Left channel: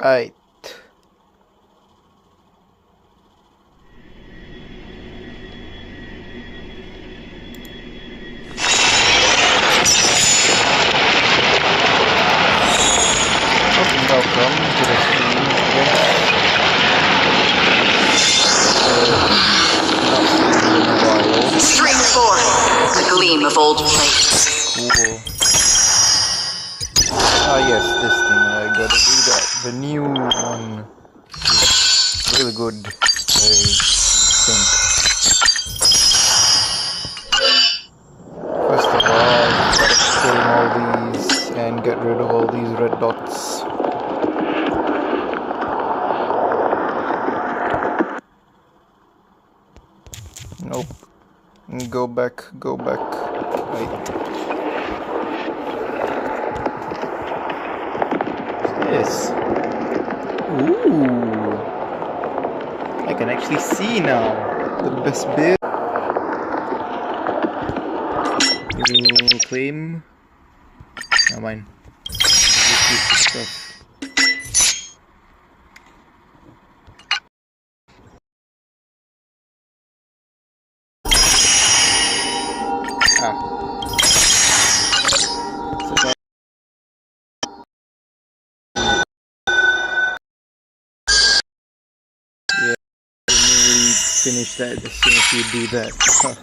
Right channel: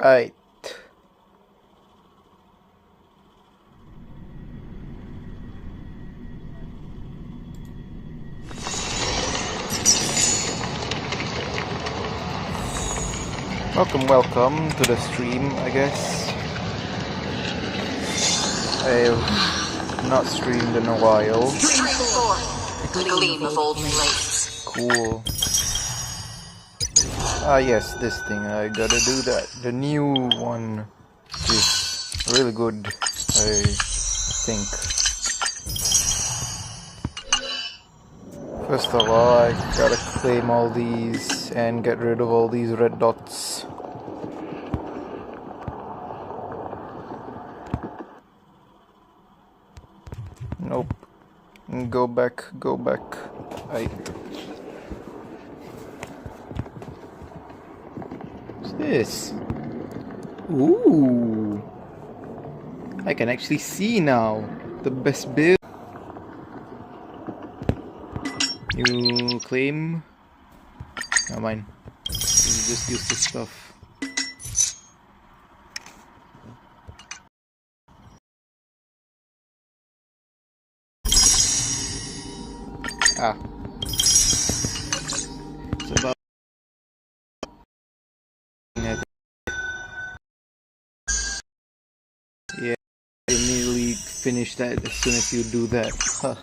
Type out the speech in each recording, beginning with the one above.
Right. Welcome to the stream, I guess. I've not streamed in a while. Straight forward, the gleam of old plates. Cool. Ah yes, this thing, I gotta do that. The new one is really good, I think. First of all, I gotta claim all these and get rid of all these red dots. Nope. Go back, go back. Right. What's this? Ooh. I can actually see now. The best build. You claim. Never mind. Just use this stuff. Ah. It's about yeah, you nearly finish that as soon as you do that. Huh.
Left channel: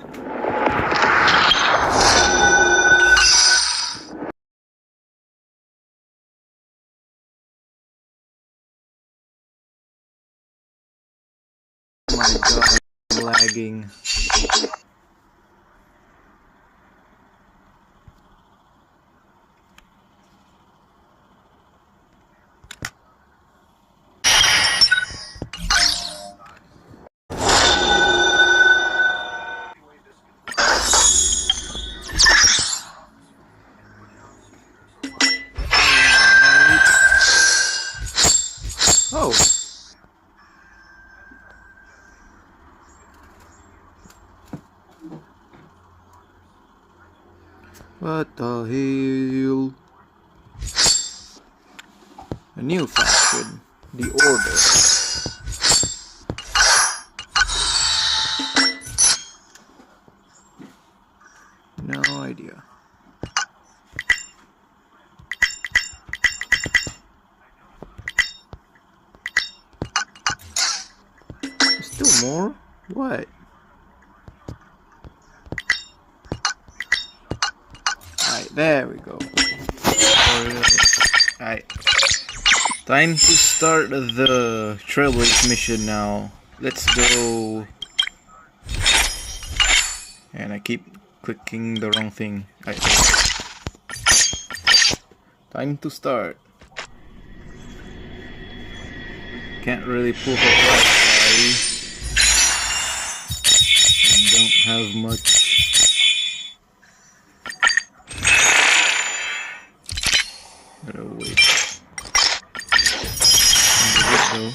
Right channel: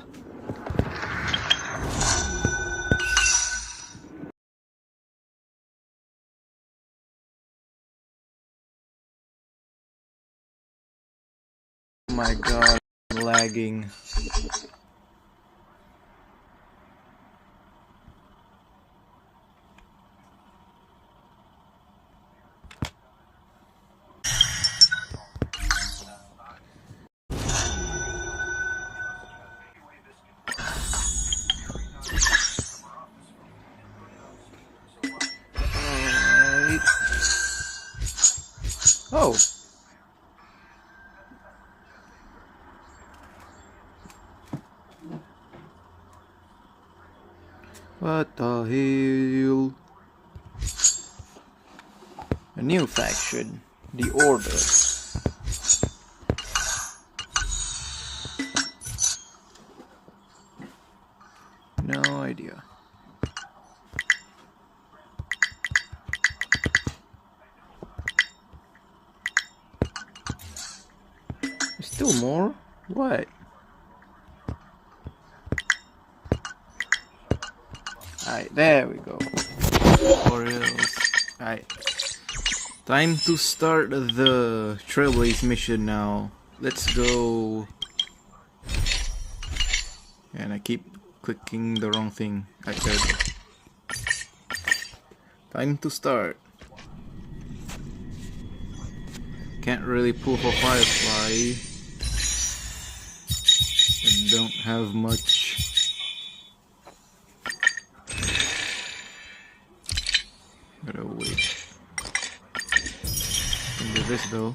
Oh my god, I'm lagging. Oh. What the hell? A new faction, the Order. No idea. Still more? What? Alright, there we go. Alright. Time to start the Trailblaze mission now. Let's go. And I keep clicking the wrong thing. Okay. Time to start. Can't really pull for FIREFLY. Don't have much. Gotta wait. Can do this though.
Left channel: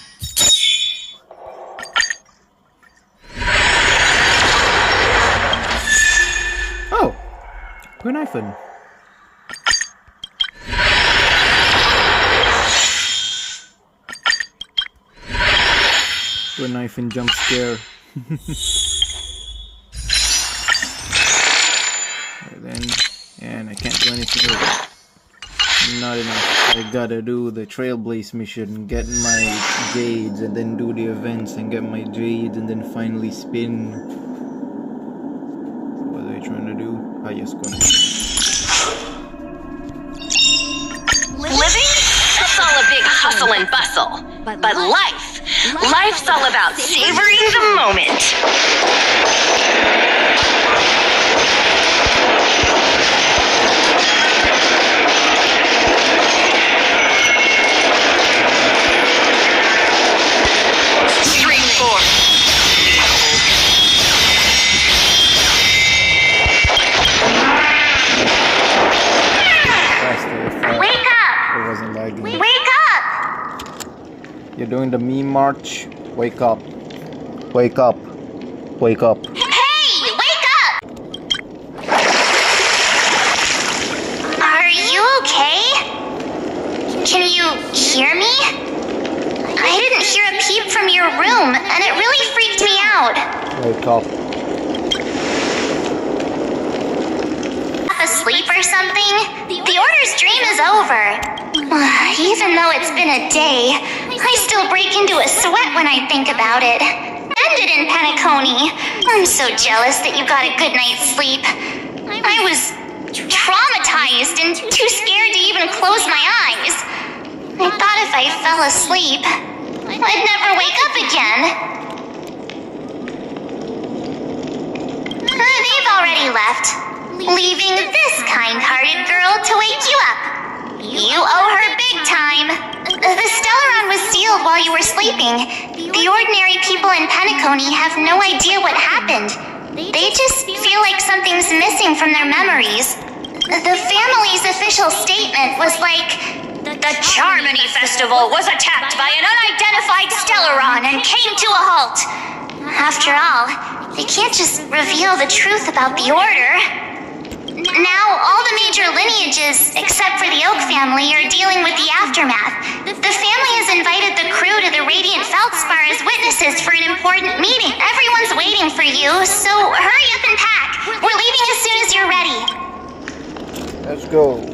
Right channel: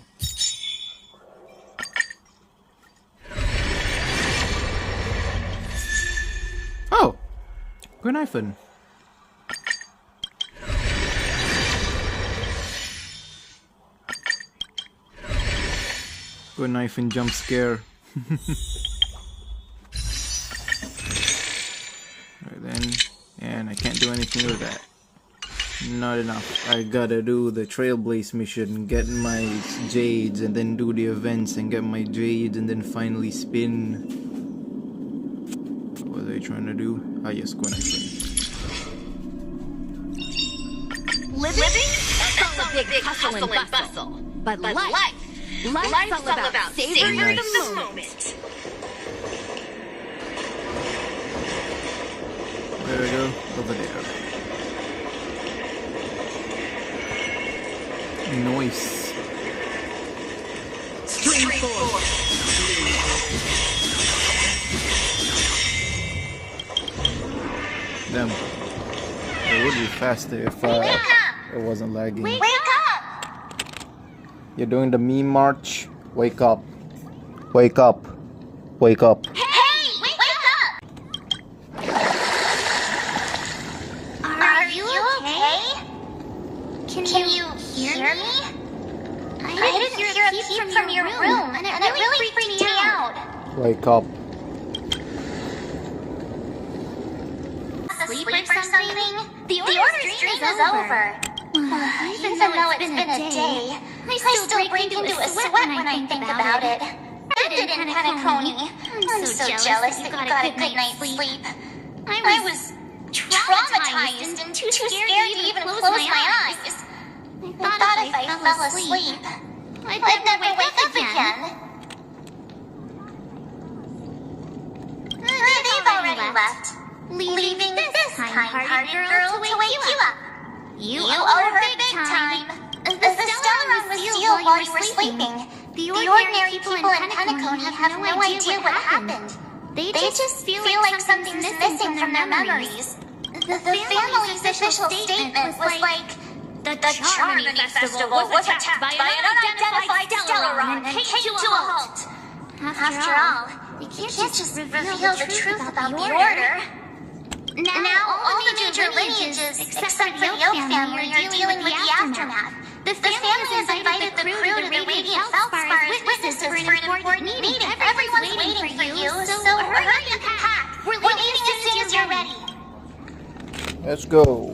Oh! Grenifin. Grenifin jump scare. Then, and I can't do anything with that. Not enough. I gotta do the Trailblaze mission, get my jades, and then do the events and get my jades, and then finally spin. What are they trying to do? Ah, yes, go ahead. Living? That's all a big hustle and bustle. But life's all about savoring the moment. Faster if it wasn't lagging. Wake up! You're doing the meme march? Wake up. Wake up. Wake up. Hey! Wake up! Are you okay? Can you hear me? Wake up. Asleep or something? The order's dream is over. Even though it's been a day, I still break into a sweat when I think about it. Ended in Penacony. I'm so jealous that you got a good night's sleep. I was traumatized and too scared to even close my eyes. I thought if I fell asleep, I'd never wake up again. They've already left, leaving this kind-hearted girl to wake you up. You owe her big time. The Stellaron was sealed while you were sleeping. The ordinary people in Penacony have no idea what happened. They just feel like something's missing from their memories. The family's official statement was like, the Charmony Festival was attacked by an unidentified Stellaron and came to a halt. After all, they can't just reveal the truth about the Order. Now, all the major lineages, except for the Oak family, are dealing with the aftermath. The family has invited the crew to the Radiant Feldspar as witnesses for an important meeting. Everyone's waiting for you, so hurry up and pack. We're leaving as soon as you're ready. Let's go.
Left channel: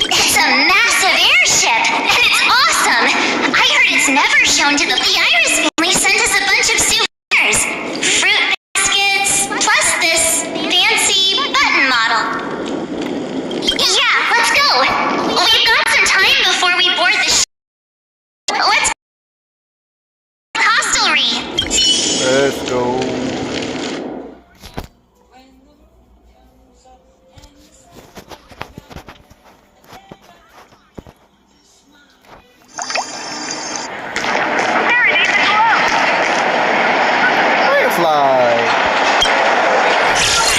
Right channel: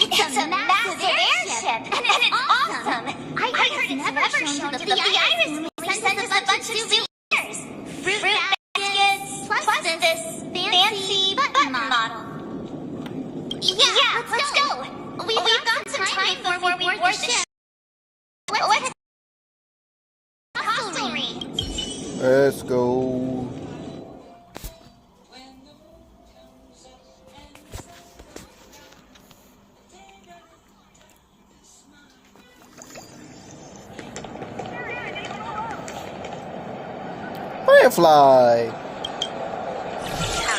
It's a massive airship, and it's awesome. I heard it's never shown to the Iris family. Sent us a bunch of souvenirs, fruit baskets, plus this fancy button model. Yeah, let's go. We've got some time before we board the ship. Let's hostelry. Let's go. Firefly.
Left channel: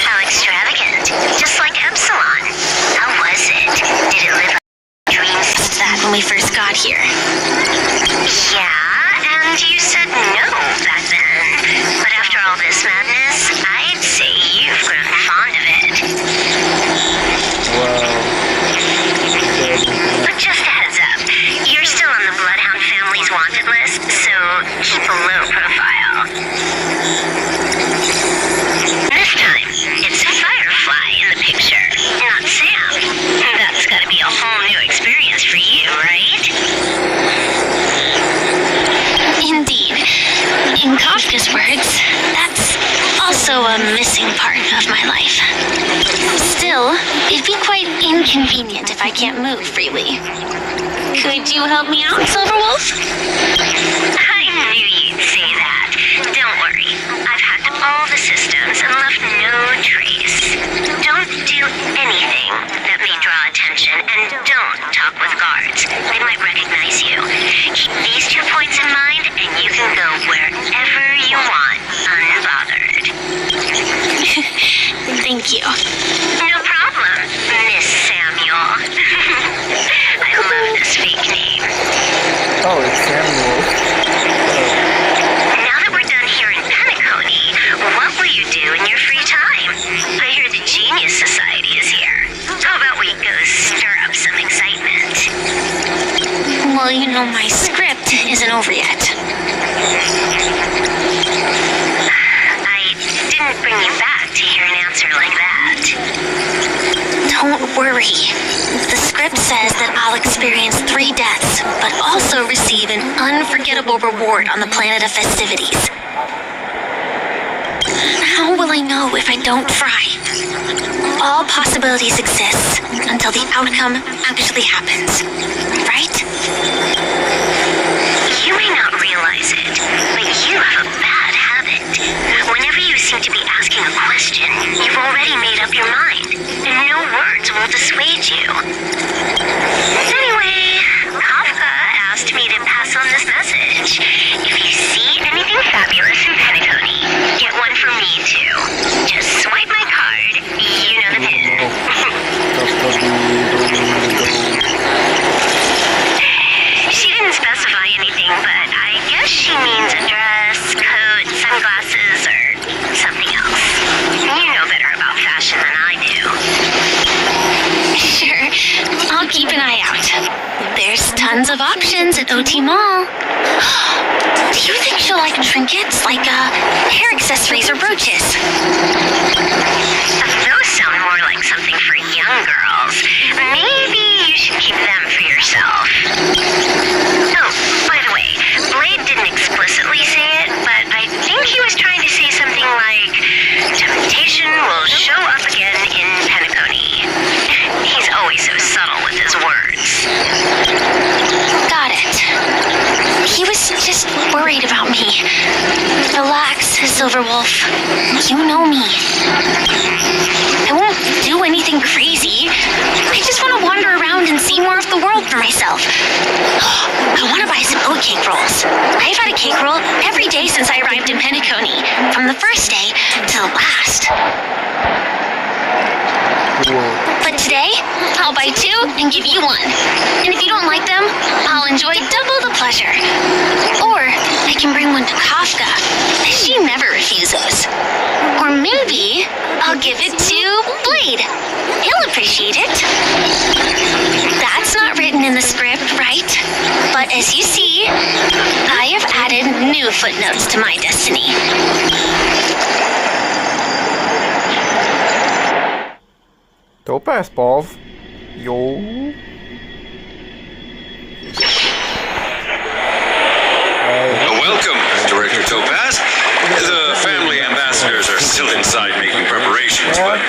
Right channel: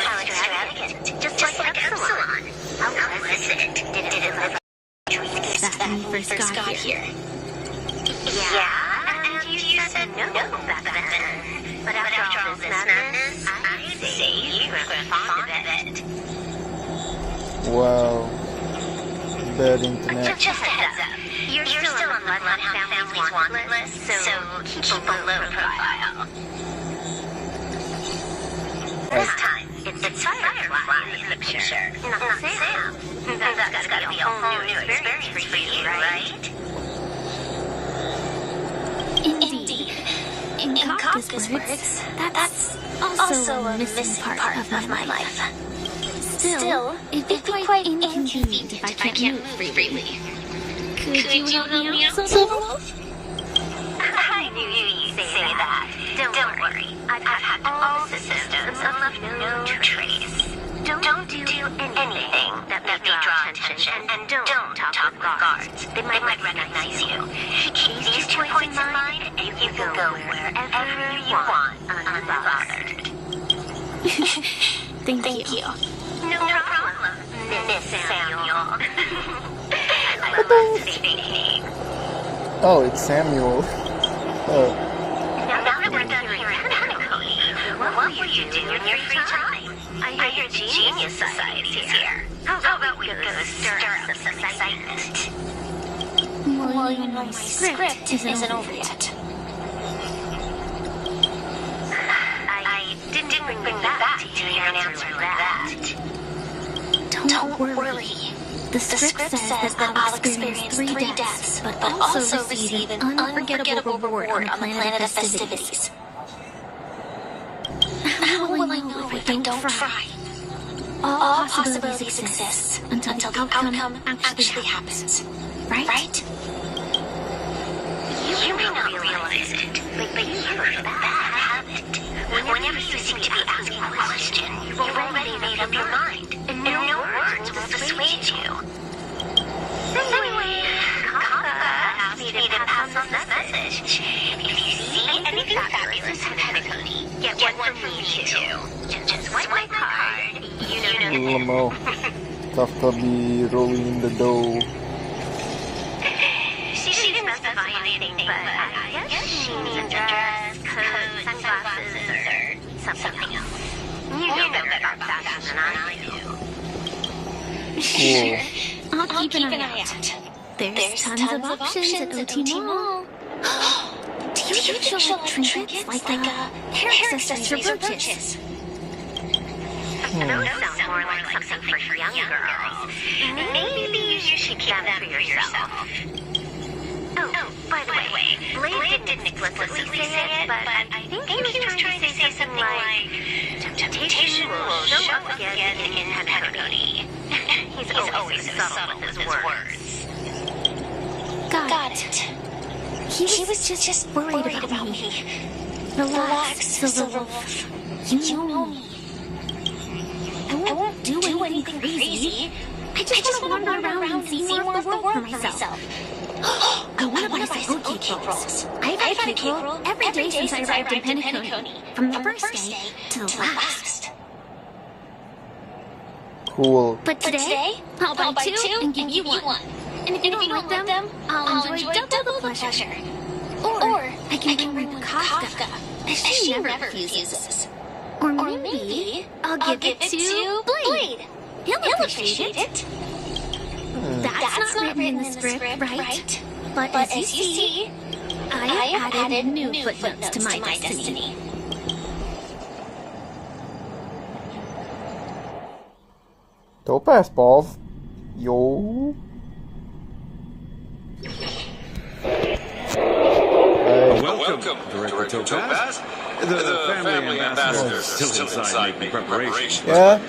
How extravagant. Just like Epsilon. How was it? Did it live up to dreams that when we first got here? Yeah, and you said no back then. But after all this madness, I'd say you've grown fond of it. Wow. Bad internet. But just a heads up, you're still on the Bloodhound family's wanted list, so keep a low profile. This time, it's Firefly in the picture, not Sam. That's gotta be a whole new experience for you, right? Indeed. In Kafka's words, that's also a missing part of my life. Still, it'd be quite inconvenient if I can't move freely. Could you help me out, Silverwolf? I knew you'd say that. Don't worry. I've hacked all the systems and left no trace. Don't do anything that may draw attention, and don't talk with guards. They might recognize you. Keep these 2 points in mind, and you can go wherever you want, unbothered. Thank you. No problem, Miss Samuel. I love this fake name. Oh, it's Samuel. Oh. Now that we're done here in Penacony, what will you do in your free time? I hear the Genius Society is here. How about we go stir up some excitement? Well, you know my script isn't over yet. I didn't bring you back to hear an answer like that. Don't worry. The script says that I'll experience 3 deaths, but also receive an unforgettable reward on the planet of festivities. How will I know if I don't try? All possibilities exist until the outcome actually happens. Right? You may not realize it, but you have a bad habit. Whenever you seem to be asking a question, you've already made up your mind, and no words will dissuade you. Anyway, Kafka asked me to pass on this message. If you see anything fabulous in Penacony, get one from me too. Just swipe my card. You know the Lamo. Kafka be rolling the dough. She didn't specify anything, but I guess she means a dress, coat, sunglasses, or something else. options at OT Mall. Do you think she'll like trinkets, like hair accessories or brooches? Those sound more like something for young girls. Maybe you should keep them for yourself. Oh, by the way, Blade didn't explicitly say it, but I think he was trying to say something like, temptation will show up again in Penacony. He's always so subtle with his words. Got it. He was just worried about me. Relax, Silverwolf. You know me. I won't do anything crazy. I just want to wander around and see more of the world for myself. I want to buy some oat cake rolls. I've had a cake roll every day since I arrived in Penacony, from the first day to the last. Cool. But today, I'll buy 2 and give you 1. And if you don't like them, I'll enjoy double the pleasure. Or I can bring one to Kafka. She never refuses. Or maybe I'll give it to Blade. He'll appreciate it. That's not written in the script, right? But as you see, I have added new footnotes to my destiny. Topaz, Pov. Yo. Welcome, Director Topaz. The family ambassadors are still inside making preparations, but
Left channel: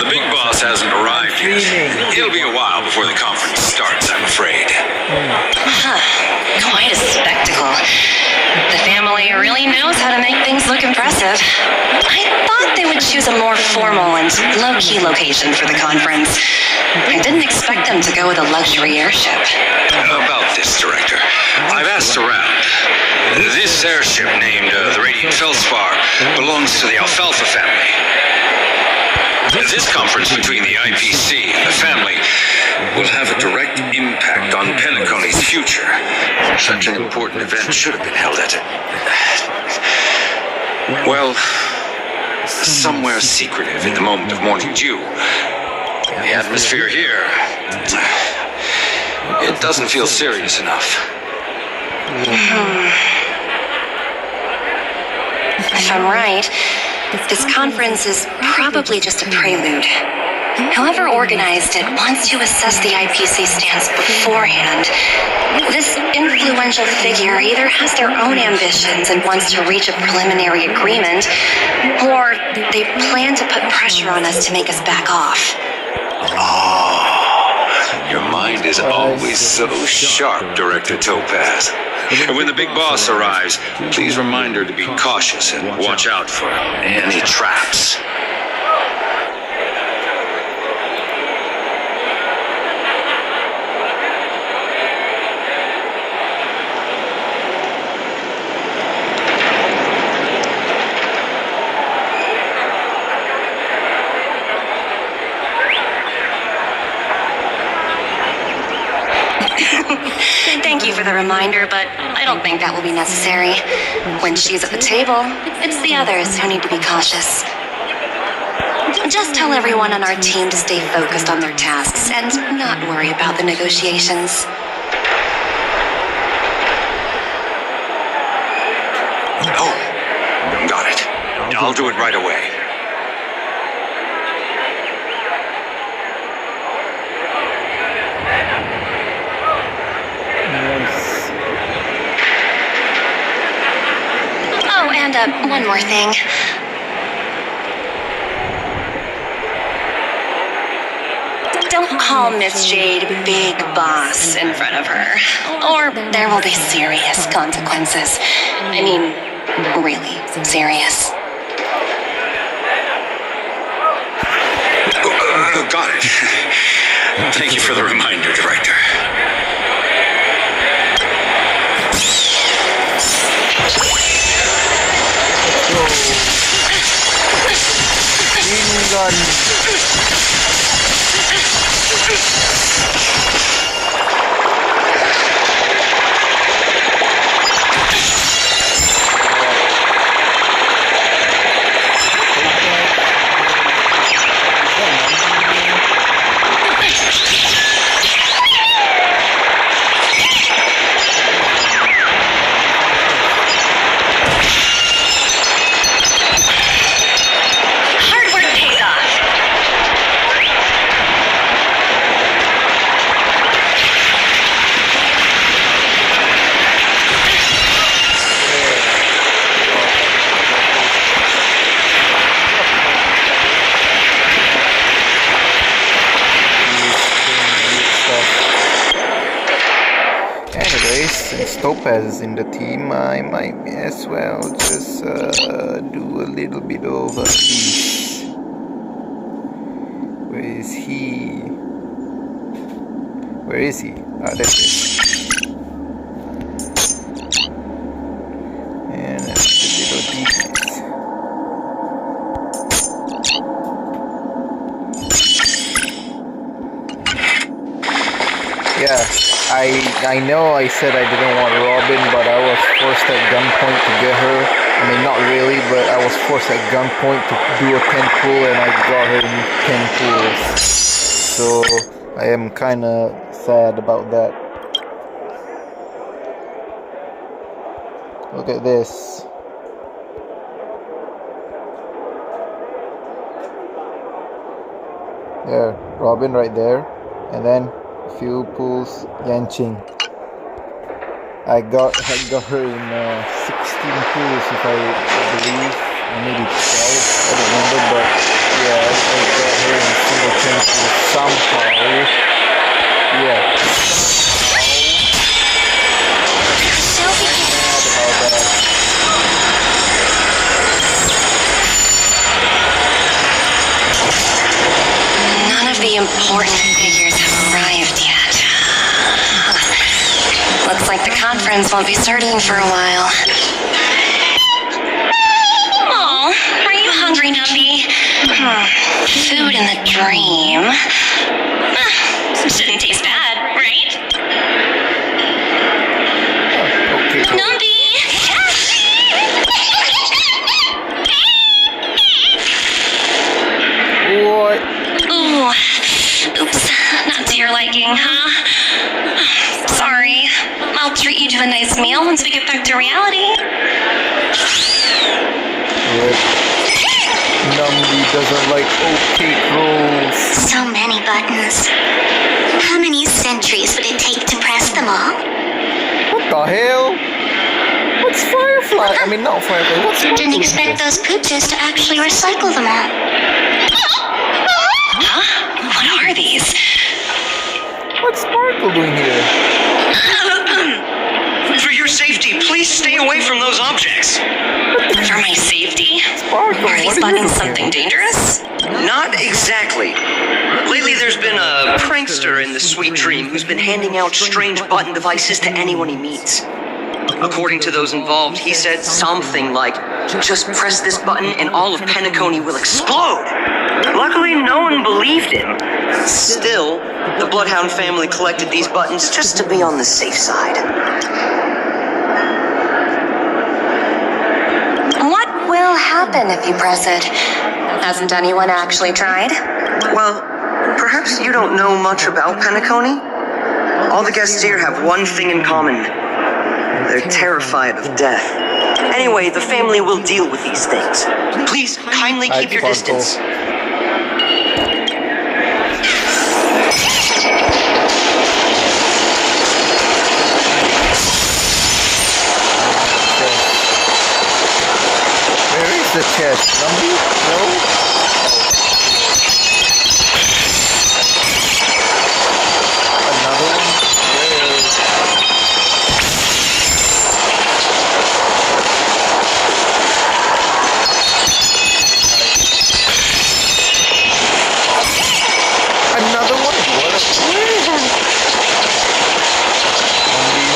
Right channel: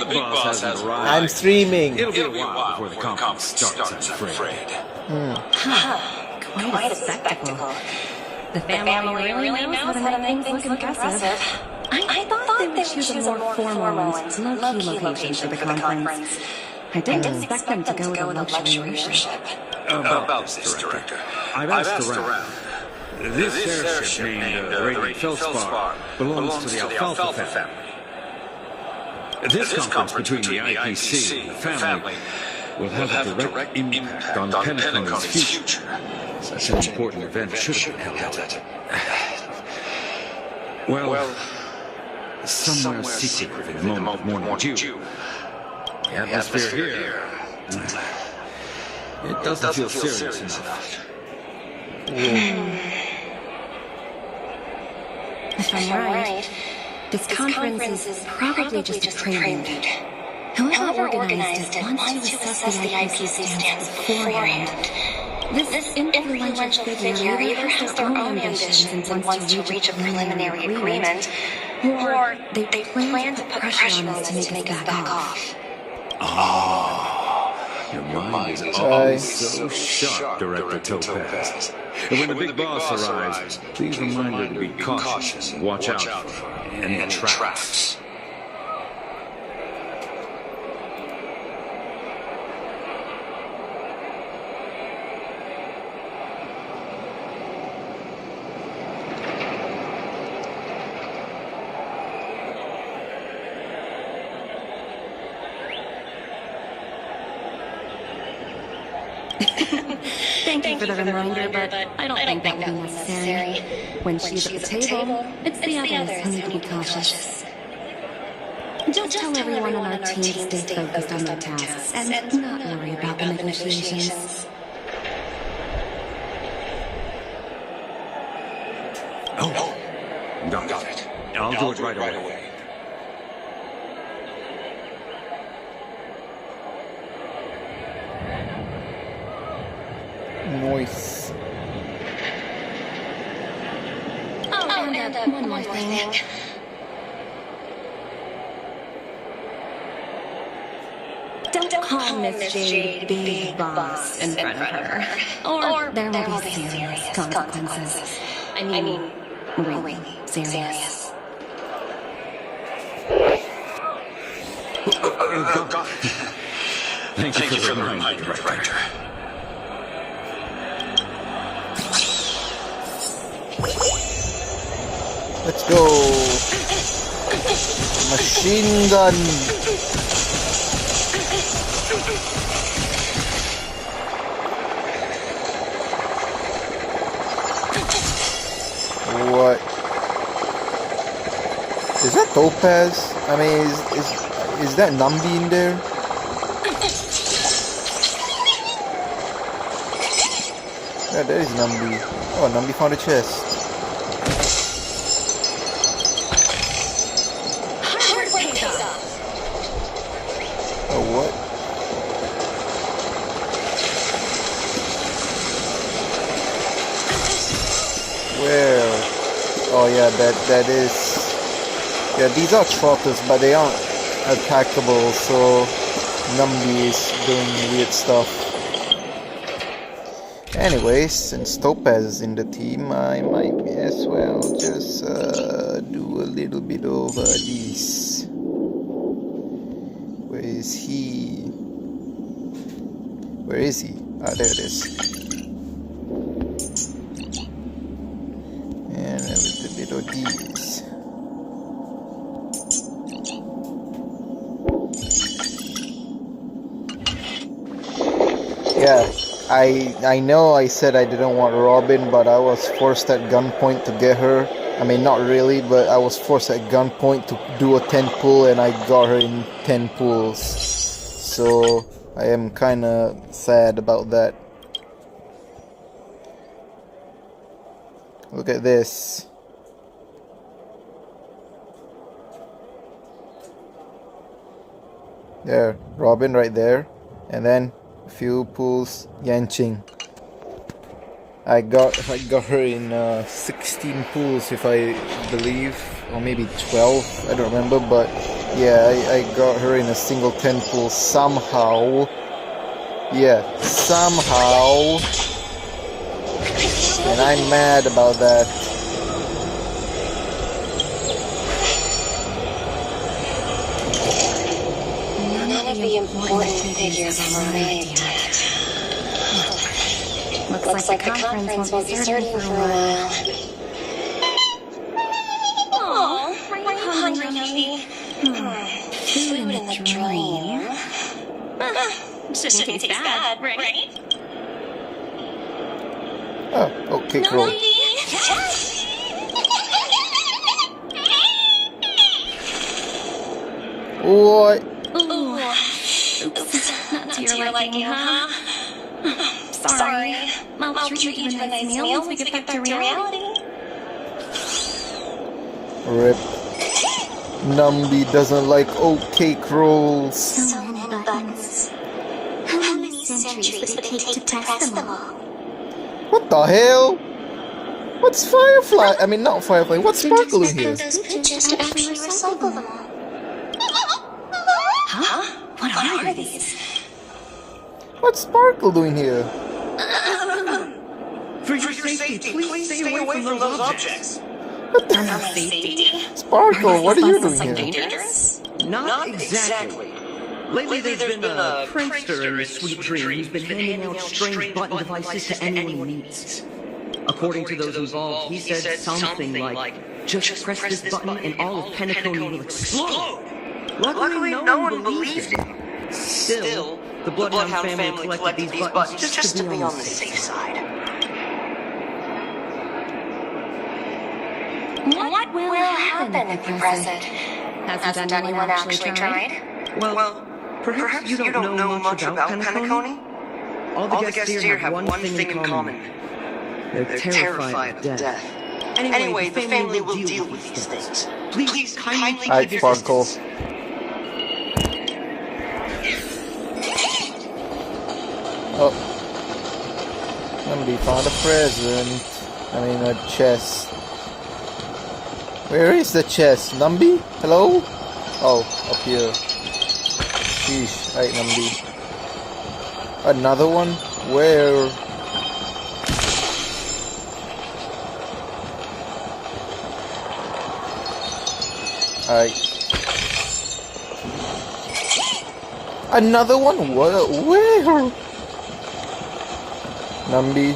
the big boss hasn't I'm arrived streaming. yet. It'll be a while before the conference starts, I'm afraid. Quite a spectacle. The family really knows how to make things look impressive. I thought they would choose a more formal and low-key location for the conference. I didn't expect them to go with a luxury airship. About this, Director, I've asked around. This airship named the Radiant Feldspar belongs to the Alfalfa family. This conference between the IPC and the family will have a direct impact on Penacony's future. Such an important event should have been held at well, somewhere secretive in the moment of morning dew. The atmosphere here, it doesn't feel serious enough. If I'm right, this conference is probably just a prelude. Whoever organized it wants to assess the IPC stance beforehand. This influential figure either has their own ambitions and wants to reach a preliminary agreement, or they plan to put pressure on us to make us back off. Your mind is always so sharp, Director Topaz. And when the big boss arrives, please remind her to be cautious and watch out for any traps. Thank you for the reminder, but I don't think that will be necessary. When she's at the table, it's the others who need to be cautious. Just tell everyone on our team to stay focused on their tasks and not worry about the negotiations. Got it. I'll do it right away. Nice. Oh, and one more thing. Don't call Miss Jade Big Boss in front of her, or there will be serious consequences. I mean, really serious. Got it. Thank you for the reminder, Director. Let's go. Machine gun. What? Is that Topaz? I mean, is that Nambi in there? found a chest. Hard work pays off. Where? Oh yeah, that is. Yeah, these are trotters, but they aren't attackable, so Numby is doing weird stuff. Anyways, since Topaz is in the team, I might as well just do a little bit of this. Where is he? Where is he? Ah, there it is. And a little these. Yeah, I know I said I didn't want Robin, but I was forced at gunpoint to get her. I mean, not really, but I was forced at gunpoint to do a 10 pull, and I got her in 10 pulls. So I am kind of sad about that. Look at this. There, Robin right there, and then few pulls, Yanqing. I got her in 16 pulls, if I believe, or maybe 12. I don't remember, but yeah, I got her in a single 10 pull somehow. Yeah, somehow. And I'm mad about that. None of the important figures have arrived yet. Looks like the conference won't be starting for a while. Oh, are you hungry, Numby? Food in the dream. Shouldn't taste bad, right? Oh, okay, cool. Numby! What? Ooh. Oops, not to your liking, huh? Sorry. I'll treat you to a nice meal once we get back to reality. Rip. Numby doesn't like oat cake rolls. So many buttons. How many centuries would it take to press them all? What the hell? What's Firefly? I mean, not Firefly. What's Didn't Sparkle in here? expect those pooches to actually recycle them all. Huh? What are these? What's Sparkle doing here? For your safety, please stay away from those objects. For my safety? Sparkle, Are what these are you buttons doing something here? dangerous? Not exactly. Lately, there's been a prankster in the Sweet Dream who's been handing out strange button devices to anyone he meets. According to those involved, he said something like, "Just press this button and all of Penacony will explode." Luckily, no one believed him. Still, the Bloodhound family collected these buttons just to be on the safe side. What will happen if you press it? Hasn't anyone actually tried? Well, perhaps you don't know much about Penacony? All the guests here have one thing in common. They're terrified of death. Anyway, the family will deal with these things. Please kindly keep your Sparkle. distance. Numby found a present. And a chest. Where is the chest? Numby? Hello? Oh, up here. Jeez, right, Numby. Another one? Where? Alright. Another one? What? Where? Numby.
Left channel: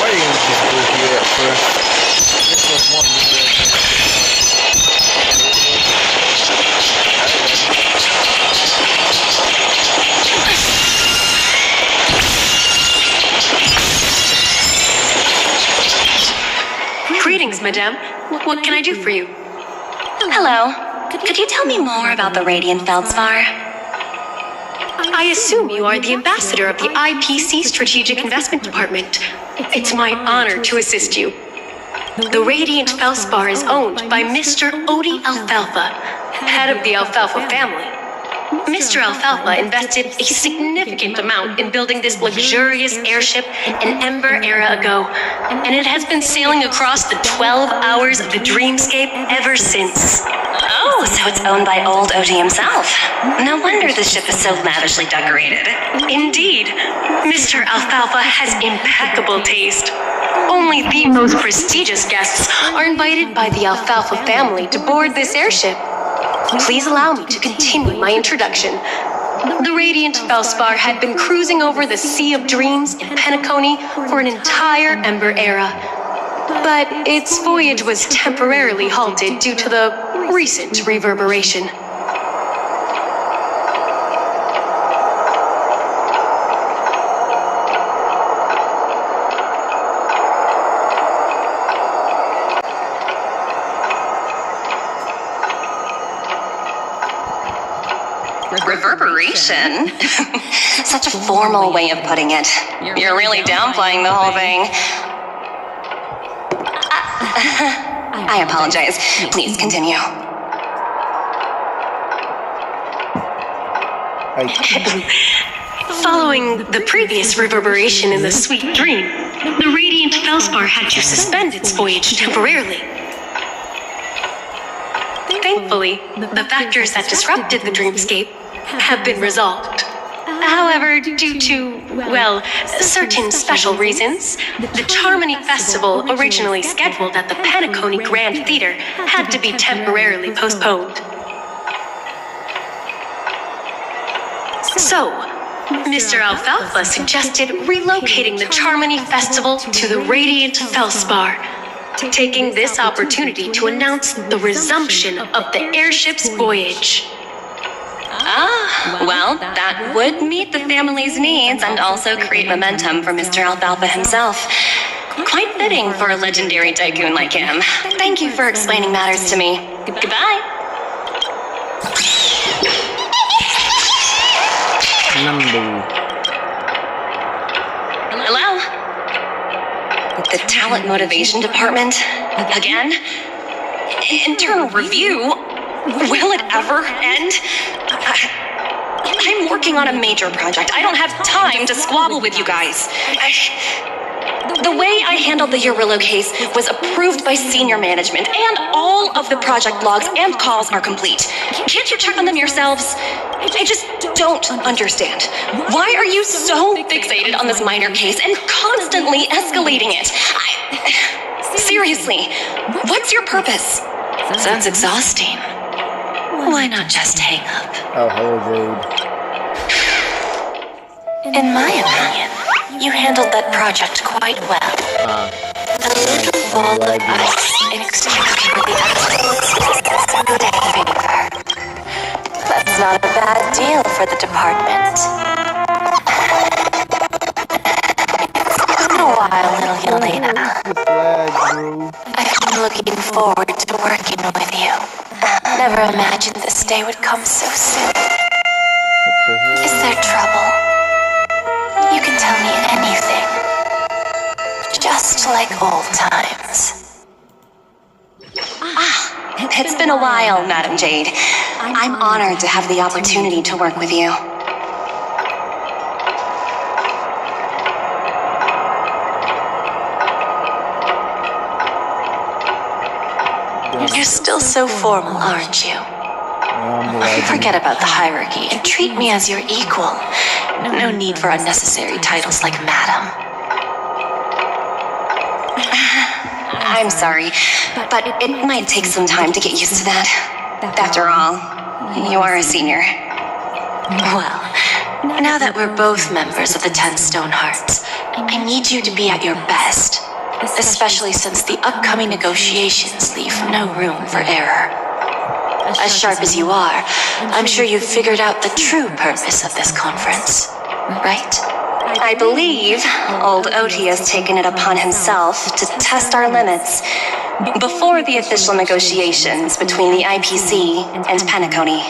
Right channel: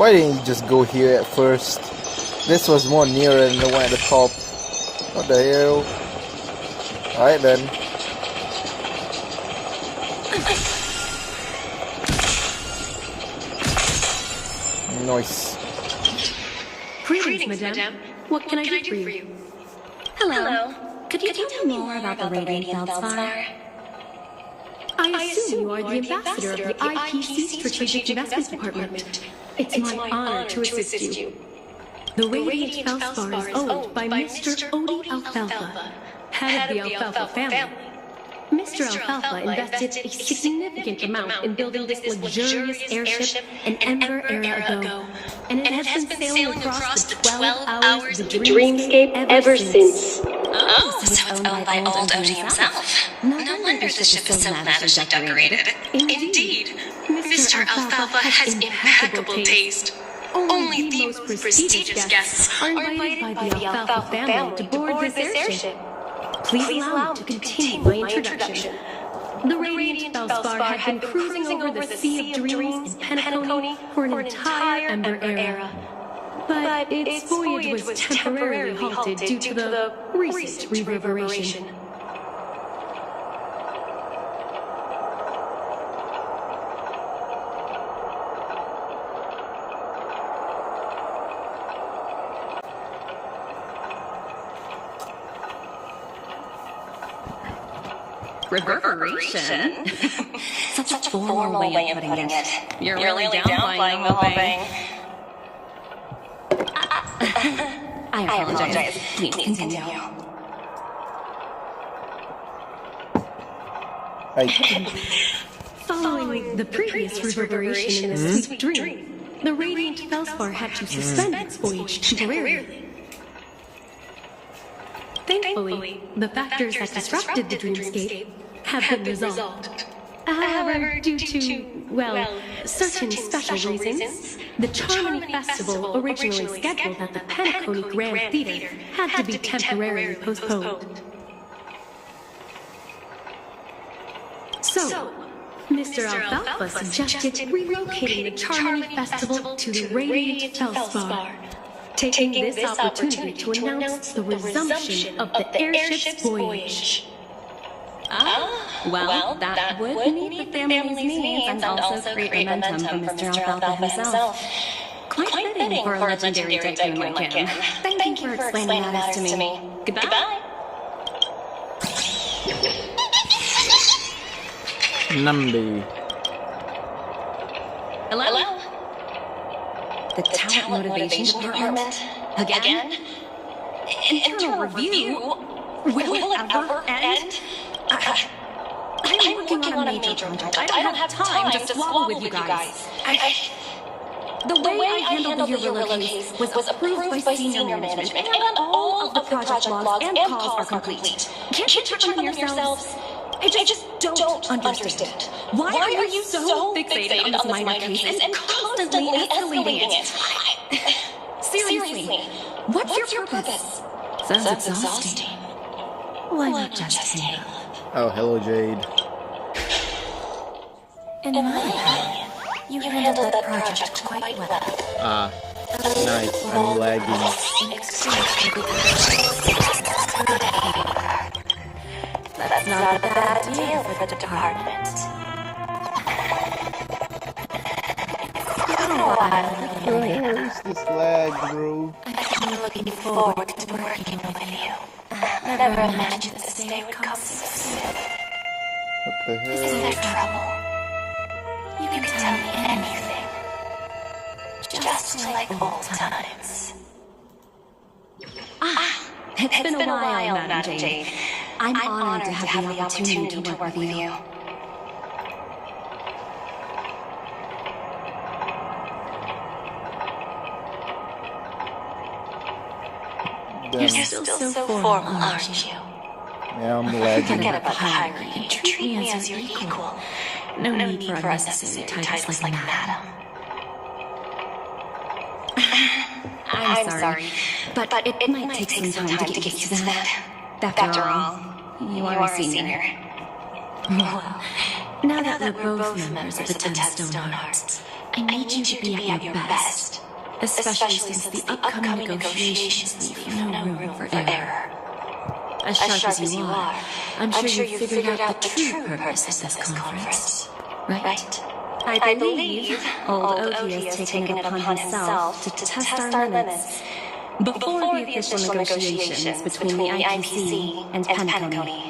Why didn't you just go here at first? This was more nearer than the one at the top. What the hell? Alright then. Nice. Greetings, madame. What can I do for you? Hello. Could you tell me more about the Radiant Feldspar? I assume you are the ambassador of the IPC Strategic Investment Department. It's my honor to assist you. The Radiant Felspar is owned by Mr. Odie Alfalfa, head of the Alfalfa family. Mr. Alfalfa invested a significant amount in building this luxurious airship an Ember era ago, and it has been sailing across the 12 hours of the dreamscape ever since. Oh, so it's owned by old Odie himself. No wonder the ship is so lavishly decorated. Indeed, Mr. Alfalfa has impeccable taste. Only the most prestigious guests are invited by the Alfalfa family to board this airship. Please allow me to continue my introduction. The Radiant Felspar had been cruising over the Sea of Dreams in Penacony for an entire Ember era. But its voyage was temporarily halted due to the recent reverberation. Reverberation? Such a formal way of putting it. You're really downplaying the whole thing. I apologize. Please continue. Following the previous reverberation in the Sweet Dream, the Radiant Felspar had to suspend its voyage temporarily. Thankfully, the factors that disrupted the dreamscape have been resolved. However, due to, well, certain special reasons, the Charmony Festival, originally scheduled at the Penacony Grand Theater, had to be temporarily postponed. So, Mr. Alfalfa suggested relocating the Charmony Festival to the Radiant Felspar, taking this opportunity to announce the resumption of the airship's voyage. Well, that would meet the family's needs and also create momentum for Mr. Alfalfa himself. Quite fitting for a legendary tycoon like him. Thank you for explaining matters to me. Goodbye. Number. Hello? The Talent Motivation Department? Again? Internal review? Will it ever end? I'm working on a major project. I don't have time to squabble with you guys. The way I handled the Urillo case was approved by senior management, and all of the project logs and calls are complete. Can't you check on them yourselves? I just don't understand. Why are you so fixated on this minor case and constantly escalating it? Seriously, what's your purpose? Sounds exhausting. Why not just hang up? Oh, hello, Jade. In my opinion, you handled that project quite well. Nice. I'm lagging. That's not a bad deal for the department. It's been a while, little Yelena. This lag, bro. I've been looking forward to working with you. Never imagined this day would come so soon. What the hell? Is there trouble? You can tell me anything. Just like old times. It's been a while, Madam Jade. I'm honored to have the opportunity to work with you. You're still so formal, aren't you? Yeah, I'm lagging. Forget about the hierarchy and treat me as your equal. No need for unnecessary titles like Madam. I'm sorry, but it might take some time to get used to that. After all, you are a senior. Well, now that we're both members of the 10 Stone Hearts, I need you to be at your best. Especially since the upcoming negotiations leave no room for error. As sharp as you are, I'm sure you've figured out the true purpose of this conference, right? I believe old Odie has taken it upon himself to test our limits before the official negotiations between the IPC and Penacony.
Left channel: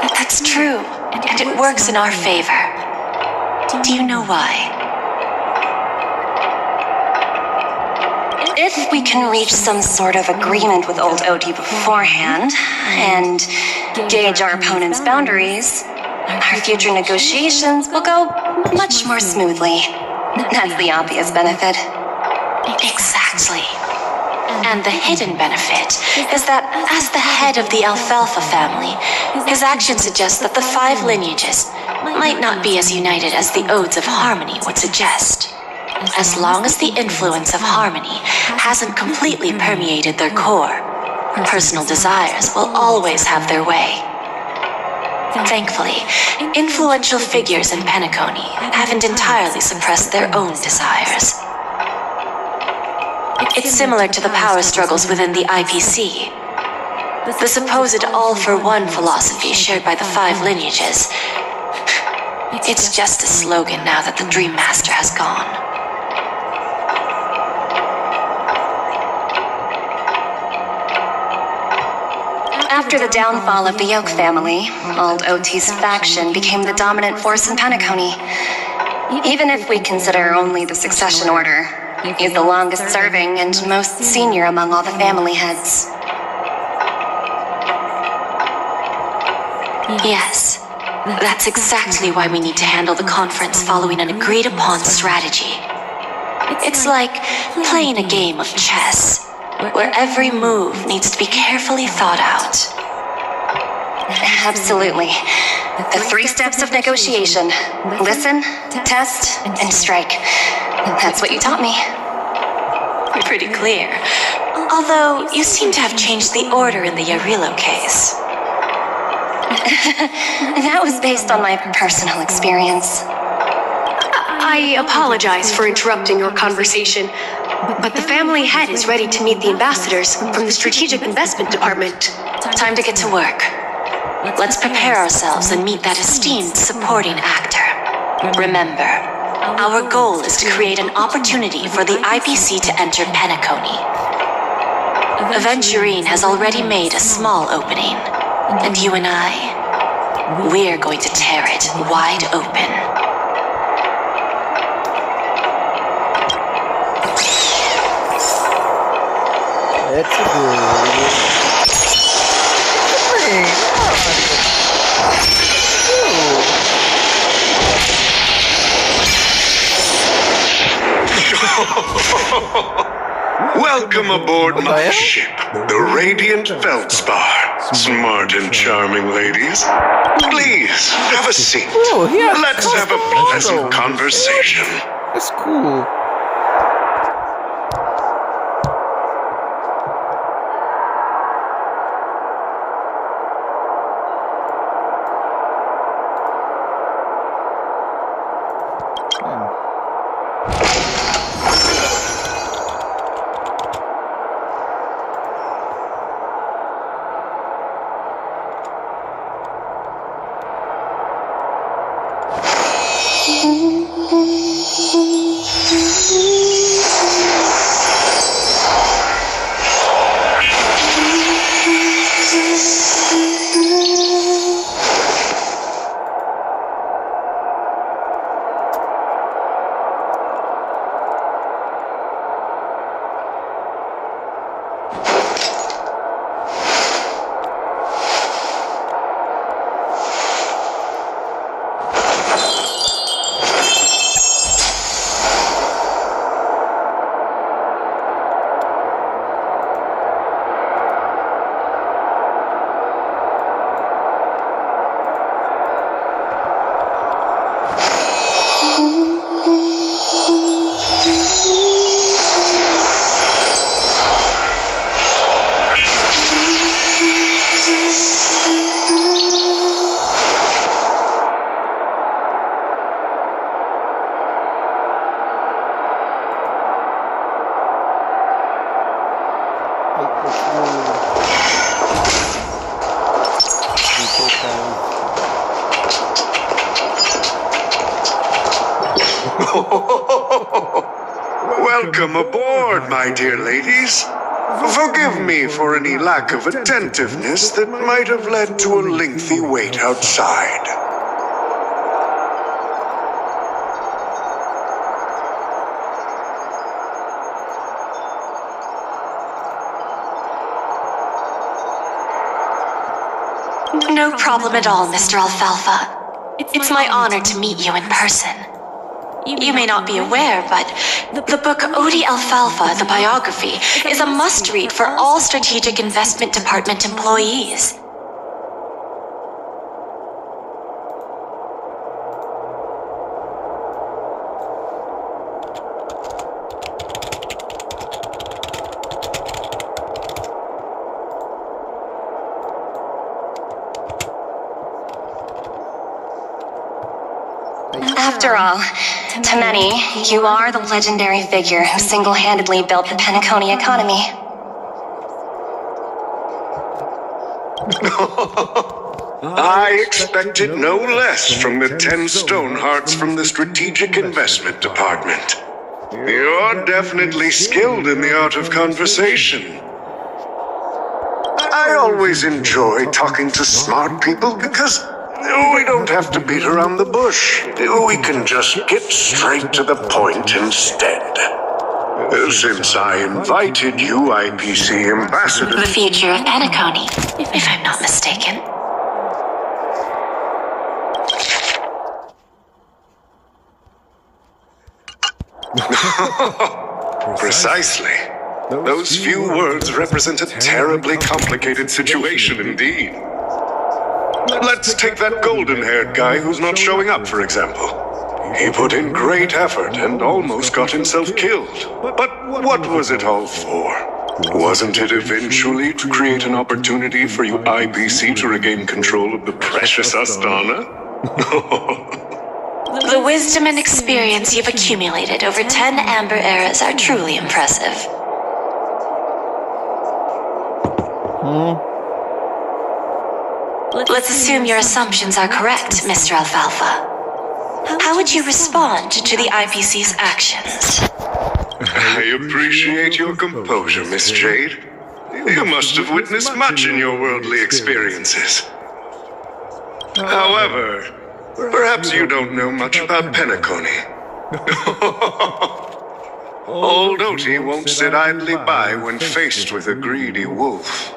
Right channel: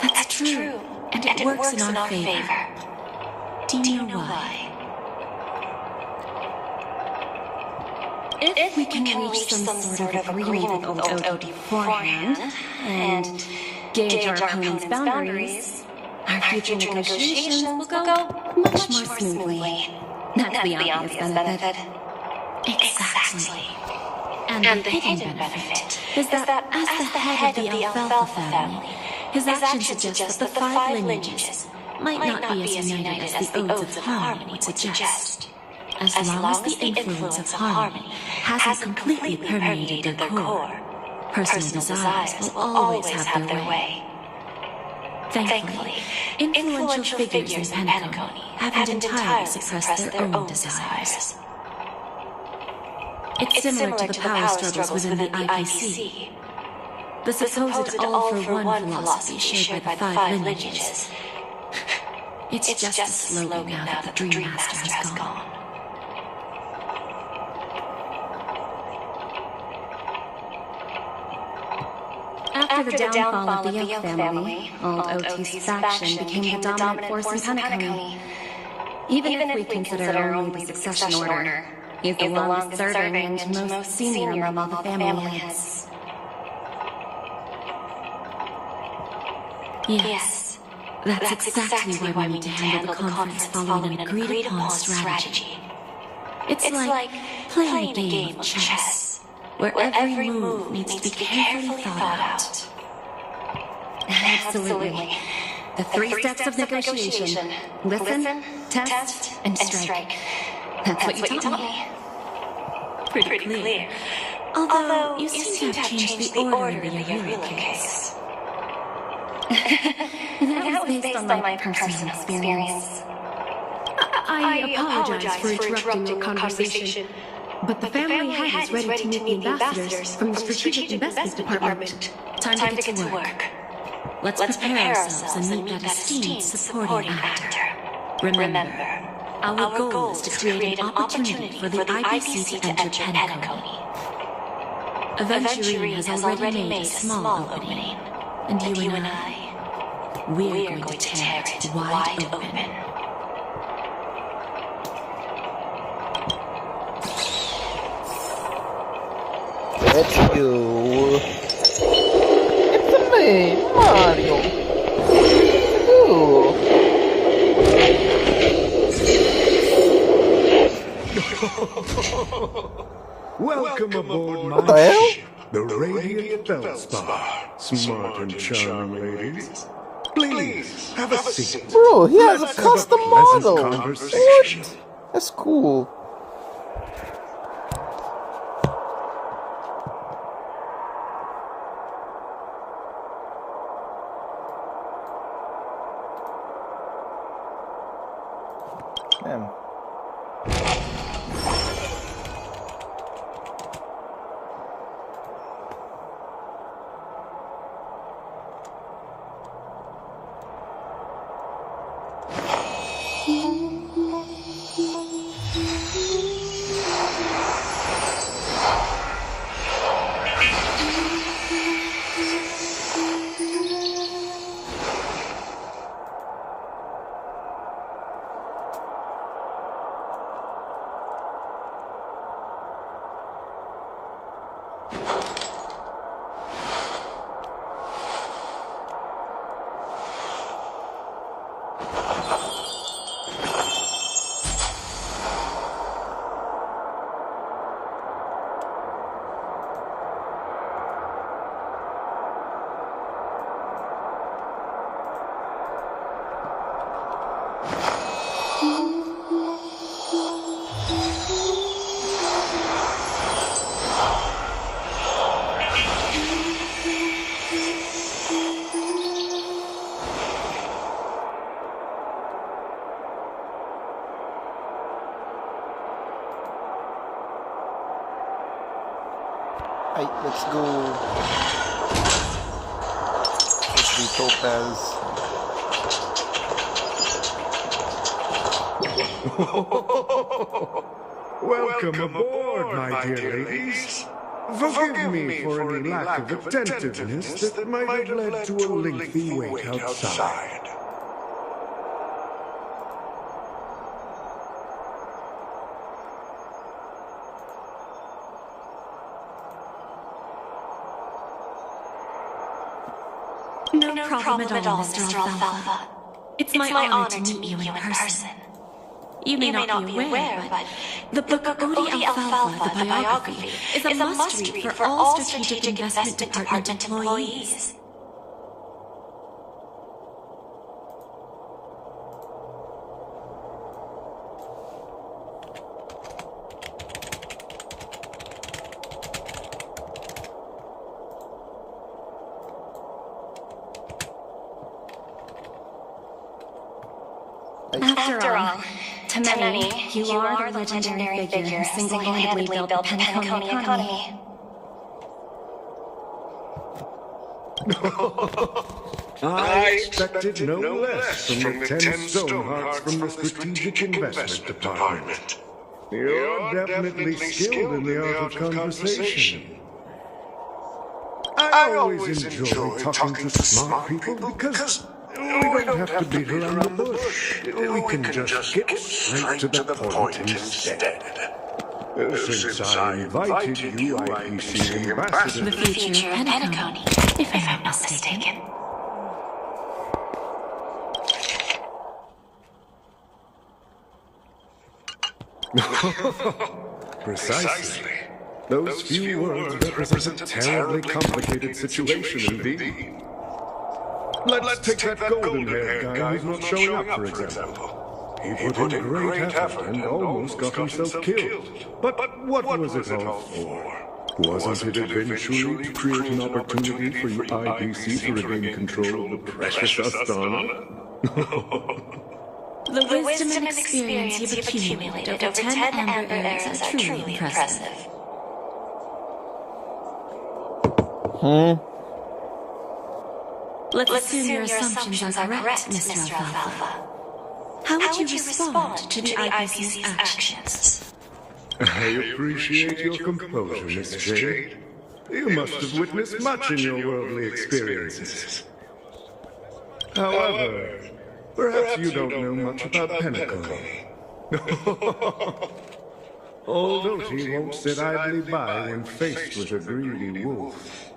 That's true. And it works in our favor. Do you know why? If we can reach some sort of agreement with old OD beforehand, and gauge our opponent's boundaries, our future negotiations will go much more smoothly. That's the obvious benefit. Exactly. And the hidden benefit is that as the head of the Alfalfa family, his actions suggest that the 5 lineages might not be as united as the Odes of Harmony would suggest. As long as the influence of Harmony hasn't completely permeated their core, personal desires will always have their way. Thankfully, influential figures in Penacony haven't entirely suppressed their own desires. It's similar to the power struggles within the IPC. The supposed all-for-one philosophy shared by the 5 lineages. It's just a slogan now that the Dream Master has gone. After the downfall of the Yoke family, old OT's faction became the dominant force in Penacony. Even if we consider only the succession order, he's the longest serving and most senior among all the family heads. Yes, that's exactly why we need to handle the conference following an agreed-upon strategy. It's like playing a game of chess, where every move needs to be carefully thought out. Absolutely. The 3 steps of negotiation. Listen, test, and strike. That's what you taught me. Pretty clear. Although, you seem to have changed the order in the Yarilo case. That was based on my personal experience. I apologize for interrupting our conversation, but the family head is ready to meet the ambassadors from the Strategic Investment Department. Time to get to work. Let's prepare ourselves and meet that esteemed supporting actor. Remember, our goal is to create an opportunity for the IPC to enter Penacony. Aventurine has already made a small opening, and you and I, we're going to tear it wide open. Let's go. Hey, Mario. Welcome aboard my ship, the Radiant Feldspar. Smart and charming ladies. Please, have a seat. Bro, he has Let's custom have a pleasant models. conversation. That's cool. Welcome aboard, my dear ladies. Forgive me for any lack of attentiveness that might have led to a lengthy wait outside. No problem at all, Mr. Alfalfa. It's my honor to meet you in person. You may not be aware, but the book Odie Alfalfa, the biography, is a must-read for all Strategic Investment Department employees. After all, to many, you are the legendary figure who single-handedly built the Penacony economy. I expected no less from the 10 Stonehearts from the Strategic Investment Department. You're definitely skilled in the art of conversation. I always enjoy talking to smart people because we don't have to beat around the bush. We can just get straight to the point instead. Since I invited you, IPC Ambassador... The future of Penacony, if I'm not mistaken. Precisely. Those few words represent a terribly complicated situation indeed. Let's take that golden-haired guy who's not showing up, for example. He put in great effort and almost got himself killed. But what was it all for? Wasn't it eventually to create an opportunity for you IPC to regain control of the precious Astana? The wisdom and experience you've accumulated over 10 Amber Eras are truly impressive. Let's assume your assumptions are correct, Mr. Alfalfa. How would you respond to the IPC's actions? I appreciate your composure, Miss Jade. You must have witnessed much in your worldly experiences. However, perhaps you don't know much about Penacony. Old Oti won't sit idly by when faced with a greedy wolf.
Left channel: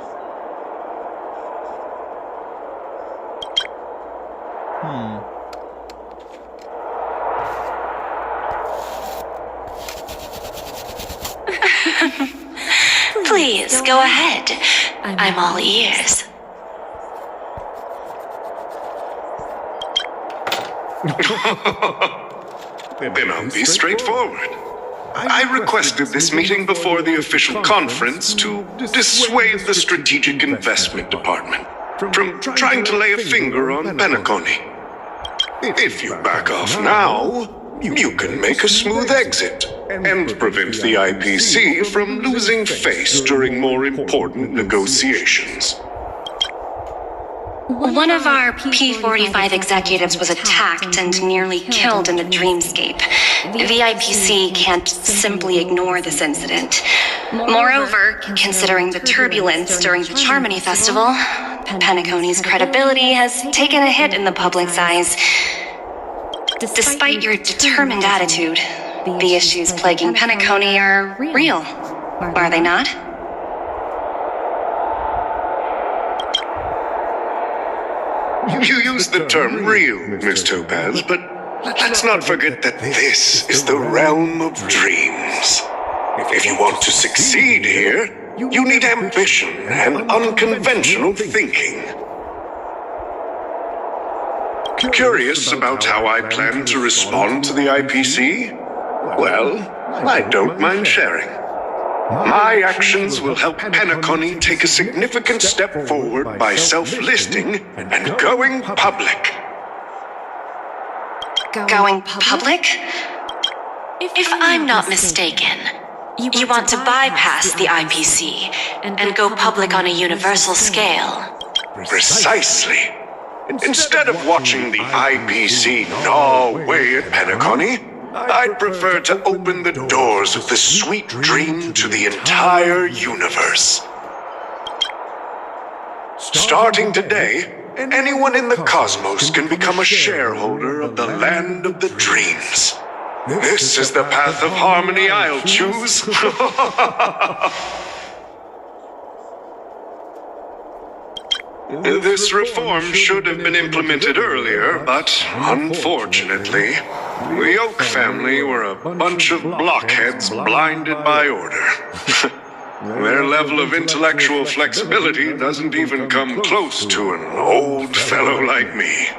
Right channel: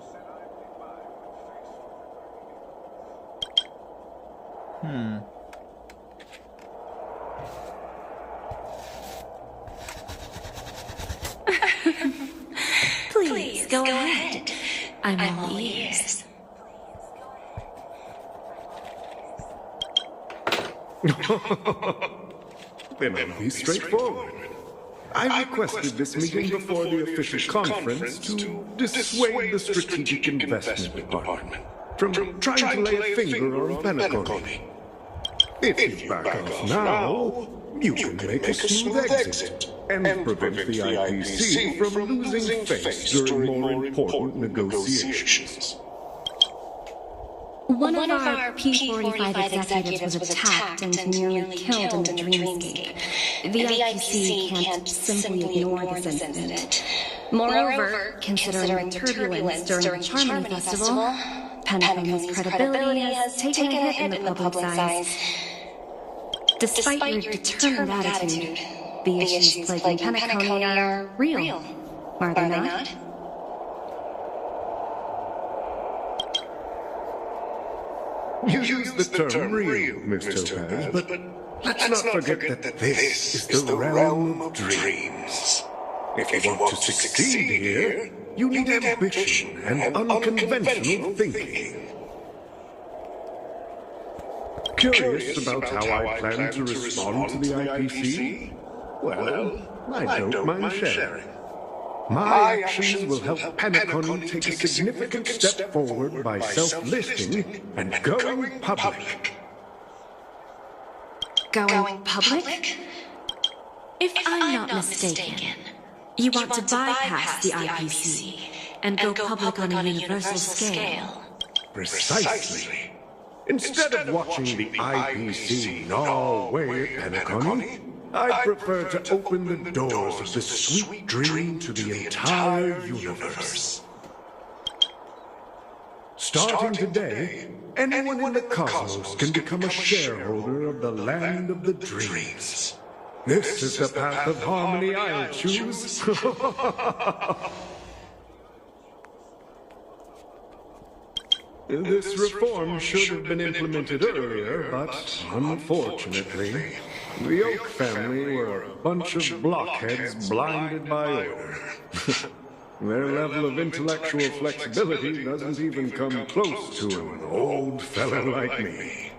Please, go ahead. I'm all ears. Then I'll be straightforward. I requested this meeting before the official conference to dissuade the Strategic Investment Department from trying to lay a finger on Penacony. If you back off now, you can make a smooth exit and prevent the IPC from losing face during more important negotiations. One of our P-45 executives was attacked and nearly killed in the dreamscape. The IPC can't simply ignore this incident. Moreover, considering the turbulence during the Harmony Festival, Penacony's credibility has taken a hit in the public's eyes. Despite your determined attitude, the issues plaguing Penacony are real, are they not? You use the term real, Miss Topaz, but let's not forget that this is the realm of dreams. If you want to succeed here, you need ambition and unconventional thinking. Curious about how I plan to respond to the IPC? Well, I don't mind sharing. My actions will help Penacony take a significant step forward by self-listing and going public. Going public? If I'm not mistaken, you want to bypass the IPC and go public on a universal scale. Precisely. Instead of watching the IPC gnaw away at Penacony, I'd prefer to open the doors of the sweet dream to the entire universe. Starting today, anyone in the cosmos can become a shareholder of the land of the dreams. This is the path of harmony I'll choose. This reform should have been implemented earlier, but unfortunately, the Oak family were a bunch of blockheads blinded by order. Their level of intellectual flexibility doesn't even come close to an old fellow like me.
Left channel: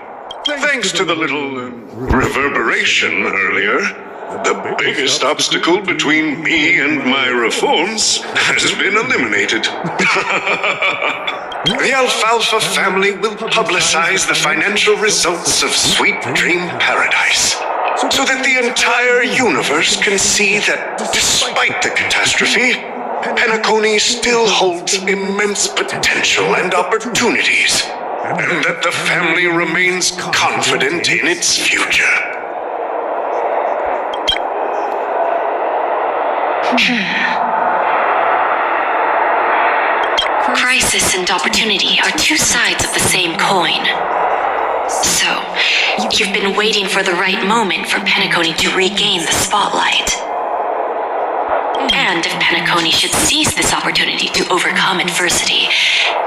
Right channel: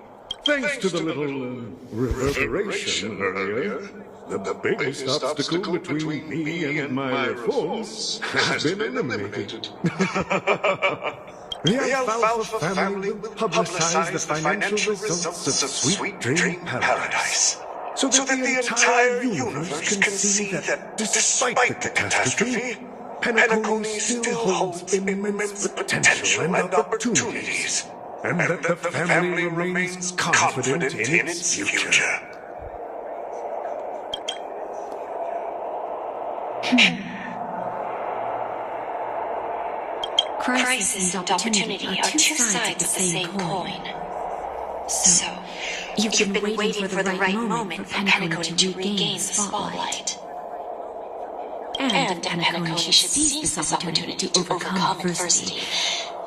Thanks to the little reverberation earlier, the biggest obstacle between me and my reforms has been eliminated. The Alfalfa family will publicize the financial results of Sweet Dream Paradise, so that the entire universe can see that despite the catastrophe, Penacony still holds immense potential and opportunities, and that the family remains confident in its future. Crisis and opportunity are two sides of the same coin. So, you've been waiting for the right moment for Penacony to regain the spotlight. And if Penacony should seize this opportunity to overcome adversity,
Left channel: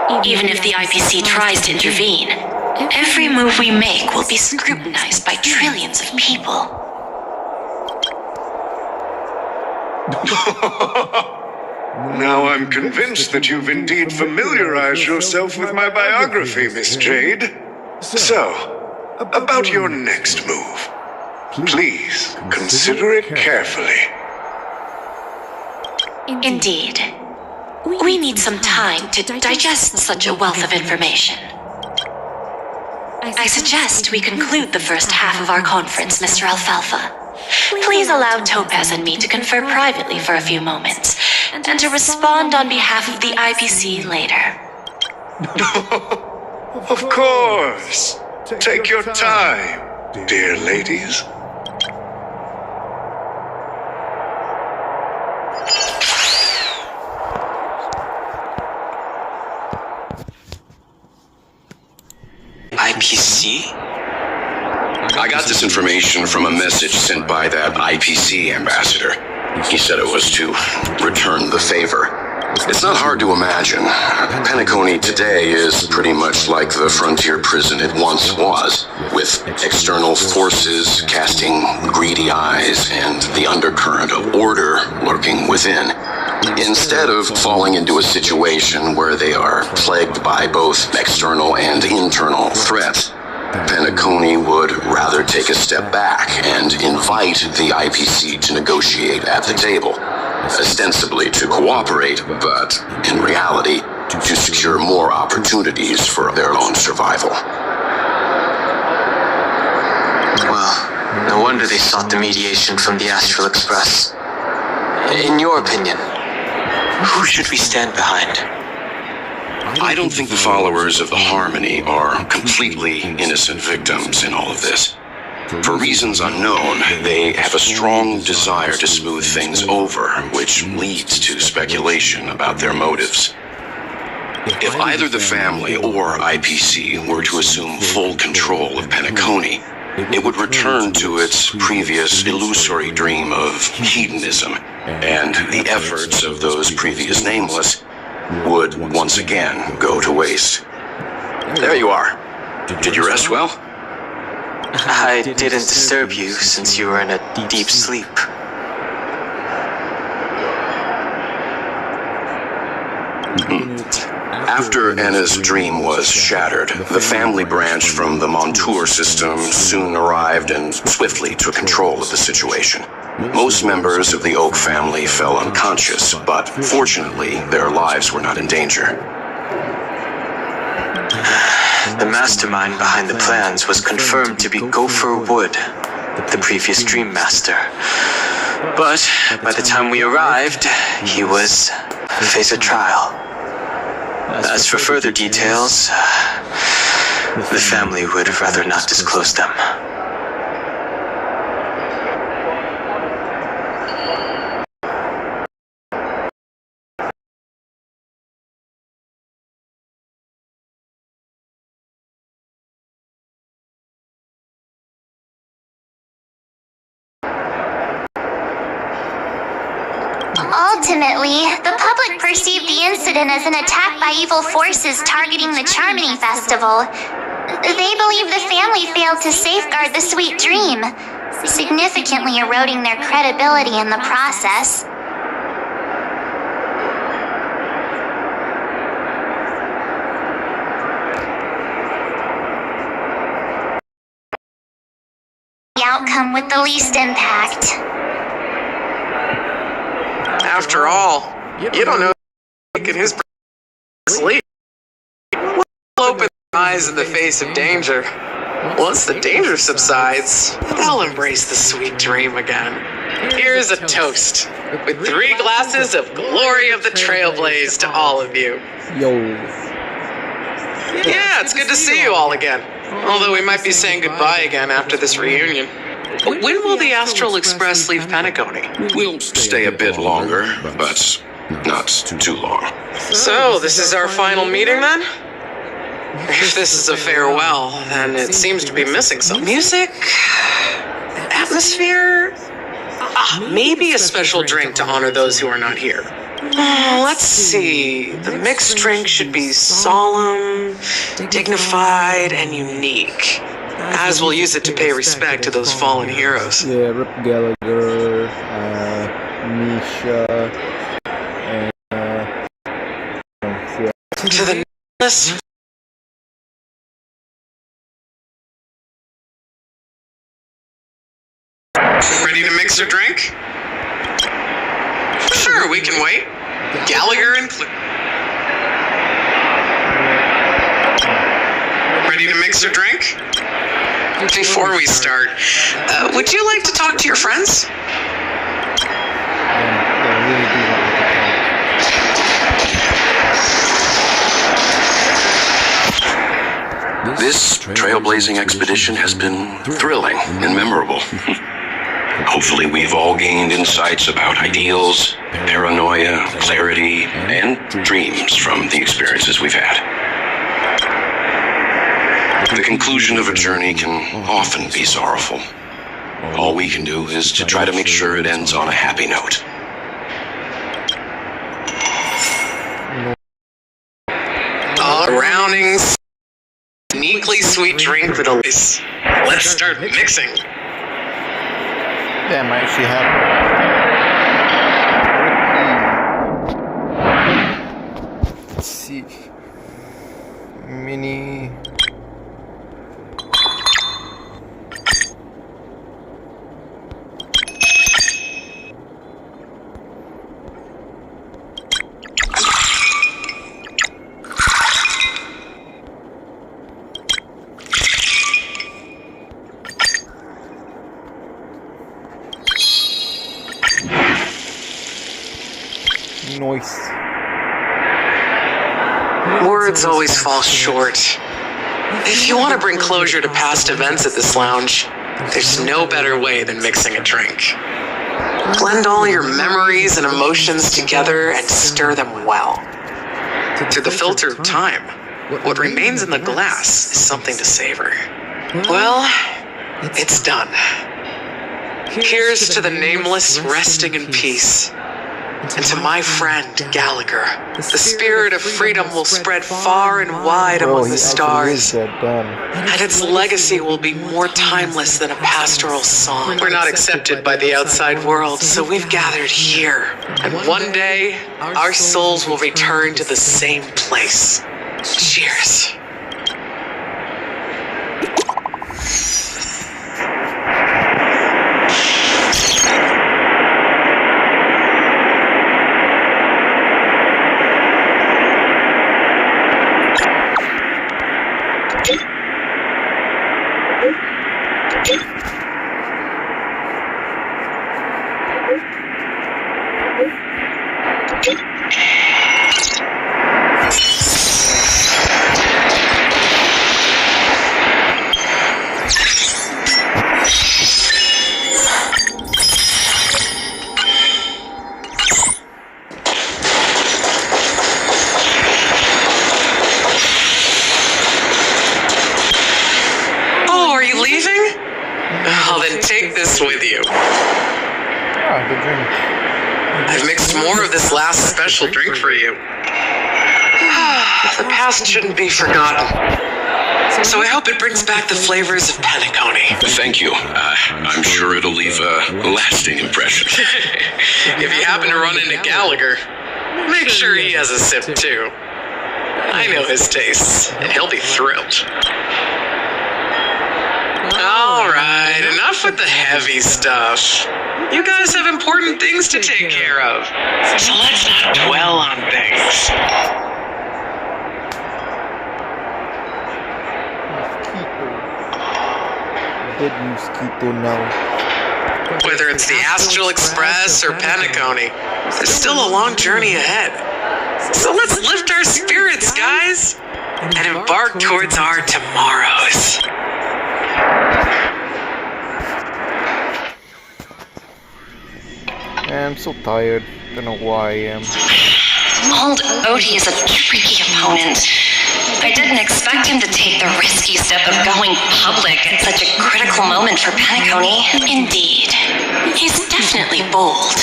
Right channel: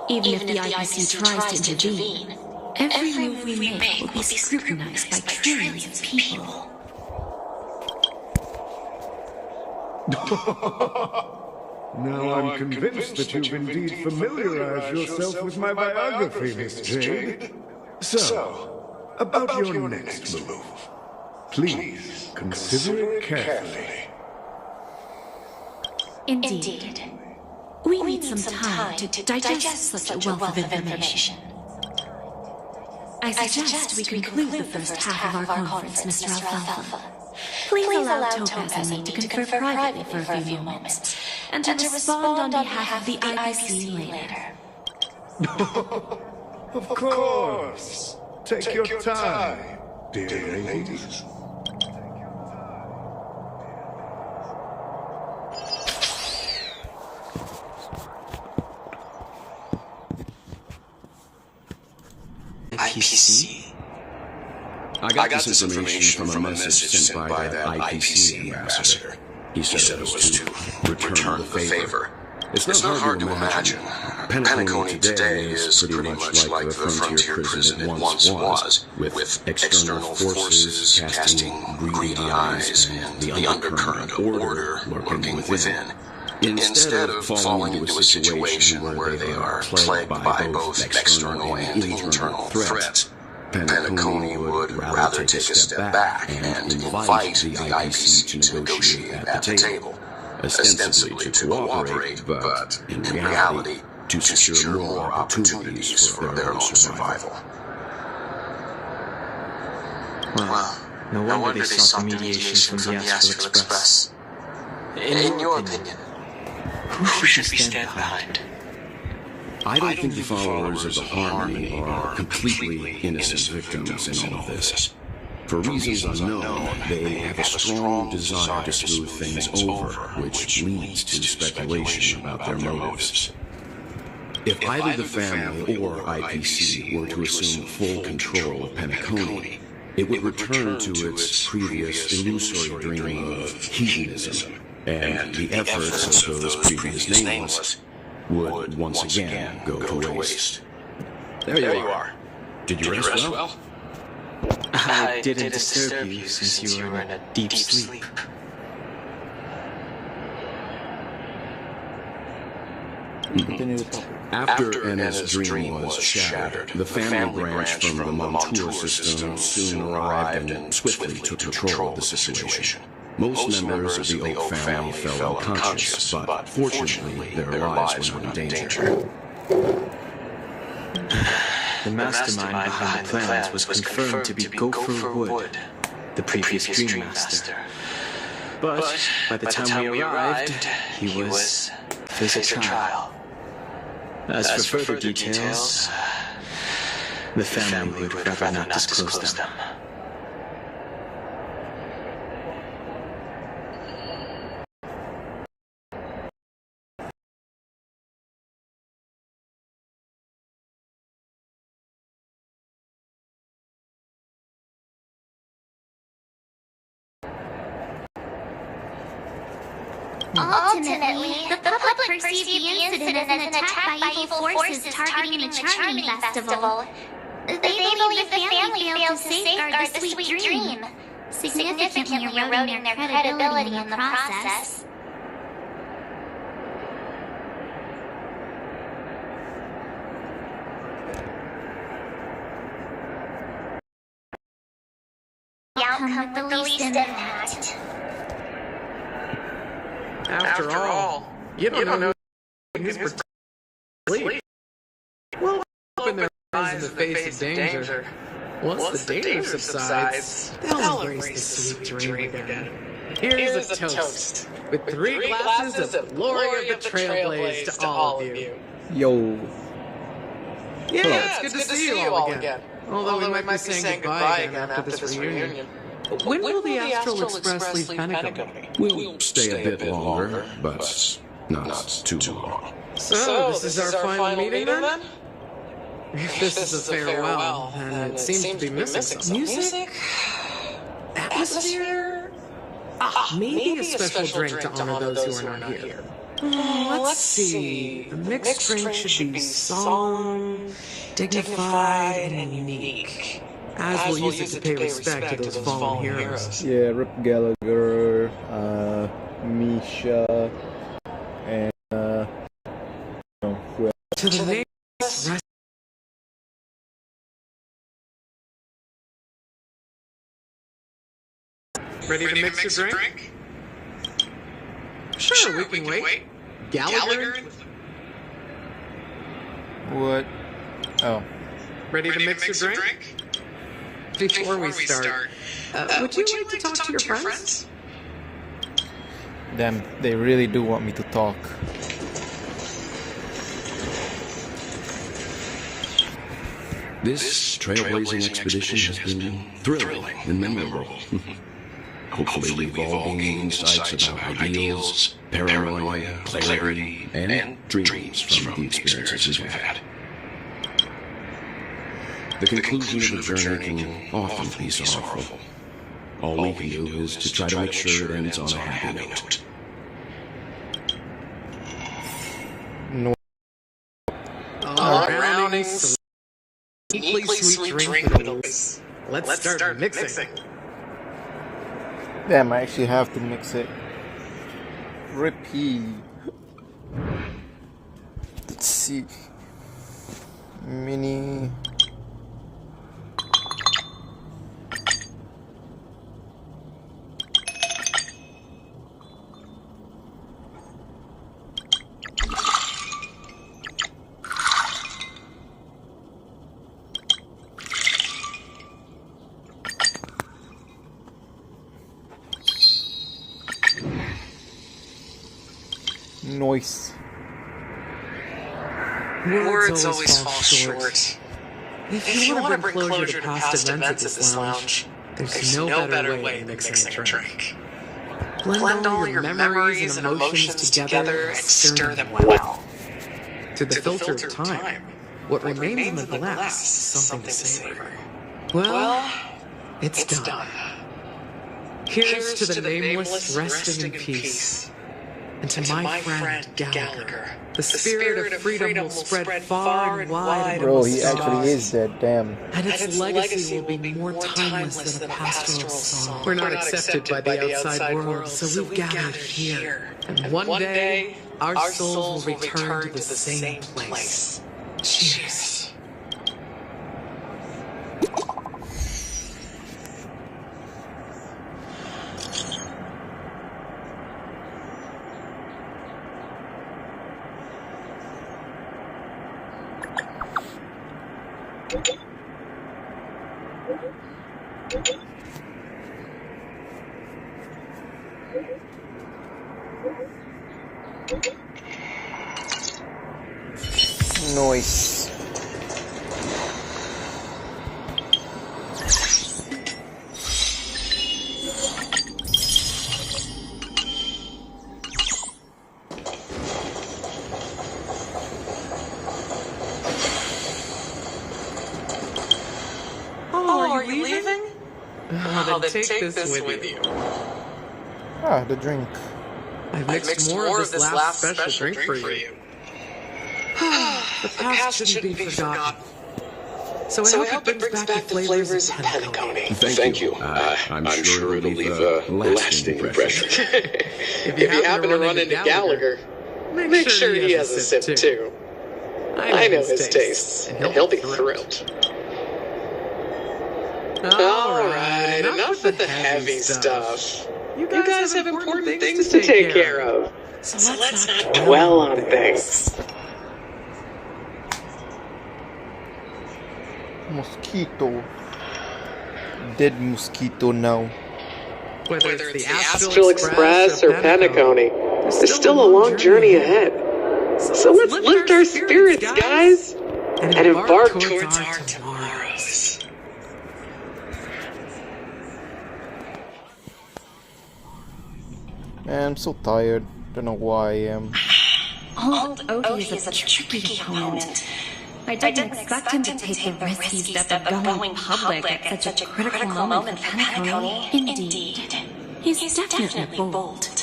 even if the IPC tries to intervene, every move we make will be scrutinized by trillions of people. Now I'm convinced that you've indeed familiarized yourself with my biography, Miss Jade. So, about your next move. Please consider it carefully. Indeed. We need some time to digest such a wealth of information. I suggest we conclude the first half of our conference, Mr. Alfalfa. Please allow Topaz and me to confer privately for a few moments, and to respond on behalf of the IPC later. Of course. Take your time, dear ladies. IPC? I got this information from a message sent by that IPC ambassador. He said it was to return the favor. It's not hard to imagine. Penacony today is pretty much like the frontier prison it once was, with external forces casting greedy eyes and the undercurrent of order lurking within. Instead of falling into a situation where they are plagued by both external and internal threats, Penacony would rather take a step back and invite the IPC to negotiate at the table, ostensibly to cooperate, but in reality, to secure more opportunities for their own survival. Well, no wonder they sought the mediation from the Astral Express. In your opinion, who should we stand behind? I don't think the followers of the Harmony are completely innocent victims in all of this. For reasons unknown, they have a strong desire to smooth things over, which leads to speculation about their motives. If either the family or IPC were to assume full control of Penacony, it would return to its previous illusory dream of hedonism, and the efforts of those previous nameless would once again go to waste. There you are. Did you rest well? I didn't disturb you since you were in a deep sleep. After Anna's dream was shattered, the family branch from the Montour system soon arrived and swiftly took control of the situation. Most members of the Oak family fell unconscious, but fortunately, their lives were not in danger. The mastermind behind the plans was confirmed to be Gopher Wood, the previous Dream Master. But by the time we arrived, he was facing a trial. As for further details, the family would rather not disclose them. Ultimately, the public perceived the incident as an attack by evil forces targeting the Charmony Festival. They believe the family failed to safeguard the sweet dream, significantly eroding their credibility in the process. The outcome with the least impact. After all, you don't know in his sleep. We'll open their eyes in the face of danger. Once the danger subsides, they'll embrace the sweet dream again. Here's a toast, with 3 glasses of glory of the Trailblaze to all of you. Yo. Yeah, it's good to see you all again. Although we might be saying goodbye again after this reunion. When will the Astral Express leave Panagonii? We'll stay a bit longer, but not too long. So, this is our final meeting then? If this is a farewell, then it seems to be missing some music, atmosphere, maybe a special drink to honor those who are not here. Let's see. The mixed drink should be solemn, dignified, and unique, as we'll use it to pay respect to those fallen heroes. Yeah, Rip Gallagher, Misha, and yeah. To the nameless. Ready to mix or drink? Sure, we can wait. Gallagher and Ready to mix or drink? Before we start, would you like to talk to your friends? Then they really do want me to talk. This trailblazing expedition has been thrilling and memorable. Hopefully we've all gained insights about ideals, paranoia, clarity, and dreams from the experiences we've had. The conclusion of a journey can often be sorrowful. All we can do is to try to make sure it ends on a happy note. All rounding, uniquely sweet drink with a lace. Let's start mixing. Damn, I actually have to mix it. Ricky. Let's see. Mini. Noise. Words always fall short. If you want to bring closure to past events at this lounge, there's no better way than mixing a drink. Blend all your memories and emotions together and stir them well. Through the filter of time, what remains in the glass is something to savor. Well, it's done. Here's to the nameless resting in peace. And to my friend, Gallagher, the spirit of freedom will spread far and wide among the stars. And its legacy will be more timeless than a pastoral song. We're not accepted by the outside world, so we've gathered here. And one day, our souls will return to the same place. Cheers. Take this with you. Ah, the drink. I've mixed more of this last special drink for you. The past shouldn't be forgotten. So I hope it brings back the flavors of panettone. Thank you. I'm sure it'll leave a lasting impression. If you happen to run into Gallagher, make sure he has a sip too. I know his tastes, and he'll be thrilled. Alright, enough with the heavy stuff. You guys have important things to take care of, so let's not dwell on things. Mosquito. Dead mosquito now. Whether it's the Astral Express or Panettone, there's still a long journey ahead. So let's lift our spirits, guys, and embark towards our tomorrows. I'm so tired. Don't know why I am. Old Odie is a tricky opponent. I didn't expect him to take the risky step of going public at such a critical moment for Panettone. Indeed. He's definitely bold.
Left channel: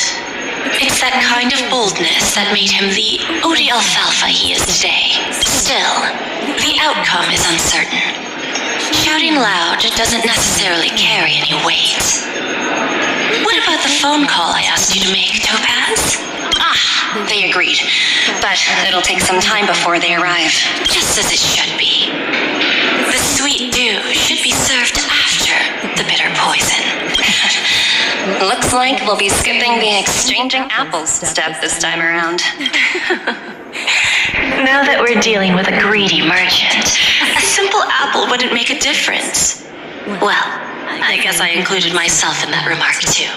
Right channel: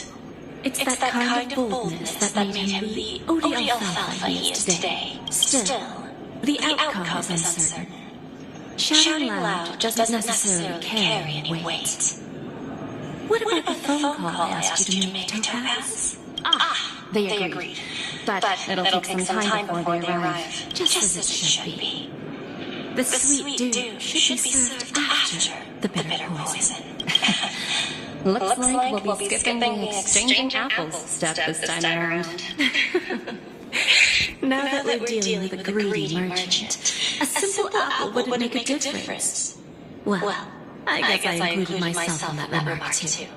It's that kind of boldness that made him the Odie Alfalfa he is today. Still, the outcome is uncertain. Shouting loud doesn't necessarily carry any weight. What about the phone call I asked you to make, Topaz? They agreed, but it'll take some time before they arrive, just as it should be. The sweet dew should be served after the bitter poison. Looks like we'll be skipping the exchanging apples step this time around. Now that we're dealing with a greedy merchant, a simple apple wouldn't make a difference. Well, I guess I included myself in that remark too.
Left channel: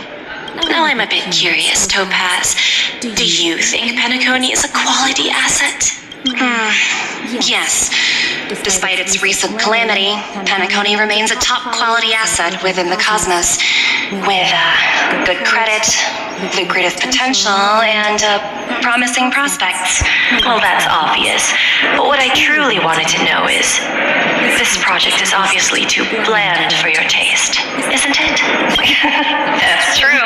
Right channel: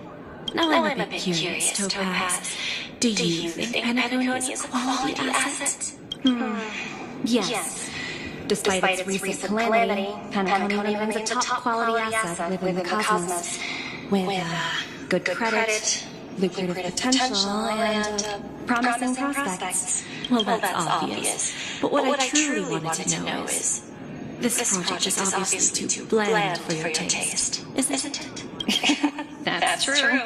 Now I'm a bit curious, Topaz. Do you think Panettone is a quality asset? Yes. Despite its recent calamity, Panettone remains a top quality asset within the cosmos. With good credit, lucrative potential, and promising prospects. Well, that's obvious. But what I truly wanted to know is, this project is obviously too bland for your taste, isn't it? That's true.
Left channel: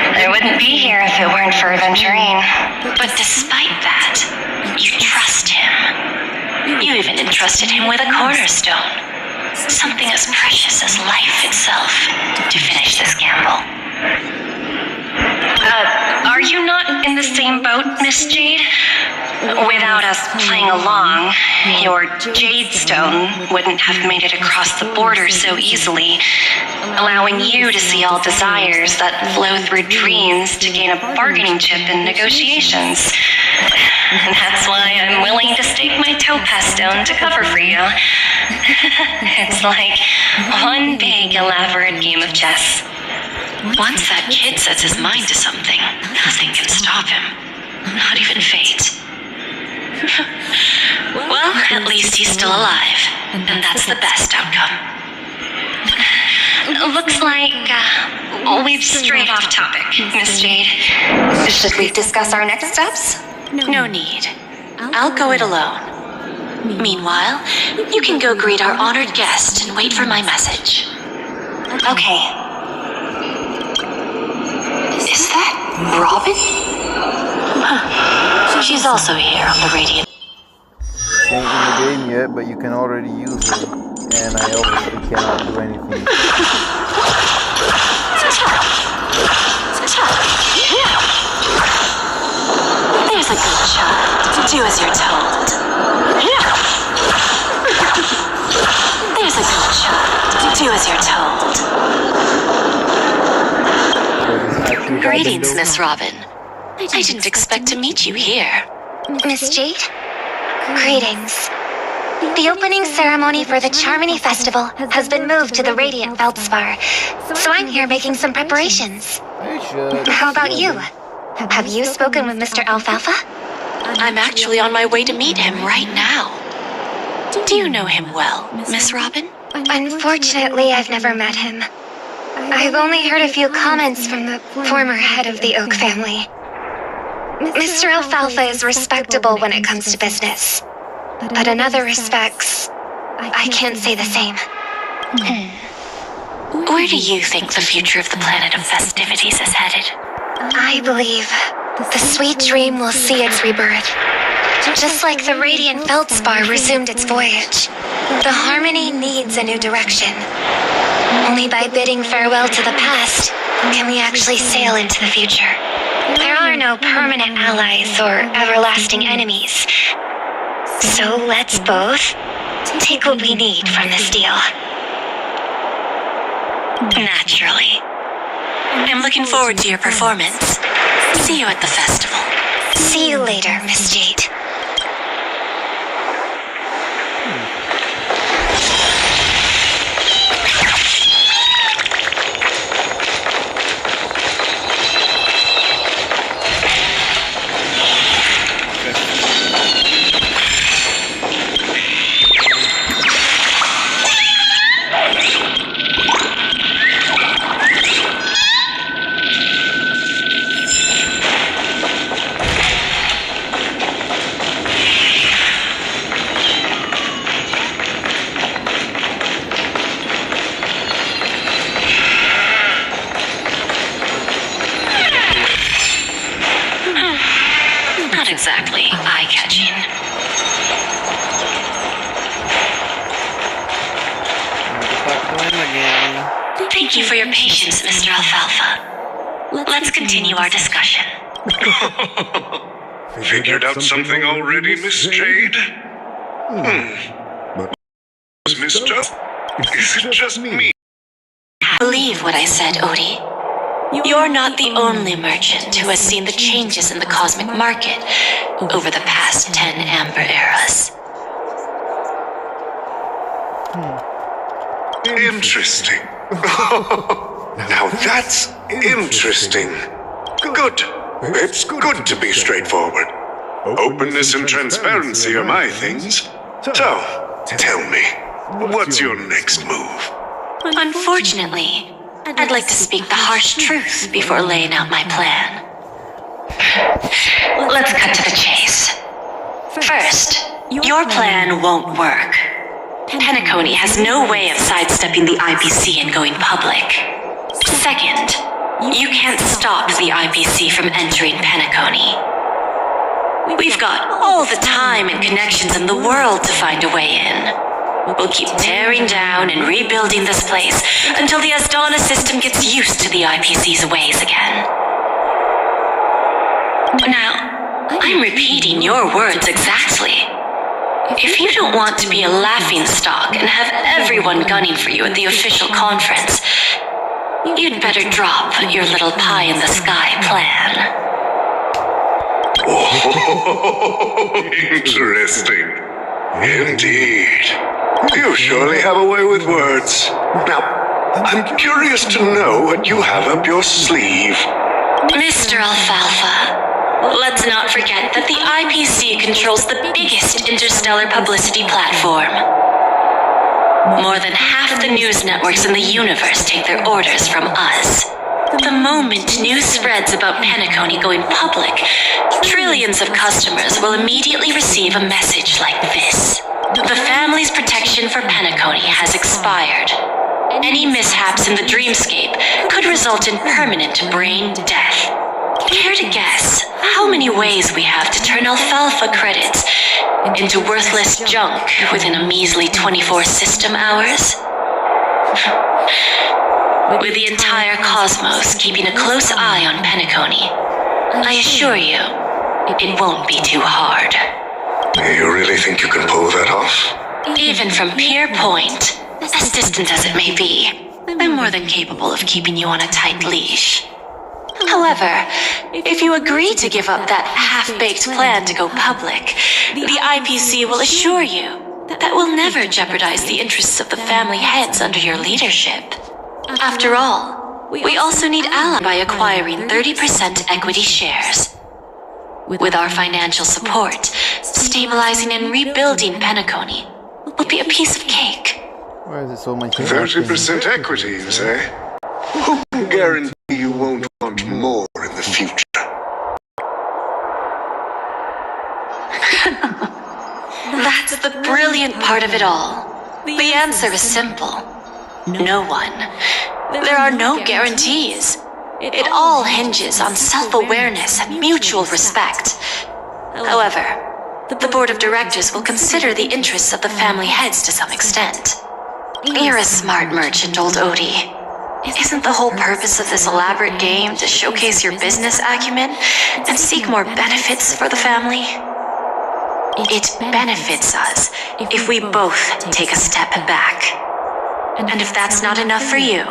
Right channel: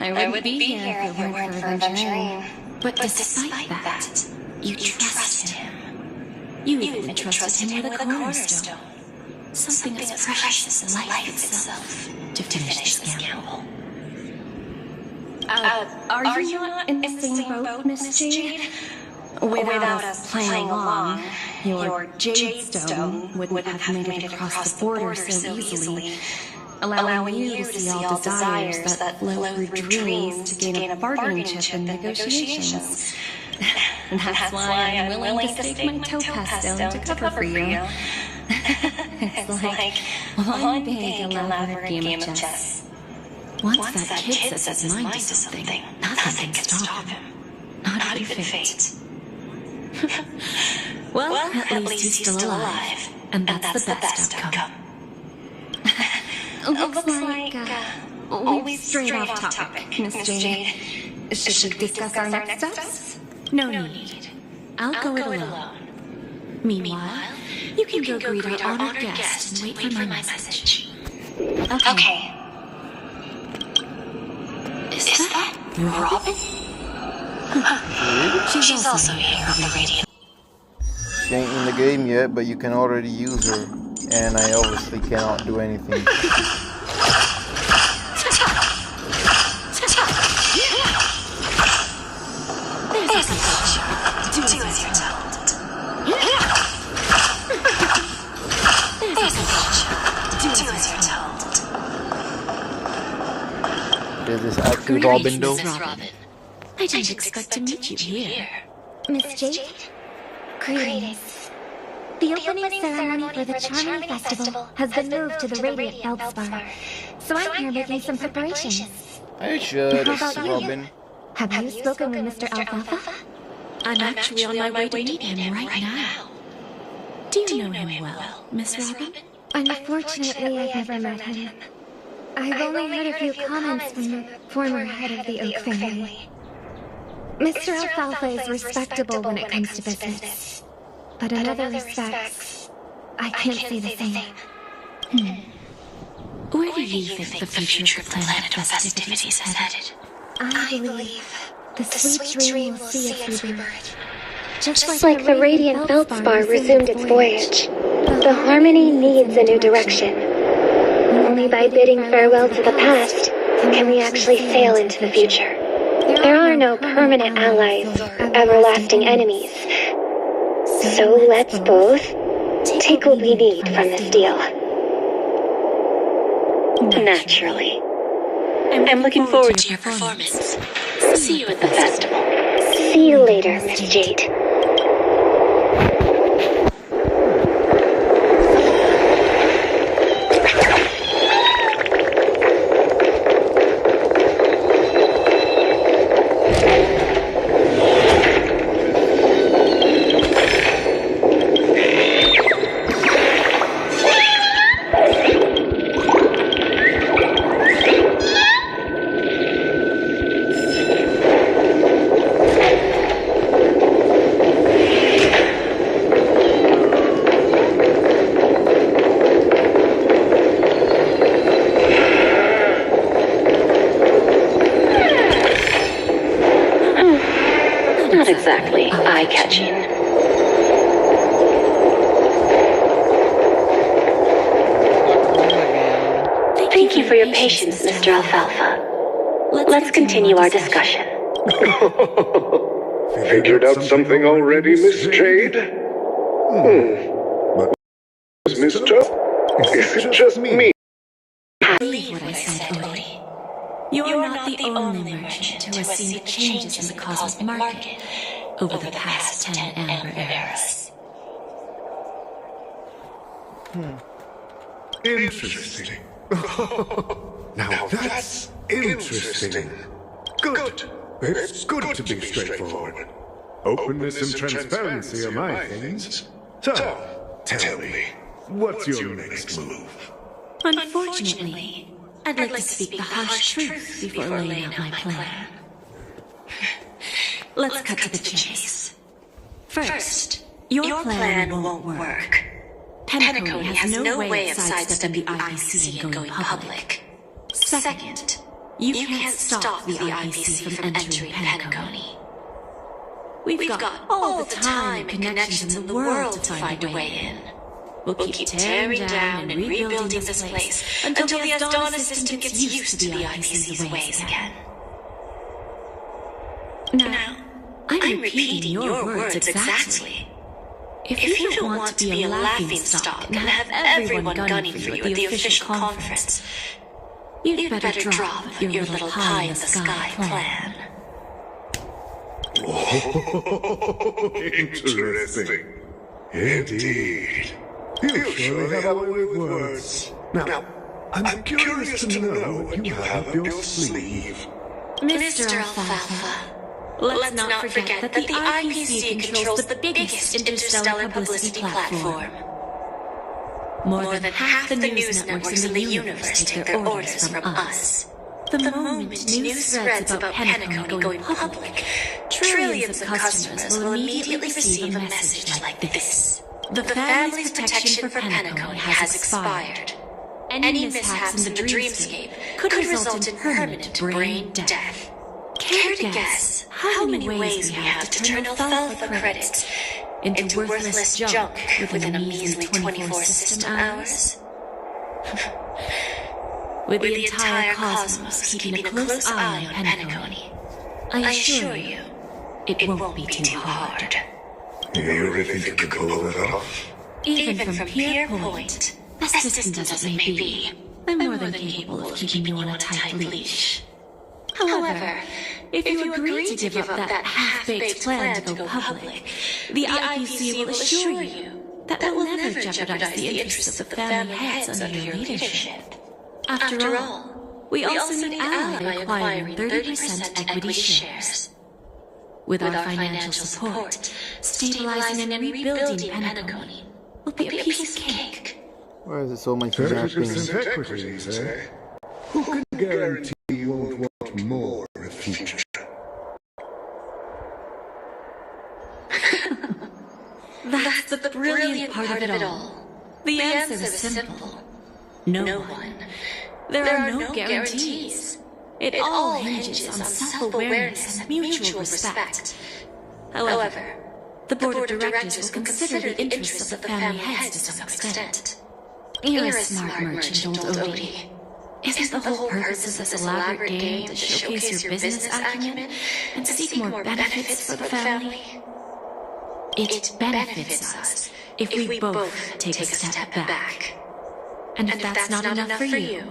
I wouldn't be here if it weren't for Aventurine. But despite that, you trust him. You even entrusted him with a cornerstone. Something as precious as life itself to finish this gamble. Are you not in the same boat, Miss Jade? Without us playing along, your Jade Stone wouldn't have made it across the border so easily, allowing you to see all desires that flow through dreams to gain a bargaining chip in negotiations. That's why I'm willing to stake my Topaz Stone to cover for you. It's like one big elaborate game of chess. Once that kid sets his mind to something, nothing can stop him. Not even fate. Well, at least he's still alive, and that's the best outcome. Looks like we've strayed off topic, Miss Jade. Should we discuss our next steps? No need. I'll go it alone. Meanwhile, you can go greet our honored guest and wait for my message. Okay. Is that Robin? She's also here on the radio. She ain't in the game yet, but you can already use her. And I obviously cannot do anything. There's a good child. Do as you're told. There's a good child. Do as you're told. Greetings, Miss Robin. I didn't expect to meet you here. Miss Jade? Greetings. The opening ceremony for the Charmony Festival has been moved to the Radiant Feldspar, so I'm here making some preparations. How about you? Have you spoken with Mr. Alfalfa? I'm actually on my way to meet him right now. Do you know him well, Miss Robin? Unfortunately, I've never met him. I've only heard a few comments from the former head of the Oak family. Mr. Alfalfa is respectable when it comes to business, but in other respects, I can't say the same. Where do you think the future of the planet of festivities is headed? I believe the sweet dream will see its rebirth. Just like the radiant feldspar resumed its voyage, the Harmony needs a new direction. Only by bidding farewell to the past can we actually sail into the future. There are no permanent allies or everlasting enemies. So let's both take what we need from this deal. Naturally. I'm looking forward to your performance. See you at the festival. See you later, Miss Jade. Not exactly eye-catching. Thank you for your patience, Mr. Alfalfa. Let's continue our discussion. Figured out something already, Miss Jade? But Mr. Is it just me? Believe what I said, Odie. You're not the only merchant who has seen the changes in the cosmic market over the past 10 Amber Eras. Interesting. Now that's interesting. Good. It's good to be straightforward. Openness and transparency are my things. So, tell me, what's your next move? Unfortunately, I'd like to speak the harsh truth before laying out my plan. Let's cut to the chase. First, your plan won't work. Penacony has no way of sidestepping the IPC and going public. Second, you can't stop the IPC from entering Penacony. We've got all the time and connections in the world to find a way in. We'll keep tearing down and rebuilding this place until the Asdana system gets used to the IPC's ways again. Now, I'm repeating your words exactly. If you don't want to be a laughingstock and have everyone gunning for you at the official conference, you'd better drop your little pie-in-the-sky plan. Oh, interesting. Indeed. You surely have a way with words. Now, I'm curious to know what you have up your sleeve. Mr. Alfalfa, let's not forget that the IPC controls the biggest interstellar publicity platform. More than half the news networks in the universe take their orders from us. The moment news spreads about Penacony going public, trillions of customers will immediately receive a message like this. The family's protection for Penacony has expired. Any mishaps in the dreamscape could result in permanent brain death. Care to guess how many ways we have to turn alfalfa credits into worthless junk within a measly 24 system hours? With the entire cosmos keeping a close eye on Penacony, I assure you, it won't be too hard. You really think you can pull that off? Even from Pier Point, as distant as it may be, I'm more than capable of keeping you on a tight leash. However, if you agree to give up that half-baked plan to go public, the IPC will assure you that will never jeopardize the interests of the family heads under your leadership. After all, we also need ally by acquiring 30% equity shares. With our financial support, stabilizing and rebuilding Penacony will be a piece of cake. Why is it so much? 30% equities, eh? Who can guarantee you won't want more in the future? That's the brilliant part of it all. The answer is simple. No one. There are no guarantees. It all hinges on self-awareness and mutual respect. However, the board of directors will consider the interests of the family heads to some extent. You're a smart merchant, old Odie. Isn't the whole purpose of this elaborate game to showcase your business acumen and seek more benefits for the family? It benefits us if we both take a step back. And if that's not enough for you,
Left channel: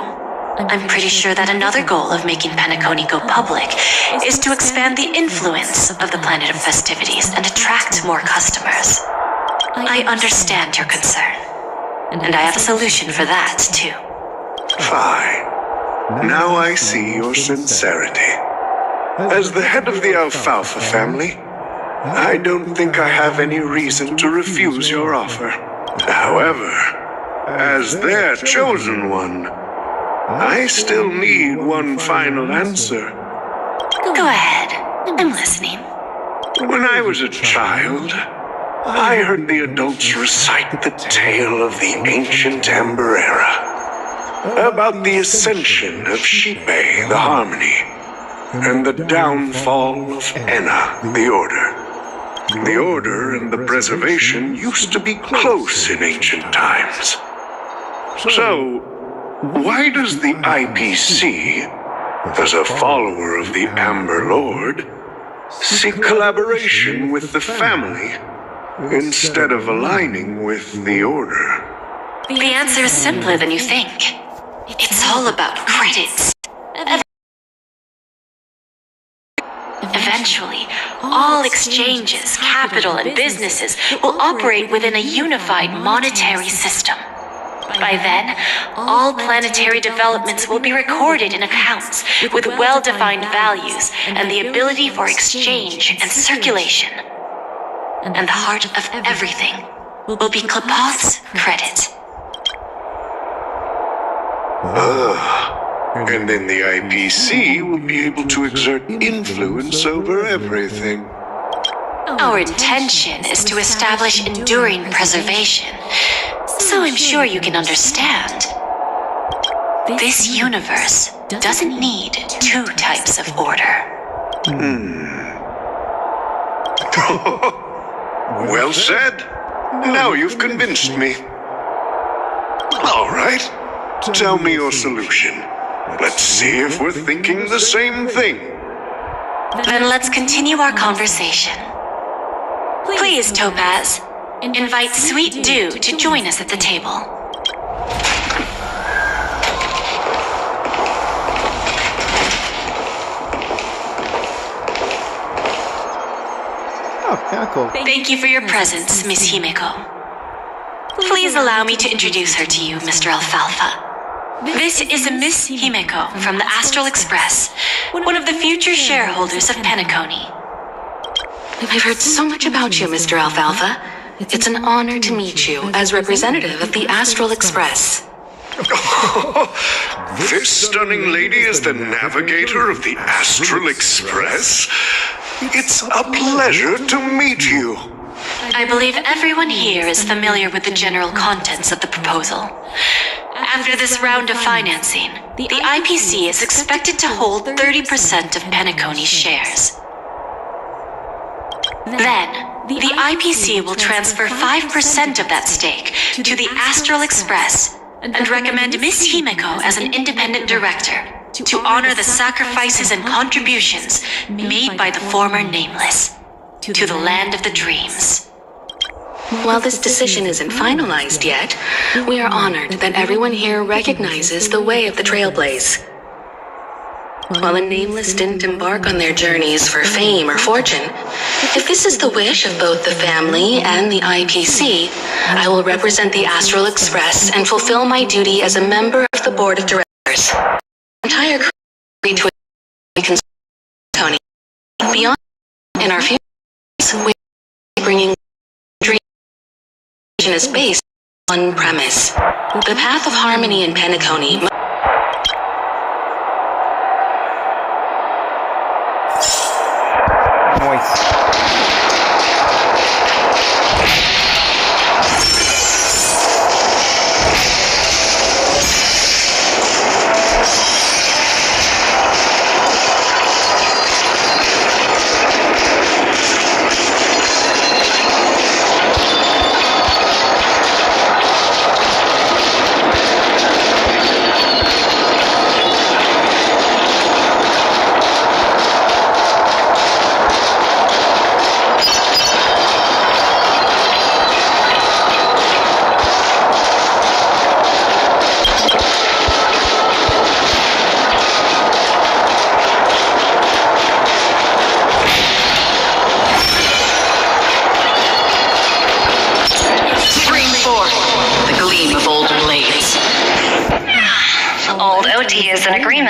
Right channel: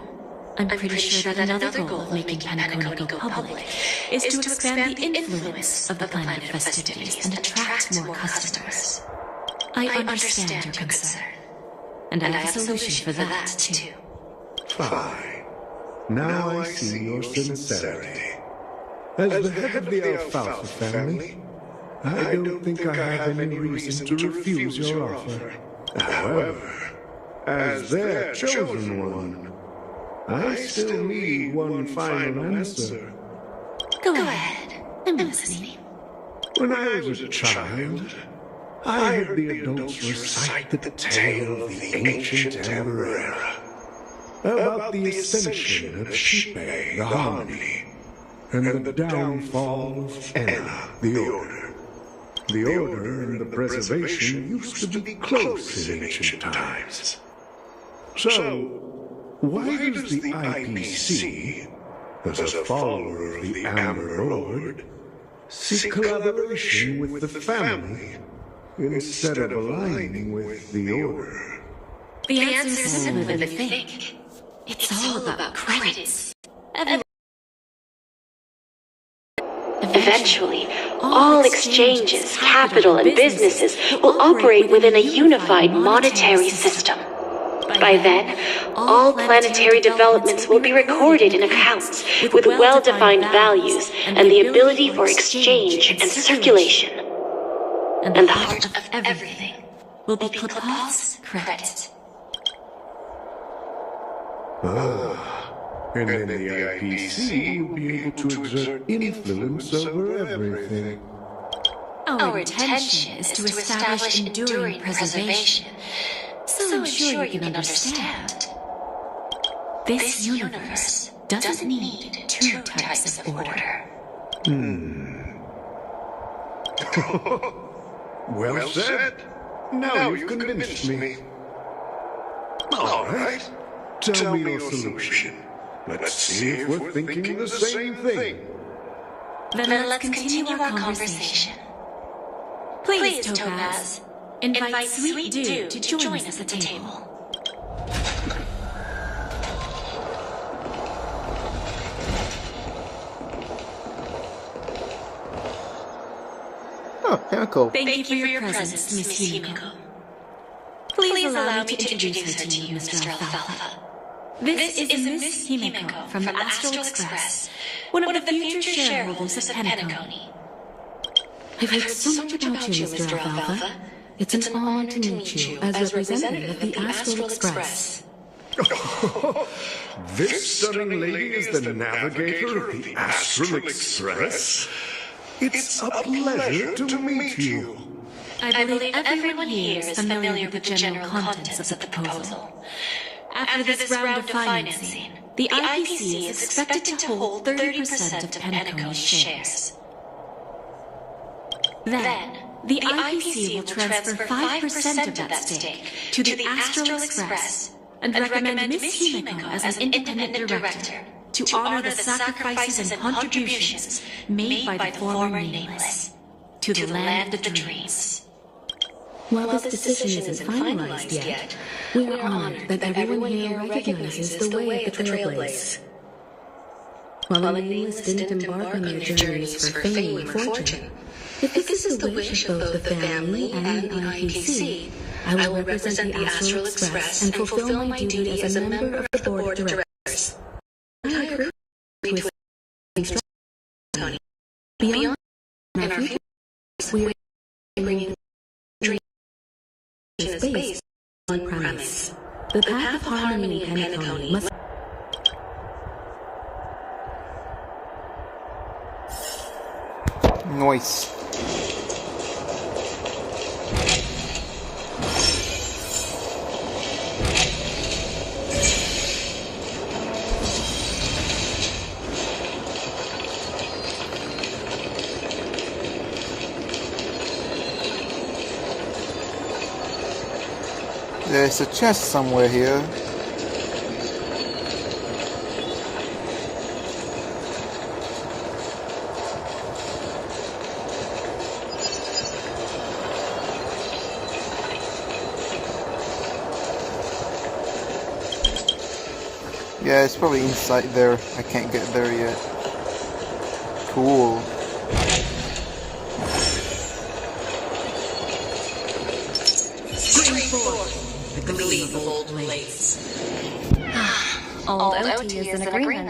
I'm pretty sure that another goal of making Penacony go public is to expand the influence of the Planet of Festivities and attract more customers. I understand your concern, and I have a solution for that, too. Fine. Now I see your sincerity. As the head of the Alfalfa family, I don't think I have any reason to refuse your offer. However, as their chosen one, I still need one final answer. Go ahead. I'm listening. When I was a child, I heard the adults recite the tale of the ancient Amber Era, about the ascension of Shipe, the Harmony, and the downfall of Enna, the Order. The Order and the Preservation used to be close in ancient times. So, why does the IPC, as a follower of the Amber Lord, seek collaboration with the family instead of aligning with the Order? The answer is simpler than you think. It's all about credits. Eventually, all exchanges, capital, and businesses will operate within a unified monetary system. By then, all planetary developments will be recorded in accounts with well-defined values and the ability for exchange and circulation. And the heart of everything will be Klapoth's credit. And then the IPC will be able to exert influence over everything. Our intention is to establish enduring preservation, so I'm sure you can understand. This universe doesn't need two types of order. Well said. Now you've convinced me. All right. Tell me your solution. Let's see if we're thinking the same thing. Then let's continue our conversation. Please, Topaz, invite Sweet Dew to join us at the table. Oh, Pinnacle. Thank you for your presence, Miss Himeko. Please allow me to introduce her to you, Mr. Alfalfa. This is a Miss Himeko from the Astral Express, one of the future shareholders of Penacony. I've heard so much about you, Mr. Alfalfa. It's an honor to meet you as representative of the Astral Express. This stunning lady is the navigator of the Astral Express. It's a pleasure to meet you. I believe everyone here is familiar with the general contents of the proposal. After this round of financing, the IPC is expected to hold 30% of Penacony's shares. Then, the IPC will transfer 5% of that stake to the Astral Express and recommend Miss Himeko as an independent director to honor the sacrifices and contributions made by the former Nameless to the land of the dreams. While this decision isn't finalized yet, we are honored that everyone here recognizes the way of the Trailblaze. While the Nameless didn't embark on their journeys for fame or fortune, if this is the wish of both the family and the IPC, I will represent the Astral Express and fulfill my duty as a member of the board of directors. The entire crew agreed to a Tony. Beyond in our future, we are bringing dream is based on one premise. The path of harmony in Penacony. Noise.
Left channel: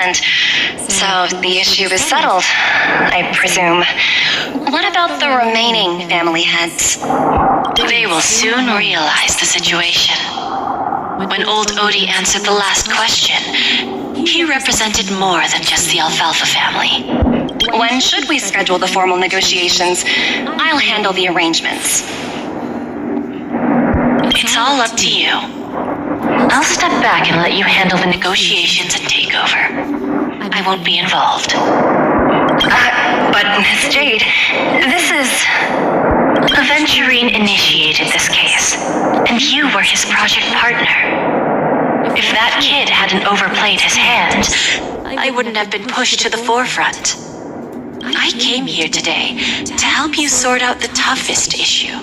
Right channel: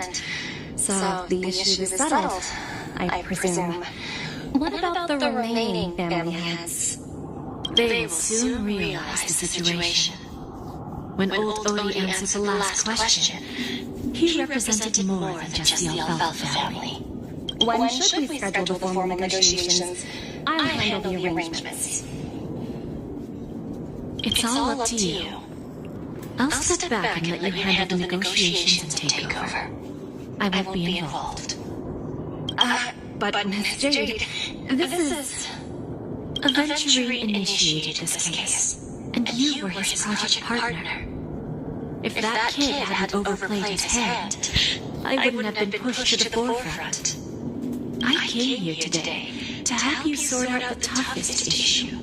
and so the issue is settled, I presume. What about the remaining family heads? They will soon realize the situation. When old Odie answered the last question, he represented more than just the Alfalfa family. When should we schedule the formal negotiations? I'll handle the arrangements. It's all up to you. I'll step back and let you handle the negotiations and takeover. I won't be involved. But Miss Jade, this is... Aventurine initiated this case, and you were his project partner. If that kid hadn't overplayed his hand, I wouldn't have been pushed to the forefront. I came here today to help you sort out the toughest issue.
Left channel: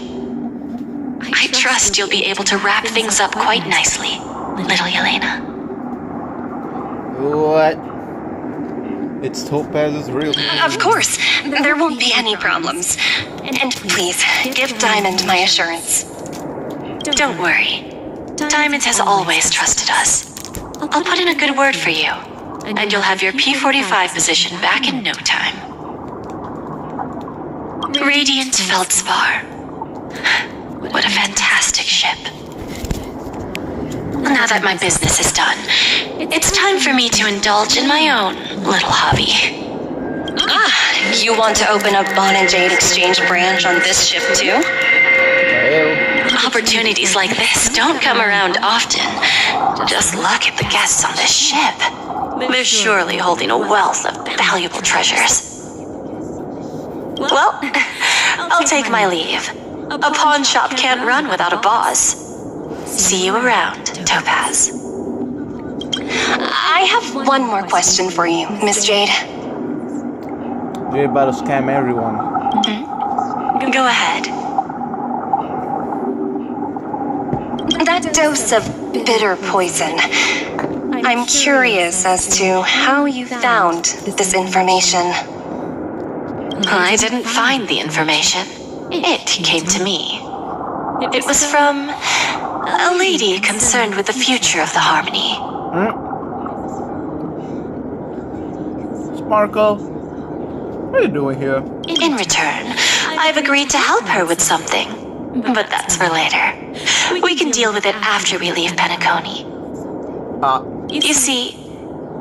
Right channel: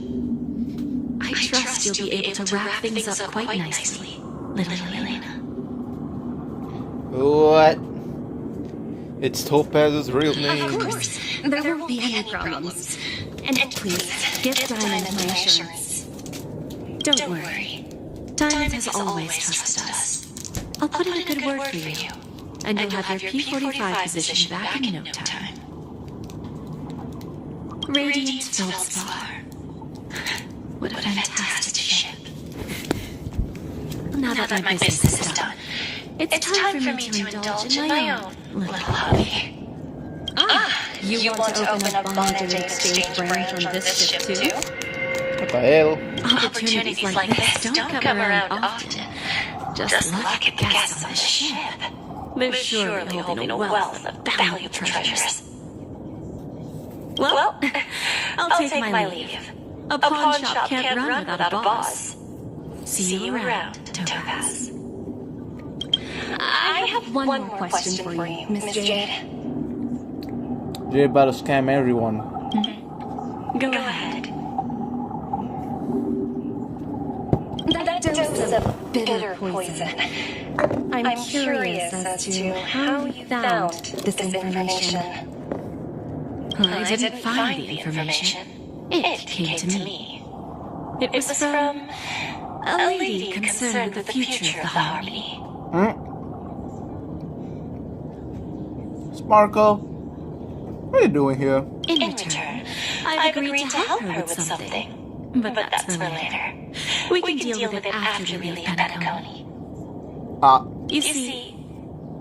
I trust you'll be able to wrap things up quite nicely, little Yelena. What? It's Topaz's real name. Of course, there won't be any problems. And please, give Diamond my assurance. Don't worry. Diamond has always trusted us. I'll put in a good word for you, and you'll have your P-45 position back in no time. Radiant Feldspar. What a fantastic ship. Now that my business is done, it's time for me to indulge in my own little hobby. You want to open a Bon and Jade exchange branch on this ship too? Opportunities like this don't come around often. Just look at the guests on this ship. They're surely holding a wealth of valuable treasures. Well, I'll take my leave. A pawn shop can't run without a boss. See you around, Topaz. I have one more question for you, Miss Jade. You're about to scam everyone. Go ahead. That dose of bitter poison. I'm curious as to how you found this information. I didn't find the information. It came to me. It was from a lady concerned with the future of the Harmony. Sparkle, what are you doing here? In return, I've agreed to help her with something. But that's for later. We can deal with it after we leave Penacony. You see,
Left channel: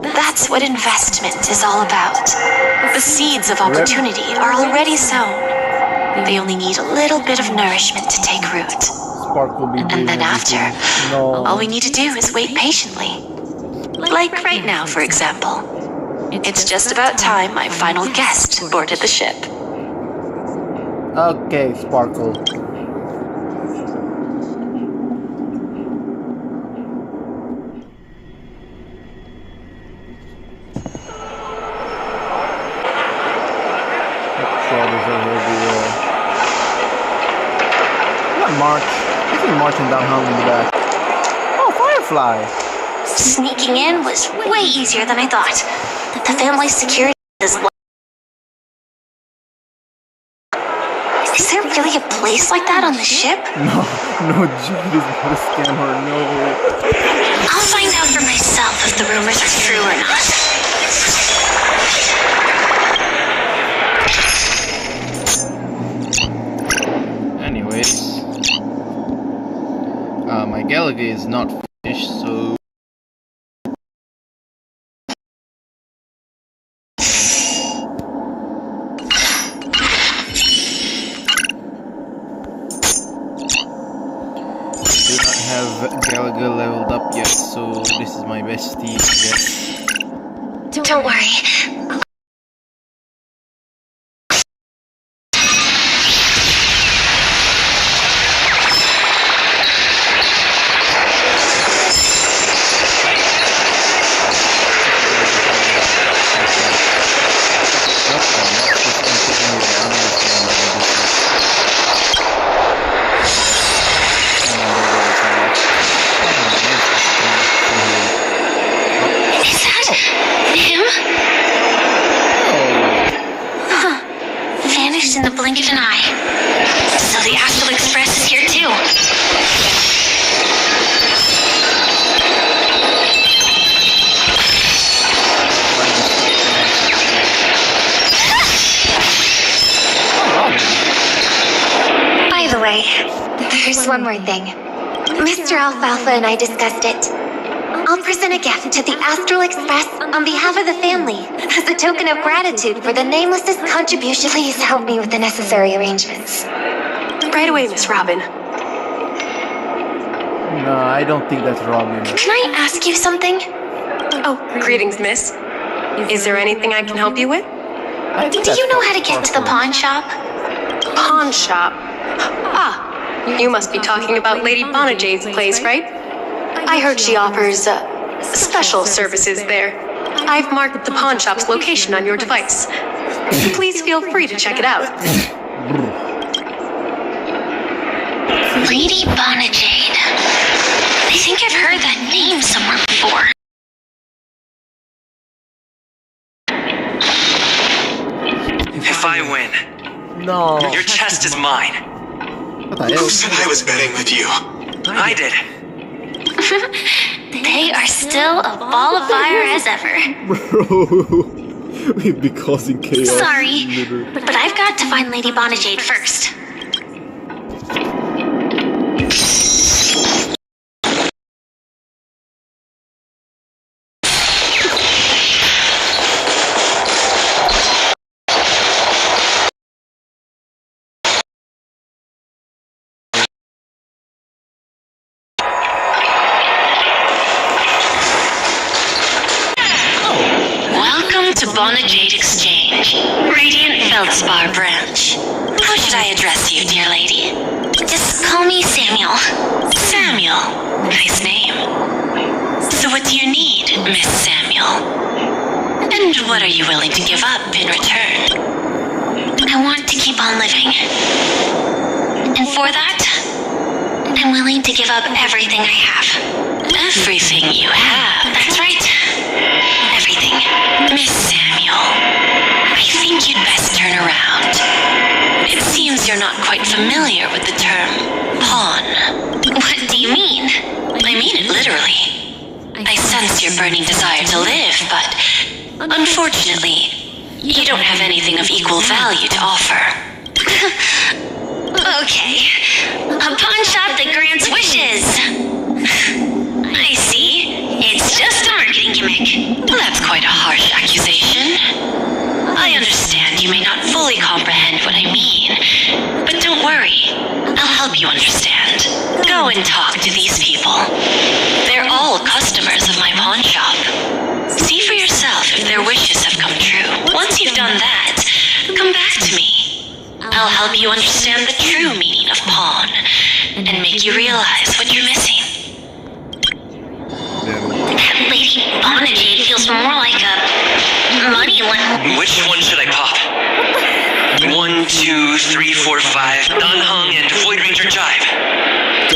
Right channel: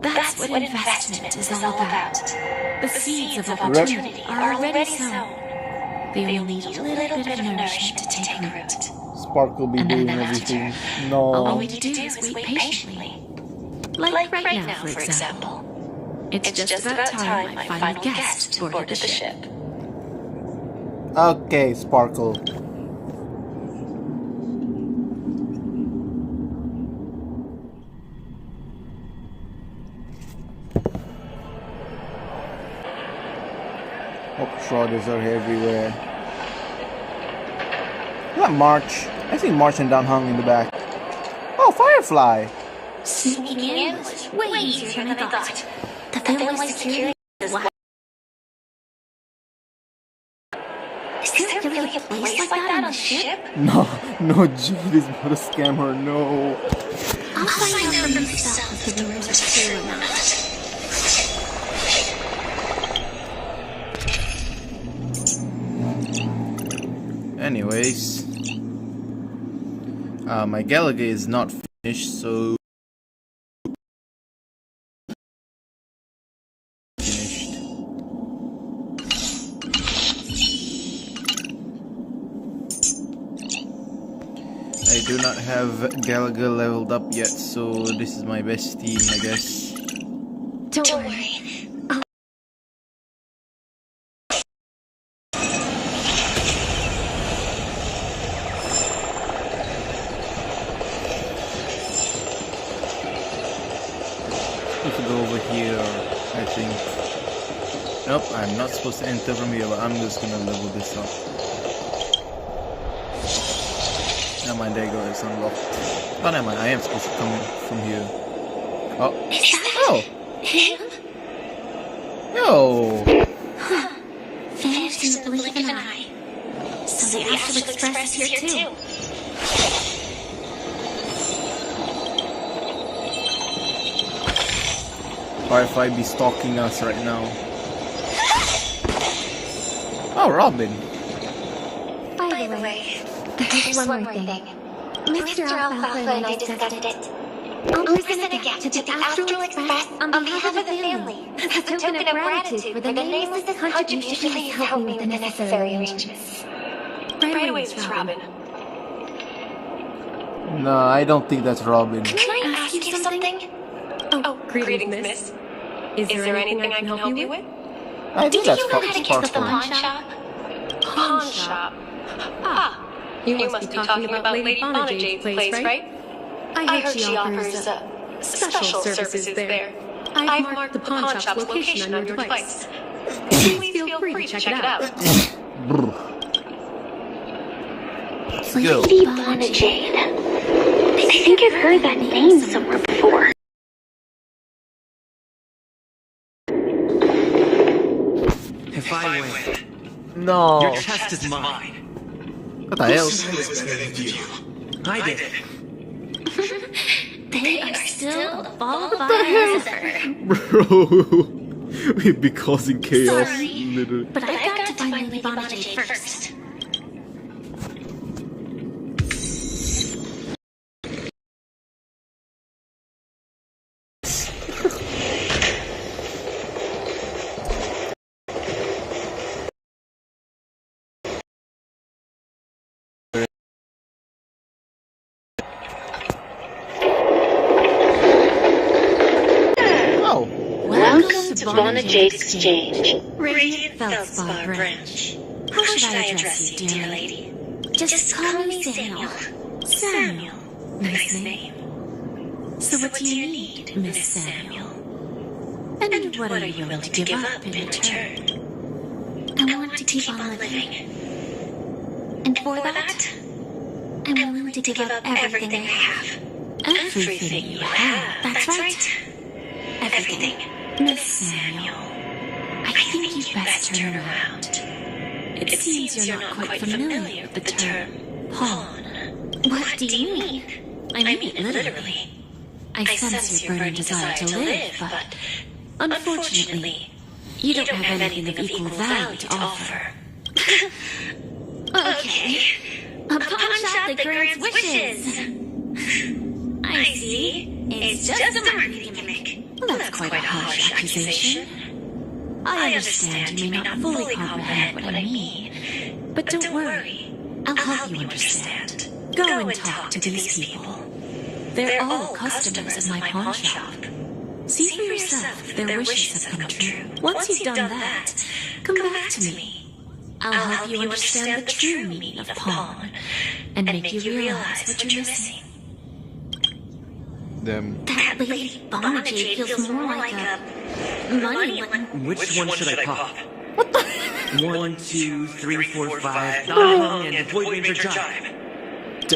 that's what investment is all about. The seeds of opportunity are already sown. They only need a little bit of nourishment to take root. Sparkle be doing And then after, everything. No. all we need to do is wait patiently. Like right now, for example. It's just about time my final guest boarded the ship. Okay, Sparkle. Shoulders are everywhere. What March? I see marching down hung in the back. Oh, Firefly! Sneaking in was way easier than I thought. The family security is... Is there really a place like that on the ship? No, Jade is not a scammer, no. I'll find out for myself if the rumors are true or not. Anyways, my Galaga is not finished, so I do not have Galaga leveled up yet, so this is my best team, I guess. Don't worry. Nope, I'm not supposed to enter in here. I'm just gonna level this up. No, there goes some left. Oh, no, I am supposed to come here. Oh. Is that him? No! Vanished in the blink of an eye. So the Astral Express is here too. Firefly be stalking us right now. Oh, Robin. By the way, there's one more thing. Mr. Alfalfa and I discussed it. I'll present a gift to the Astral Express on behalf of the family as a token of gratitude for the Nameless's contribution. Please help me with the necessary arrangements. Right away, Miss Robin. No, I don't think that's Robin. Can I ask you something? Oh, greetings, miss. Is there anything I can help you with? Do you know how to get to the pawn shop? Pawn shop? Ah, you must be talking about Lady Bonajade's place, right? I heard she offers special services there. I've marked the pawn shop's location on your device. Please feel free to check it out. Lady Bonajade. I think I've heard that name somewhere before. If I win, No. your chest is mine. What the hell? Who said I was betting with you? I did. They are still a ball of fire as ever. Bro. We'd be causing chaos. Sorry, Literally. but I've got to find Lady Bonajade first. Welcome to Bonajade Exchange, Radiant Feldspar branch. How should I address you, dear lady? Just call me Samuel. Samuel. Nice name. So what do you need, Miss Samuel? And what are you willing to give up in return? I want to keep on living. And for that, I'm willing to give up everything I have. Everything you have. That's right. Everything. Miss Samuel, I think you'd best turn around. It seems you're not quite familiar with the term pawn. What do you mean? I mean it literally. I sense your burning desire to live, but unfortunately, you don't have anything of equal value to offer. Okay. A pawn shop that grants wishes. I see. It's just a marketing gimmick. That's quite a harsh accusation. I understand you may not fully comprehend what I mean, but don't worry. I'll help you understand. Go and talk to these people. They're all customers of my pawn shop. See for yourself if their wishes have come true. Once you've done that, come back to me. I'll help you understand the true meaning of pawn and make you realize what you're missing. That Lady Bonajade feels more like a money one. Which one should I pop? 1, 2, 3, 4, 5. And Void Ranger Jive.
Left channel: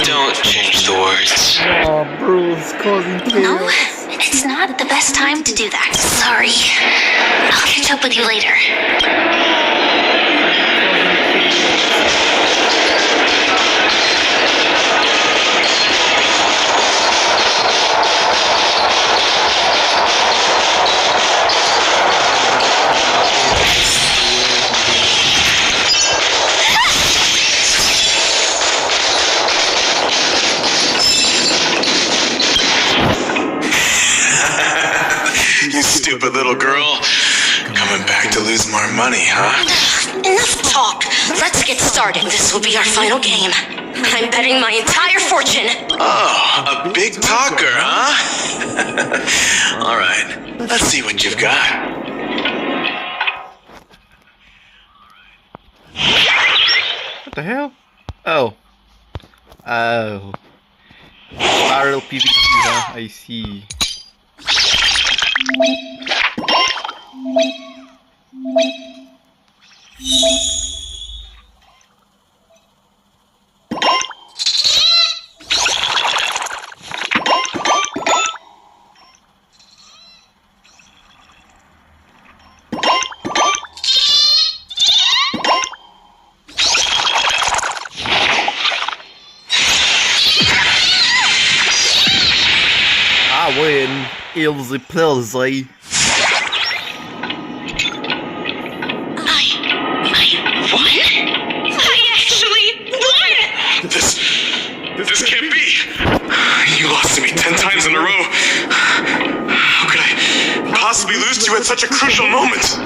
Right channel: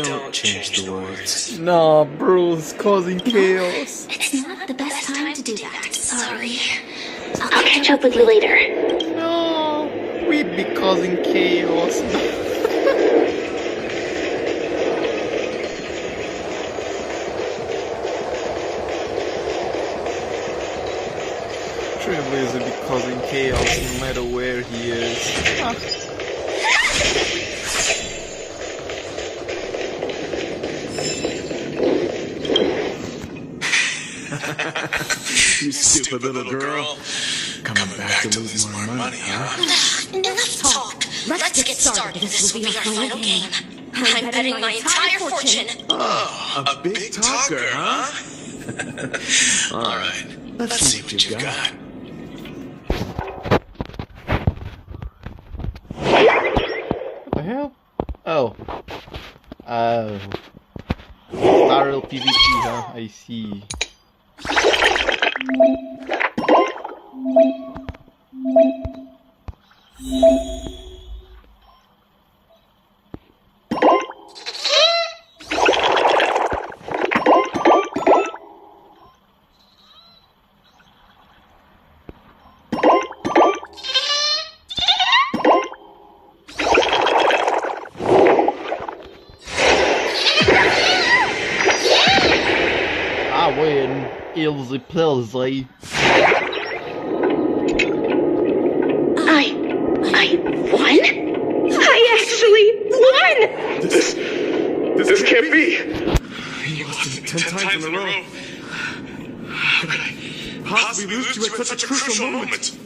Don't change the words. Nah, bro, it's causing No, chaos. it's not the best time to do that. Sorry. I'll catch up with you later. We'd be causing chaos. You stupid little girl. Coming back to lose more money, huh? Enough talk. Let's get started. This will be our final game. I'm betting my entire fortune. Oh, a big talker, huh? All right, let's see what you've got. What the hell? Oh. Oh. Spiral PvP, huh? I see. Ah, win. Ilzy Pilzy. we lose to at such a crucial moment?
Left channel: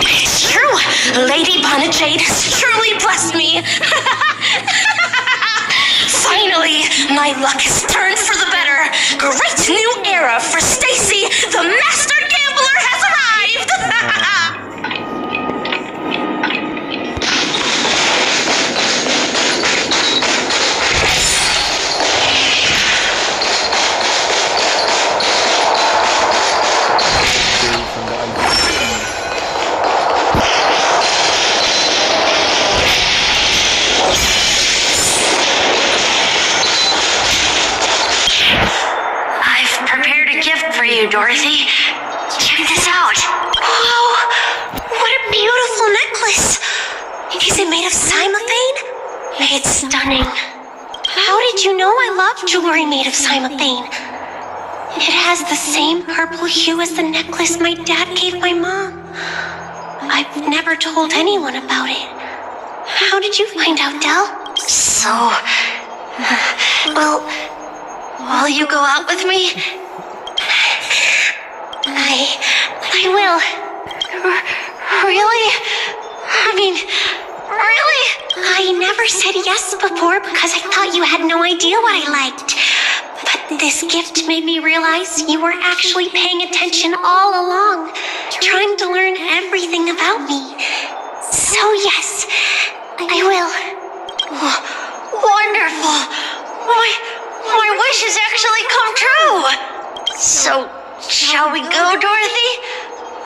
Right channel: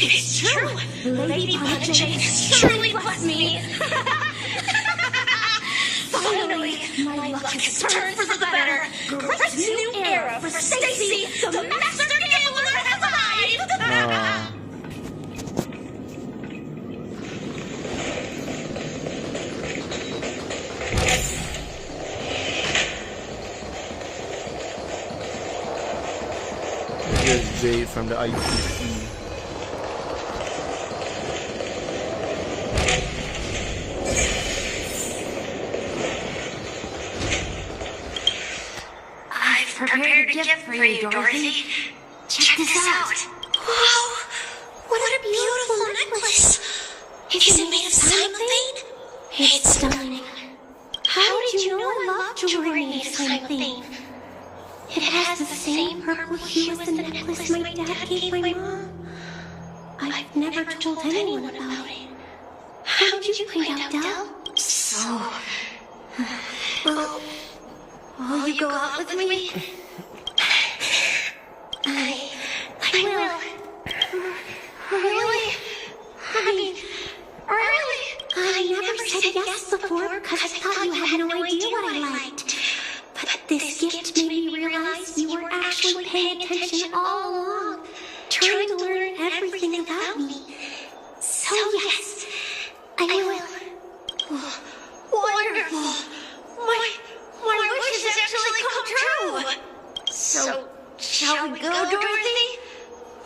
It's true. Lady Punishade has truly blessed me. Finally, my luck has turned for the better. Great new era for Stacy. The master gambler has arrived. From the IPC. I've prepared a gift for you, Dorothy. Check this out. Oh, what a beautiful necklace. Is it made of cymophane? It's stunning. How did you know I love jewelry made of cymophane? It has the same purple hue as the necklace my dad gave my mom. I've never told anyone about it. How did you find out, Del? So... Well, will you go out with me? I will. Really? I mean, really? I never said yes before because I thought you had no idea what I liked. But this gift made me realize you were actually paying attention all along, trying to learn everything about me. So yes, I will. Oh, wonderful. My wish has actually come true. So, shall we go, Dorothy?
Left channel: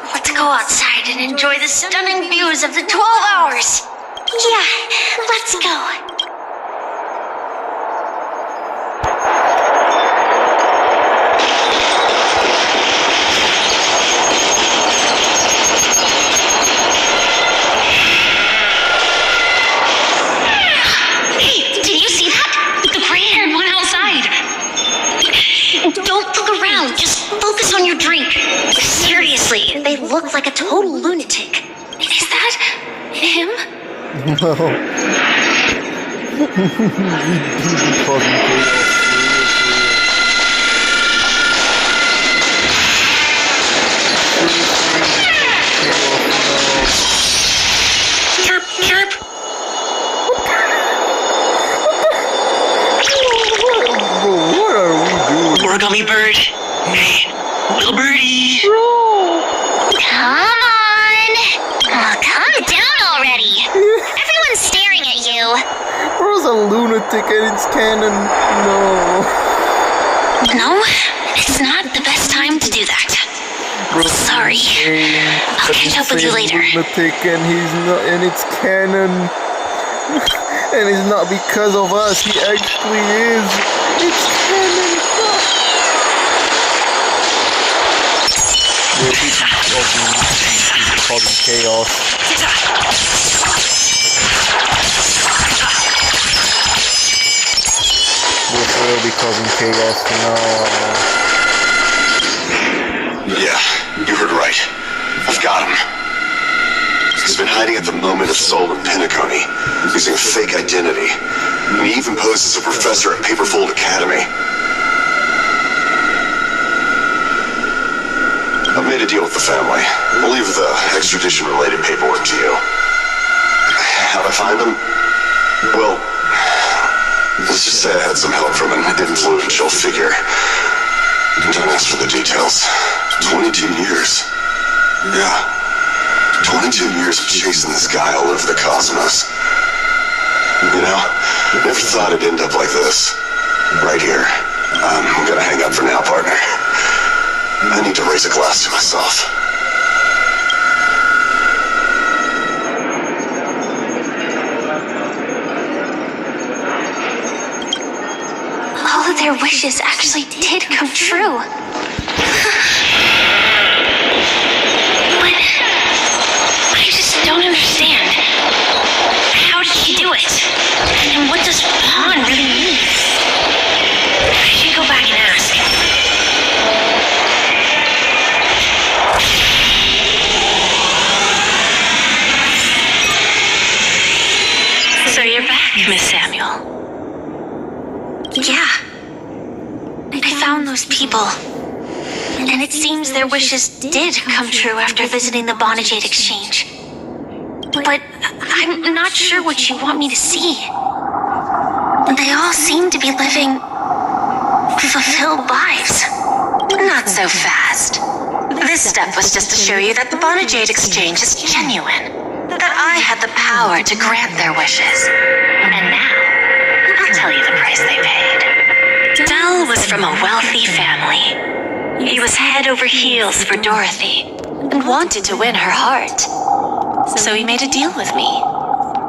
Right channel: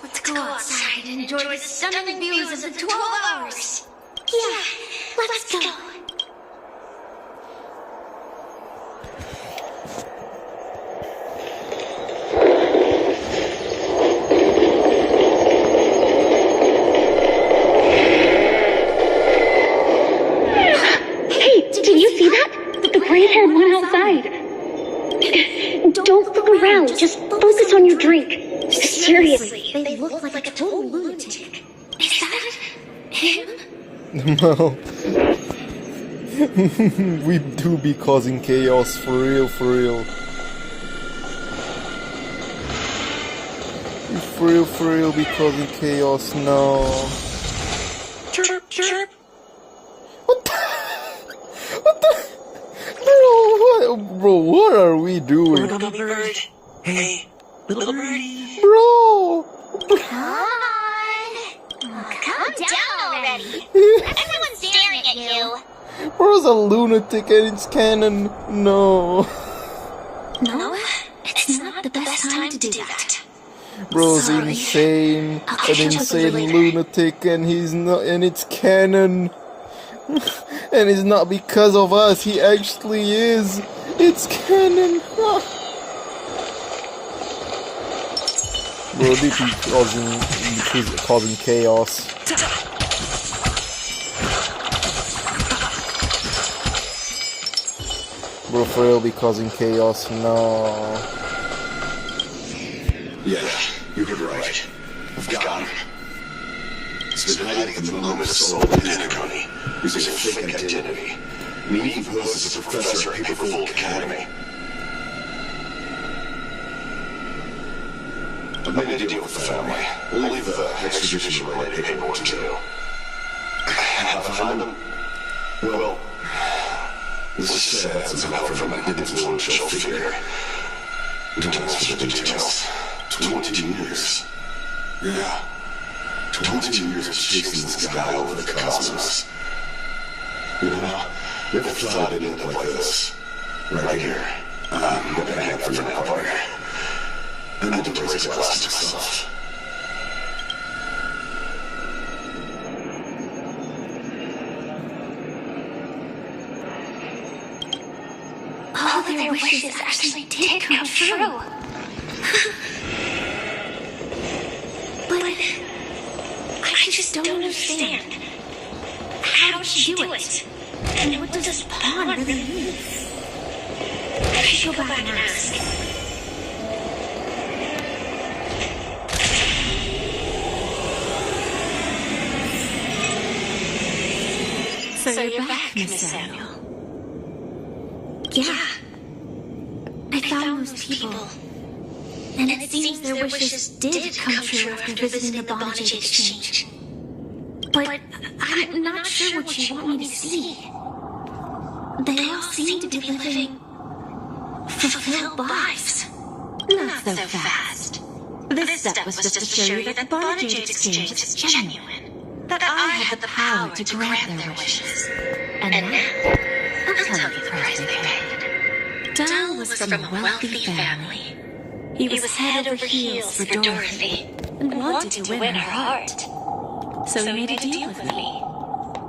Let's go outside and enjoy the stunning views of the 12 hours. Yeah, let's go. Don't look around, just focus on your drink. Seriously, they look like a total lunatic. Is that him? No. We do be causing chaos, for real, for real. For real, be causing chaos, no. Chirp, chirp. Bro, what are we doing? More gummy bird. Hey, little birdie. Bro! Come on! Oh, calm down already! Everyone's staring at you! Bro's a lunatic and it's canon. No. No, it's not the best time to do that. Bro's Sorry. insane. I'll An catch up with you insane later. lunatic and he's not, and it's canon. And it's not because of us, he actually is. It's canon. Bro, this is causing chaos. Bro, for real, be causing chaos. No. Yeah, you heard right. I've got him. He's been hiding at the moment of Soul and Pinnaconey, using a fake identity. He even poses as a professor at Paperfold Academy. I made a deal with the family. I'll leave the extradition-related paperwork to you. How I find him? Well, let's just say I had some help from an influential figure. Don't ask for the details. 22 years. Yeah. 22 years of chasing this guy all over the cosmos. You know, I never thought it'd end up like this. Right here. I'm gonna hang up for now, partner. I need to raise a glass to myself. All of their wishes actually did come true. But I just don't understand. How did she do it? And what does pawn really mean? I should go back and ask. So you're back, Miss Samuel. Yeah. I found those people. And it seems their wishes did come true after visiting the Bonajade Exchange. But I'm not sure what you want me to see. They all seem to be living fulfilled lives. Not so fast. This step was just to show you that the Bonajade Exchange is genuine. That I had the power to grant their wishes. And now, I'll tell you the price they paid. Del was from a wealthy family. He was head over heels for Dorothy and wanted to win her heart. So he made a deal with me.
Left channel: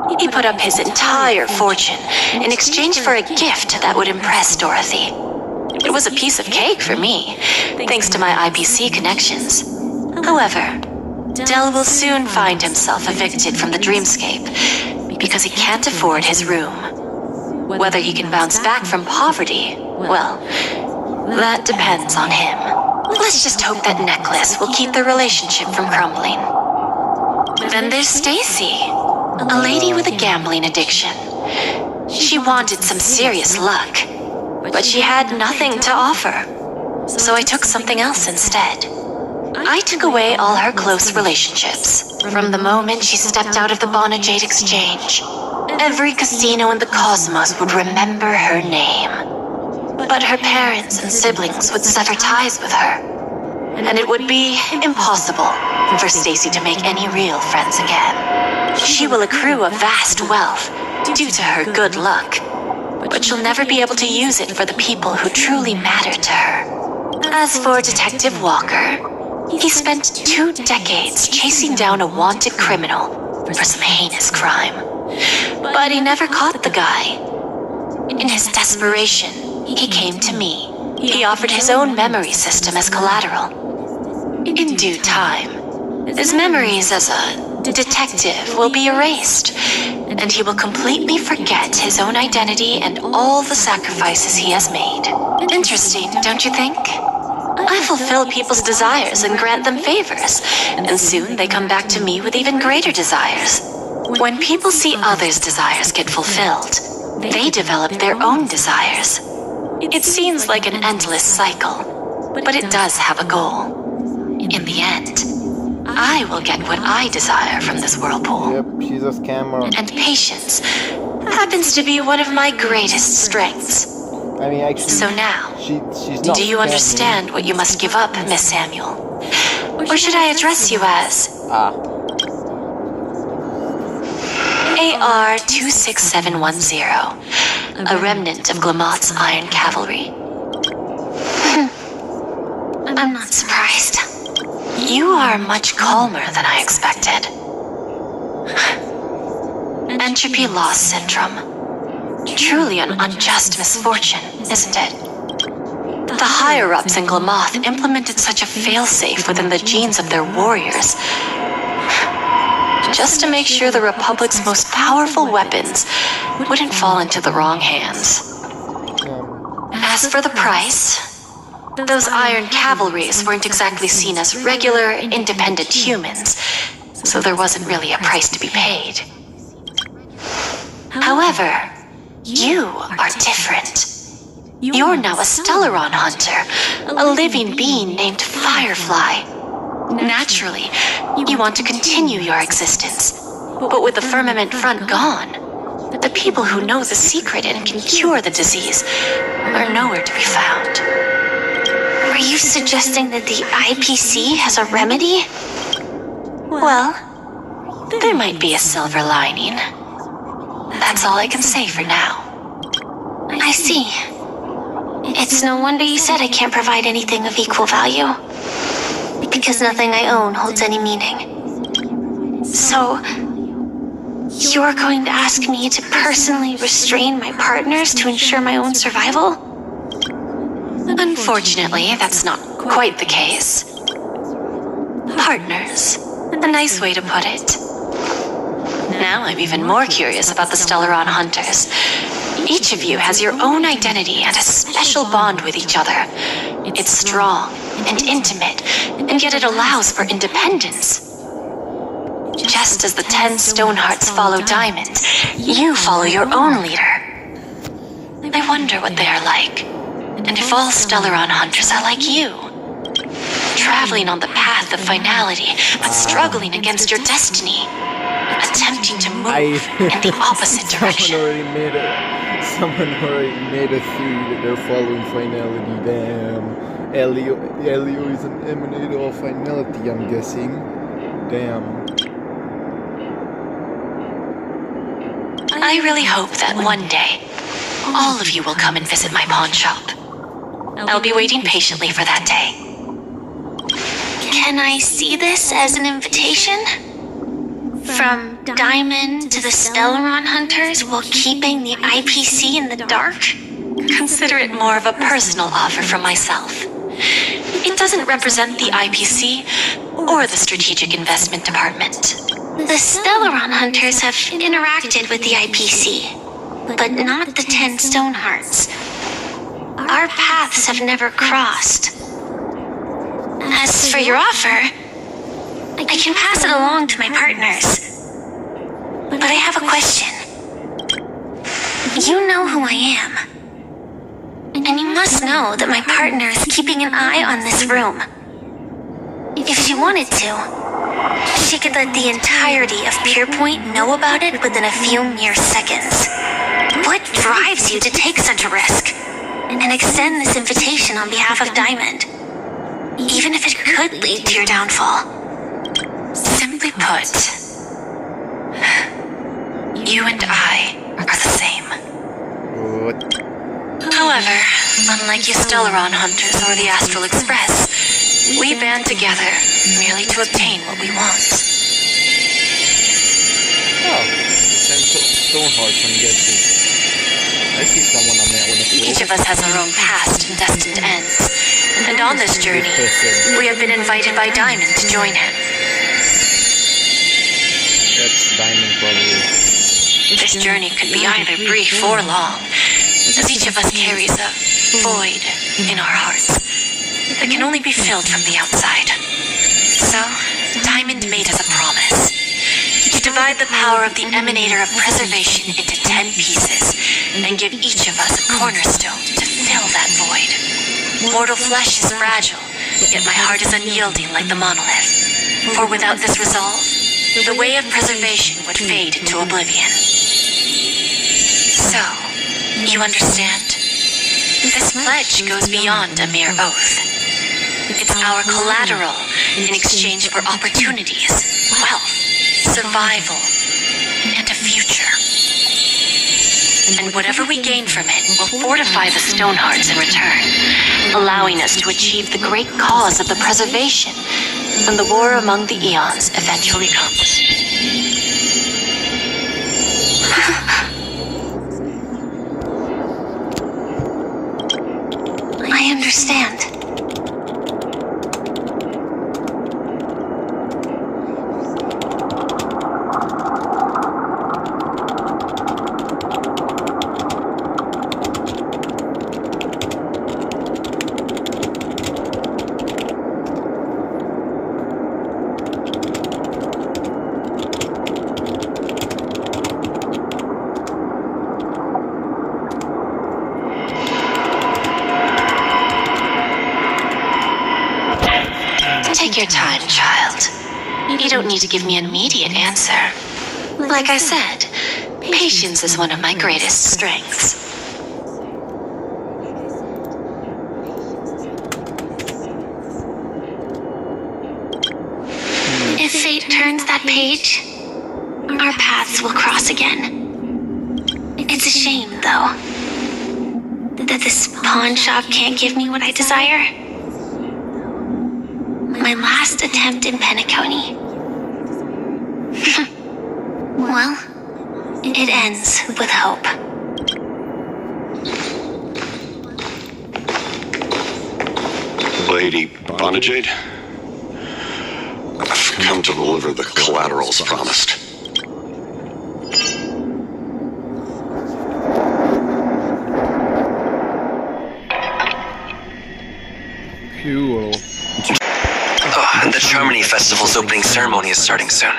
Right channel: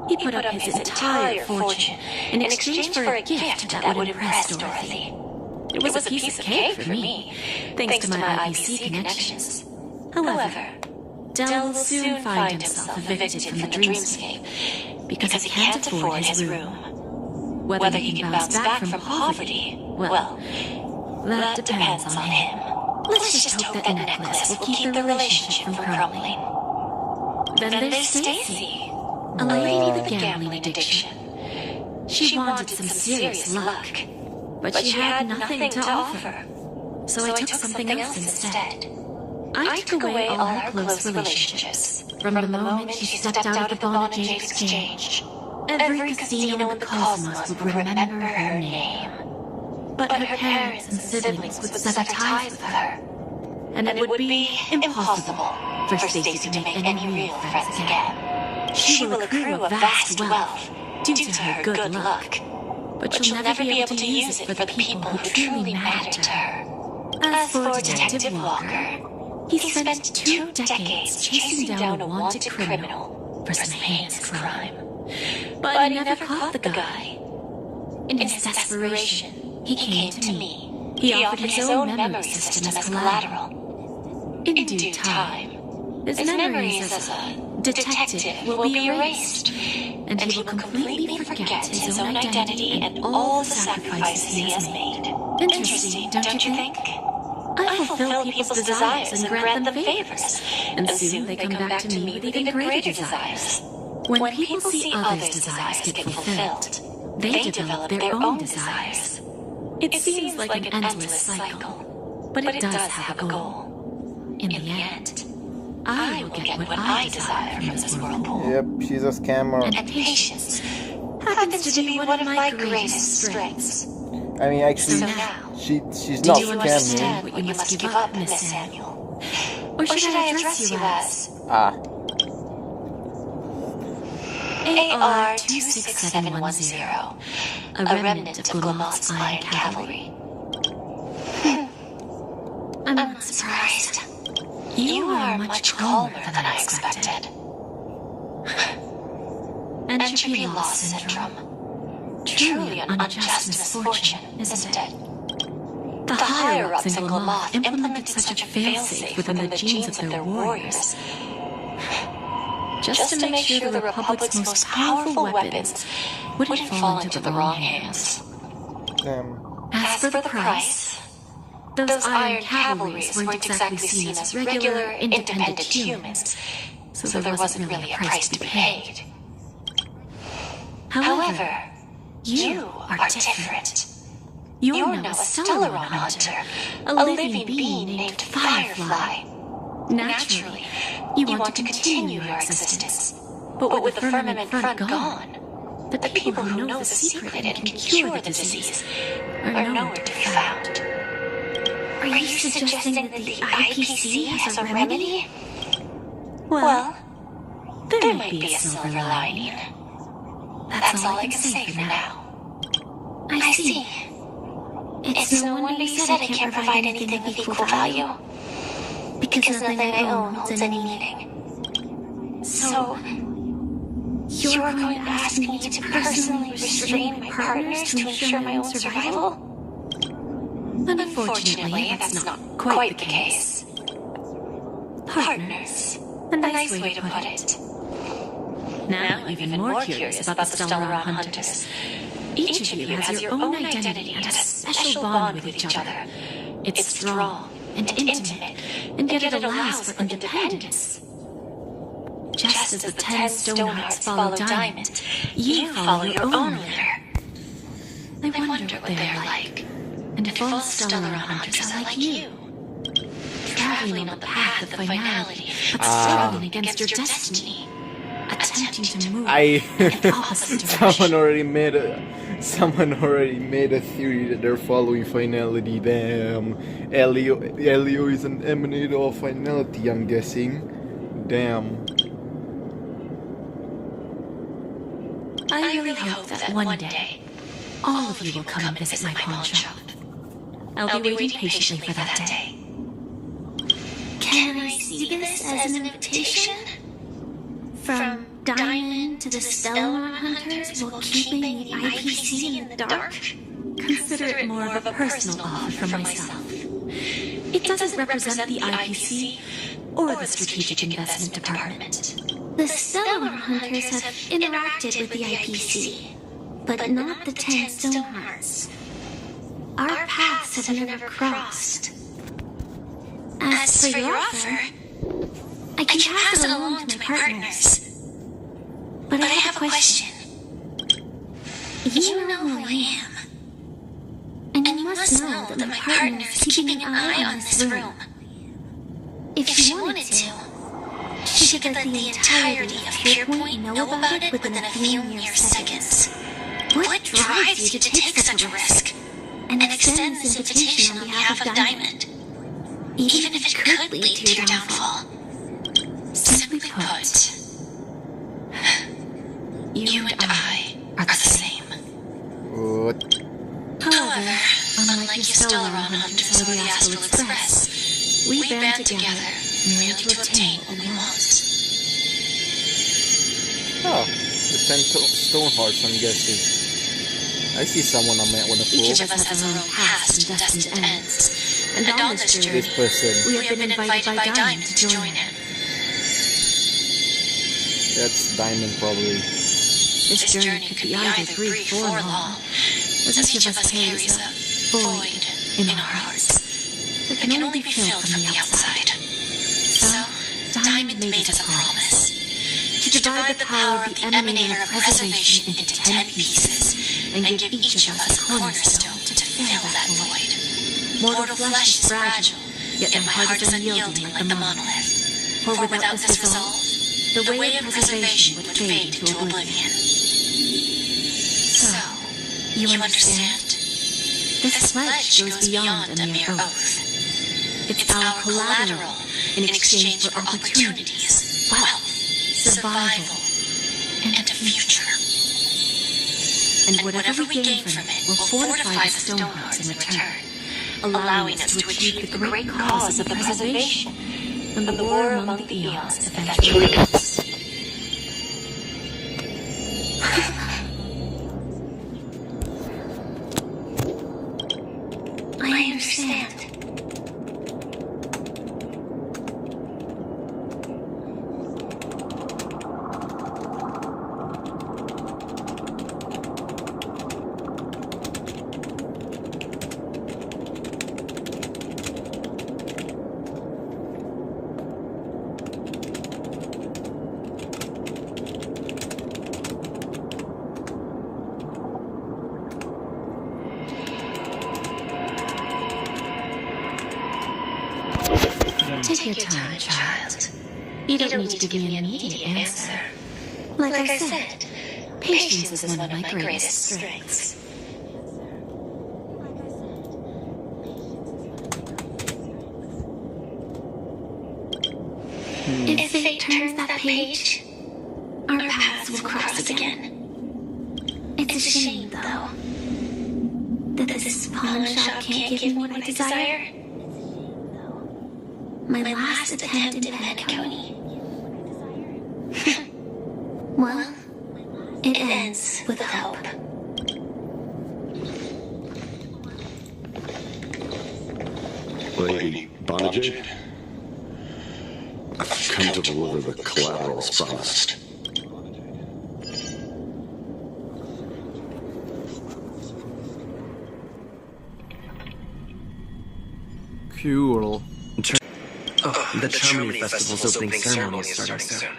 He put up his entire fortune in exchange for a gift that would impress Dorothy. It was a piece of cake for me, thanks to my IPC connections. However, Del will soon find himself evicted from the dreamscape because he can't afford his room. Whether he can bounce back from poverty, well, that depends on him. Let's just hope that necklace will keep the relationship from crumbling. Then there's Stacy, a lady with a gambling addiction. She wanted some serious luck, but she had nothing to offer. So I took something else instead. I took away all her close relationships. From the moment she stepped out of the Bonajade Exchange, every casino in the cosmos would remember her name. But her parents and siblings would sever ties with her, and it would be impossible for Stacy to make any real friends again. She will accrue a vast wealth due to her good luck, but she'll never be able to use it for the people who truly matter to her. As for Detective Walker, he spent 2 decades chasing down a wanted criminal for some heinous crime. But he never caught the guy. In his desperation, he came to me. He offered his own memory system as collateral. In due time, his memories as a detective will be erased, and he will completely forget his own identity and all the sacrifices he has made. Interesting, don't you think? I fulfill people's desires and grant them favors, and soon they come back to me with even greater desires. When people see others' desires get fulfilled, they develop their own desires. It seems like an endless cycle, but it does have a goal. In the end, I will get what I desire from this whirlpool. Yep, she's a scammer. And patience happens to be one of my greatest strengths. I mean, actually, so now, she's not. Do you understand what you must give up, Miss Samuel? Or should I address you as AR-26710, a remnant of Glamoth's Iron Cavalry? I'm not surprised. You are much calmer than I expected. Entropy loss syndrome. Truly an unjust misfortune, isn't it? The higher-ups in Glamoth implemented such a failsafe within the genes of their warriors, just to make sure the Republic's most powerful weapons wouldn't fall into the wrong hands. As for the price, those Iron Cavalries weren't exactly seen as regular, independent humans, so there wasn't really a price to be paid. However, you are different. You're now a Stellaron hunter, a living being named Firefly. Naturally, you want to continue your existence, but with the firmament front gone, the people who know the secret and can cure the disease are nowhere to be found. Are you suggesting that the IPC has a remedy? Well, there might be a silver lining. That's all I can say for now. I see. It's no wonder you said I can't provide anything of equal value. Because nothing I own holds any meaning. So, you're going to ask me to personally restrain my partners to ensure my own survival? Unfortunately, that's not quite the case. Partners. A nice way to put it. Now I'm even more curious about the Stellaron Hunters. Each of you has your own identity and a special bond with each other. It's strong and intimate, and yet it allows for independence. Just as the 10 Stonehearts follow Diamond, you follow your own leader. I wonder what they are like, and if all Stellaron Hunters are like you. traveling on the path of finality, but struggling against your destiny. Attempting to move in the opposite direction. Someone already made a theory that they're following finality. Damn. Elio is an emanator of finality, I'm guessing. Damn. I really hope that one day, all of you will come and visit my pawn shop. I'll be waiting patiently for that day. Can I see this as an invitation? From Diamond to the Stellaron Hunters while keeping the IPC in the dark? Consider it more of a personal offer from myself. It doesn't represent the IPC or the Strategic Investment Department. The Stellaron Hunters have interacted with the IPC, but not the 10 Stonehearts. Our paths have never crossed. As for your offer, I can pass it along to my partners. But I have a question. You know who I am. And you must know that my partner is keeping an eye on this room. If she wanted to, she could let the entirety of Pierpoint know about it within a few mere seconds. What drives you to take such a risk and extend this invitation on behalf of Diamond, even if it could lead to your downfall? Simply put, you and I are the same. What? However, unlike you Stellaron Hunters or the Astral Express, we band together merely to obtain what we want. Oh, the 10 Stonehearts, I'm guessing. I see someone I met with a floor. Each of us has our own past and destined ends. And on this journey, we have been invited by Diamond to join him. That's Diamond, probably. This journey could be either brief or long, as each of us carries a void in our hearts that can only be filled from the outside. So, Diamond made us a promise to divide the power of the Emanator of Preservation into 10 pieces and give each of us a cornerstone to fill that void. Mortal flesh is fragile, yet my heart is unyielding like the monolith. For without this resolve, the way of preservation would fade into oblivion. So, you understand? This pledge goes beyond a mere oath. It's our collateral in exchange for opportunities, wealth, survival, and a future. And whatever we gain from it will fortify the Stonehearts in return, allowing us to achieve the great cause of the preservation when the war among the eons eventually comes. I understand. Take your time, child. You don't need to give me an immediate answer. Like I said, patience is one of my greatest strengths. If fate turns that page, our paths will cross again. It's a shame, though, that this pawn shop can't give me what I desire. My last attempt in Penacony. Well, it ends with hope. Lady Bonajade, I've come to deliver the collaterals promised. Cool. The Charmony Festival's opening ceremony is starting soon.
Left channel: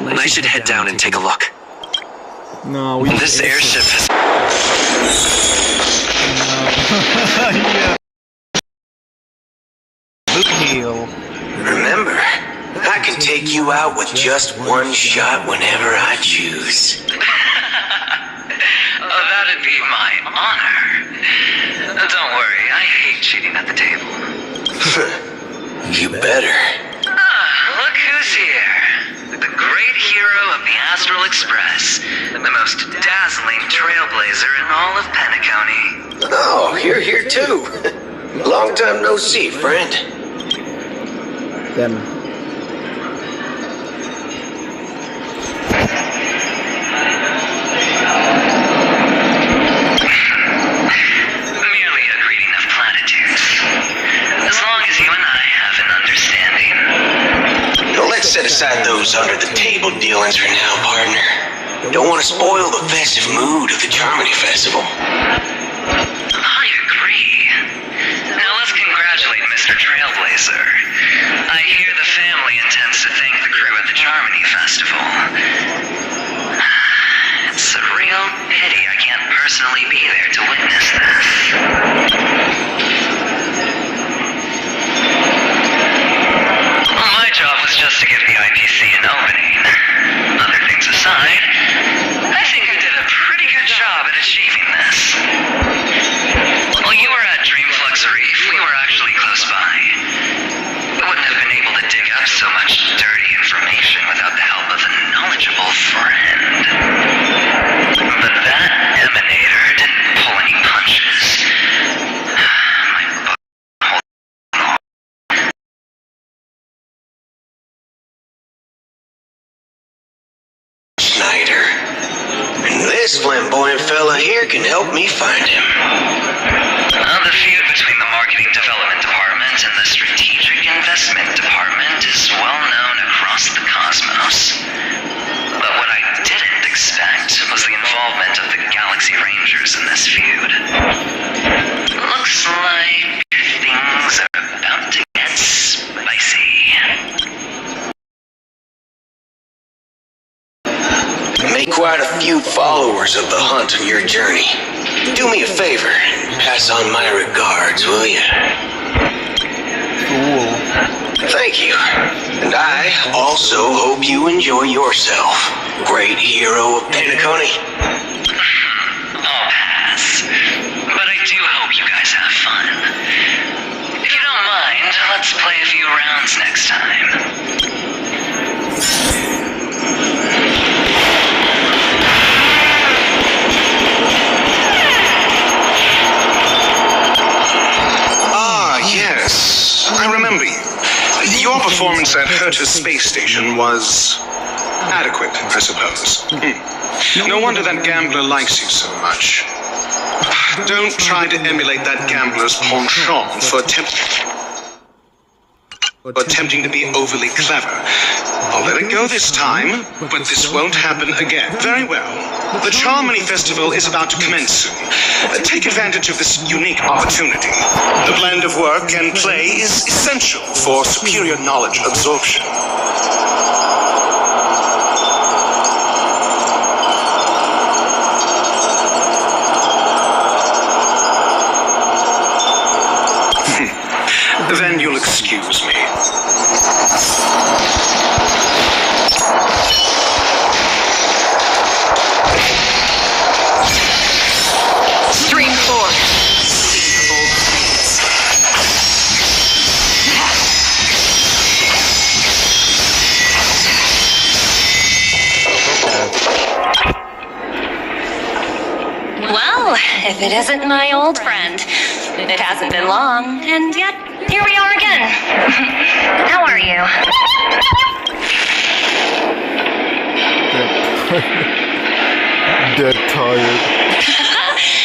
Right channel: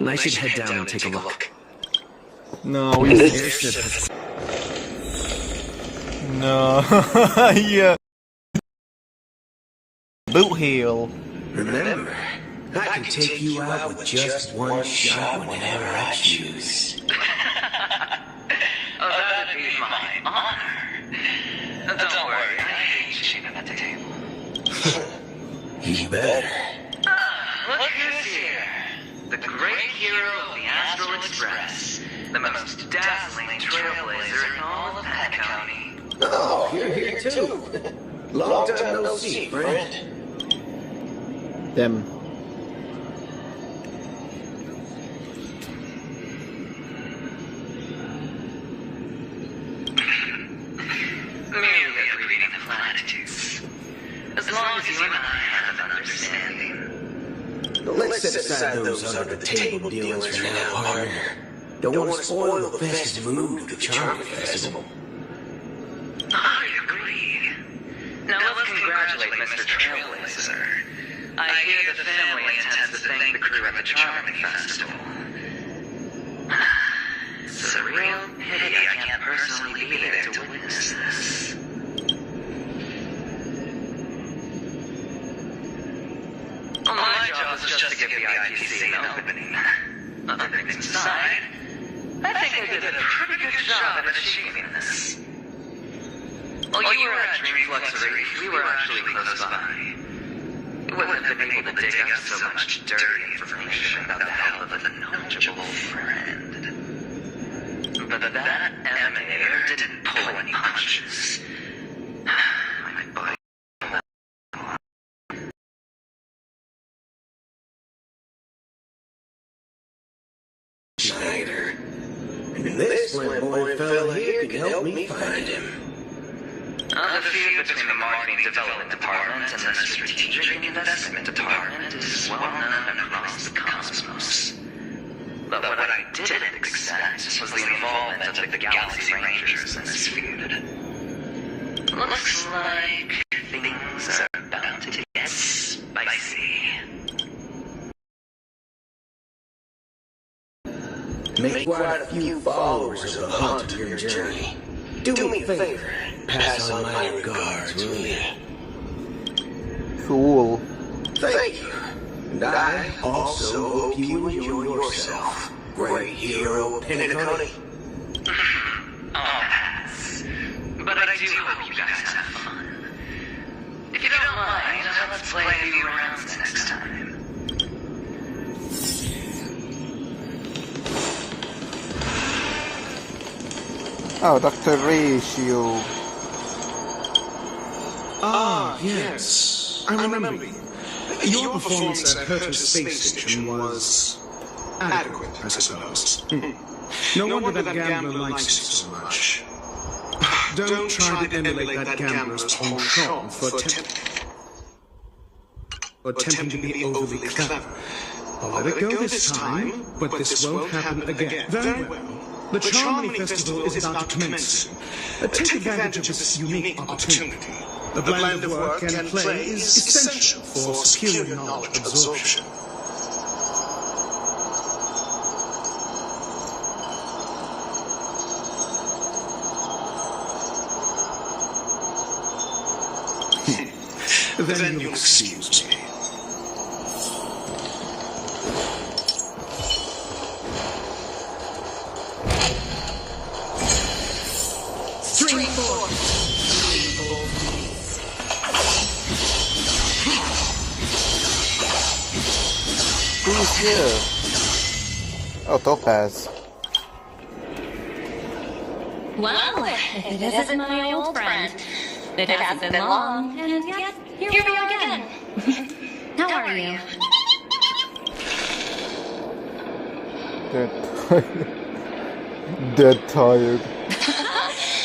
I should head down and take a look. No, we This airship is... No. Yeah. boot heel. Remember, I can take you out with just one shot whenever I choose. That'd be my honor. Don't worry, I hate cheating at the table. You better. Look who's here. The great hero of the Astral Express. The most dazzling trailblazer in all of Penacony. Oh, you're here too. Long time no see, friend. Them. Merely a greeting of platitudes. As long as you and I have an understanding. Let's set aside those under-the-table dealings for now, partner. Don't want to spoil the festive mood of the Germany Festival. I agree. Now let's congratulate Mr. Trailblazer. I hear the family intends to thank the crew at the Germany Festival. It's a real pity I can't personally be there to witness this. My job was just to give the IPC an opening. Other things aside, I think we did a pretty good job at achieving this. While you were at Dreamflux Reef, we were actually close by. We wouldn't have been able to dig up so much dirty information without the help of a knowledgeable friend. But that emanator didn't pull any punches. Snyder. This flamboyant fella here can help me find him. The feud between the Marketing Development Department and the Strategic Investment Department is well known across the cosmos. But what I didn't expect was the involvement of the Galaxy Rangers in this feud. Looks like things are about to get spicy. Make quite a few followers of the hunt on your journey. Do me a favor. Pass on my regards, will you? Cool. Thank you. And I also hope you enjoy yourself, great hero of Penacony. I'll pass. But I do hope you guys have fun. If you don't mind, let's play a few rounds next time. Oh, that's Yes, I remember you. Your performance at Herta's space station was adequate, I suppose. No wonder that gambler likes you so much. Don't try to emulate that gambler's penchant for attempting to be overly clever. I'll let it go this time, but this won't happen again. Very well. The Charmony Festival is about to commence soon. Take advantage of this unique opportunity. The blend of work and play is essential for superior knowledge absorption. Then you'll excuse me. Stream 4. Oh, so fast. Well, if it isn't my old friend, it hasn't been long, and yet here we are again. How are you? Dead tired.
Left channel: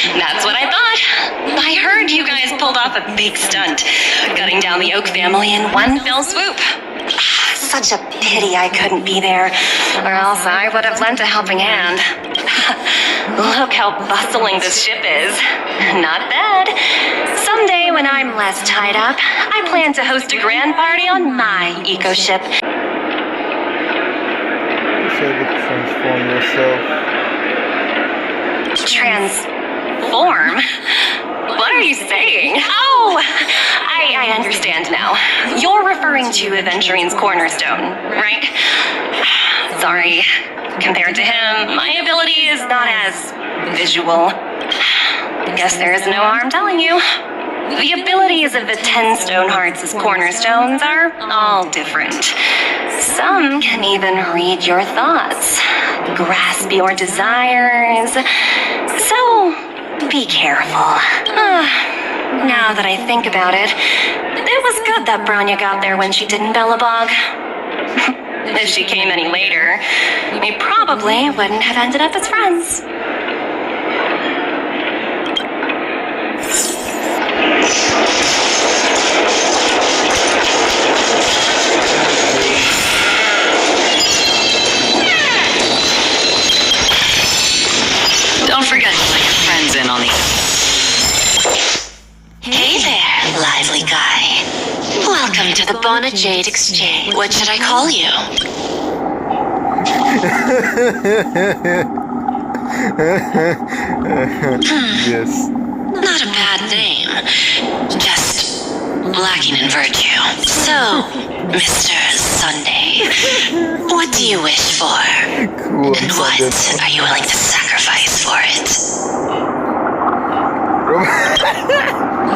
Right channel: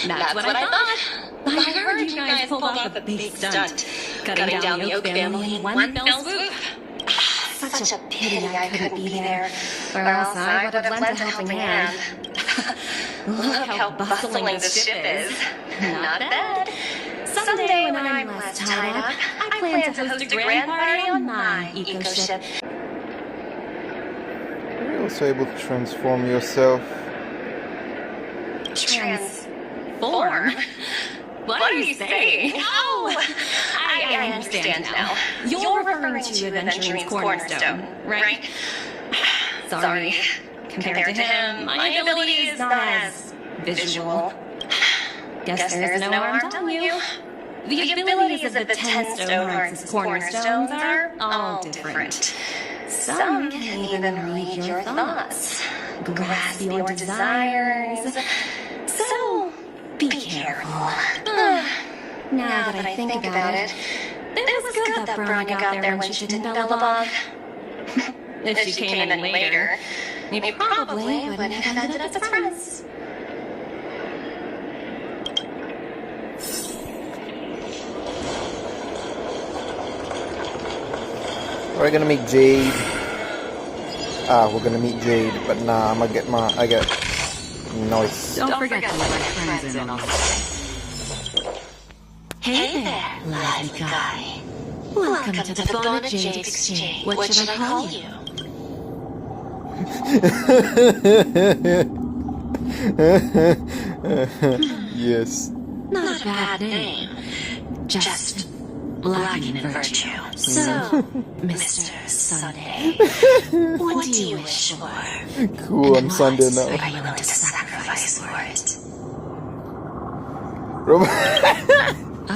That's what I thought. I heard you guys pulled off a big stunt, gutting down the Oak family in one fell swoop. Such a pity I couldn't be there, or else I would have lent a helping hand. Look how bustling this ship is. Not bad. Someday when I'm less tied up, I plan to host a grand party on my eco ship. It's able to transform yourself. Transform? What are you saying? Oh! I I understand now. You're referring to Aventurine's cornerstone, right? Sorry. Compared to him, my ability is not as visual. Guess there is no harm telling you. The abilities of the 10 stone hearts as cornerstones are all different. Some can even read your thoughts, grasp your desires. So, be careful. Now that I think about it, it was good that Bronya got there when she didn't, Bellabog. If she came any later, we probably wouldn't have ended up as friends. We're gonna make Jay. We're gonna meet Jay, but nah, I'm gonna get mine. I got. Don't forget to let your friends in on the. Hey there, lively guy. Welcome to the Bona Jade Exchange. What should I call you? Yes. Not a bad name. Just lacking in virtue. So, Mr. Sunday, what do you wish for? Cool, I'm And Sunday what now. are you willing to sacrifice for it?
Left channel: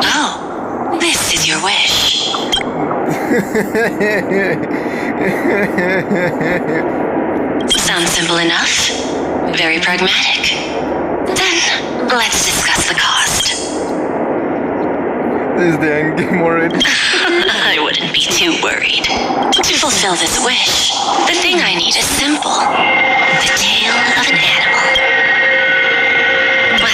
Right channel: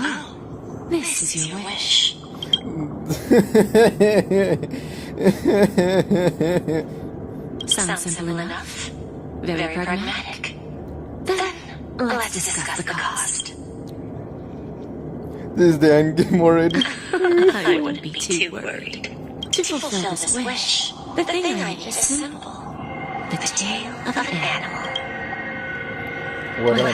Oh, this is your wish. Sounds simple enough. Very pragmatic. Then, let's discuss the cost. This is the end game already. I wouldn't be too worried. To fulfill this wish, the thing I need is simple. The tail of an animal. Well,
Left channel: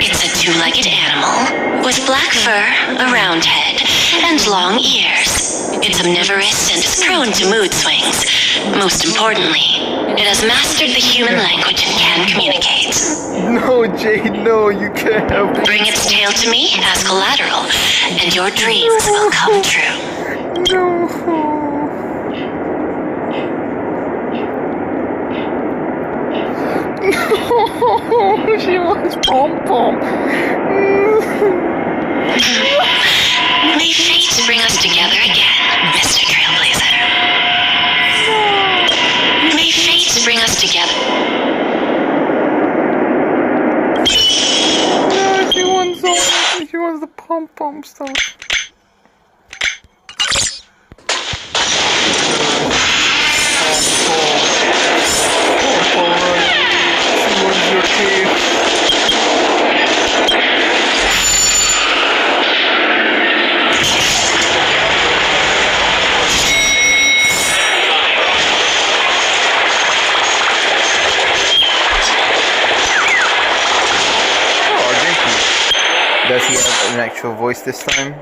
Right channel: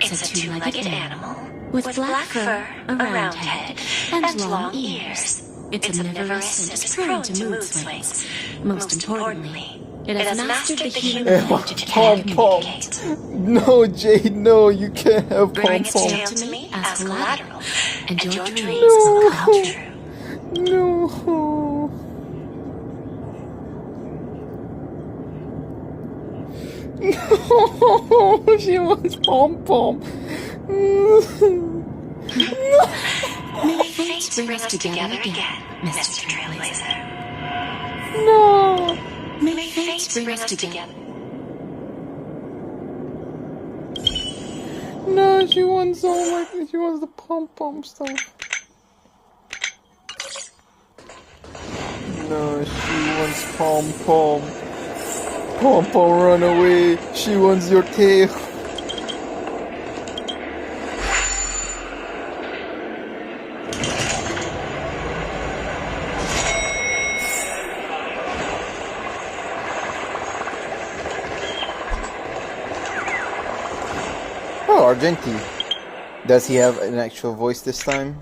it's a two-legged animal with black fur, a round head, and long ears. It's omnivorous and is prone to mood swings. Most importantly, it has mastered the human language and can communicate. No, Jade, no, you can't have Bring its tail to me as collateral, and your dreams will come true. No. No, she wants pom-pom. May fate bring us together again, Mr. Trailblazer. No. May fate bring us together. No, she wants all that. She wants the pom-pom stuff. No, she wants pom-pom. Pom-pom, run away. She wants your tail. Oh, Argenti. Does he have an actual voice this time?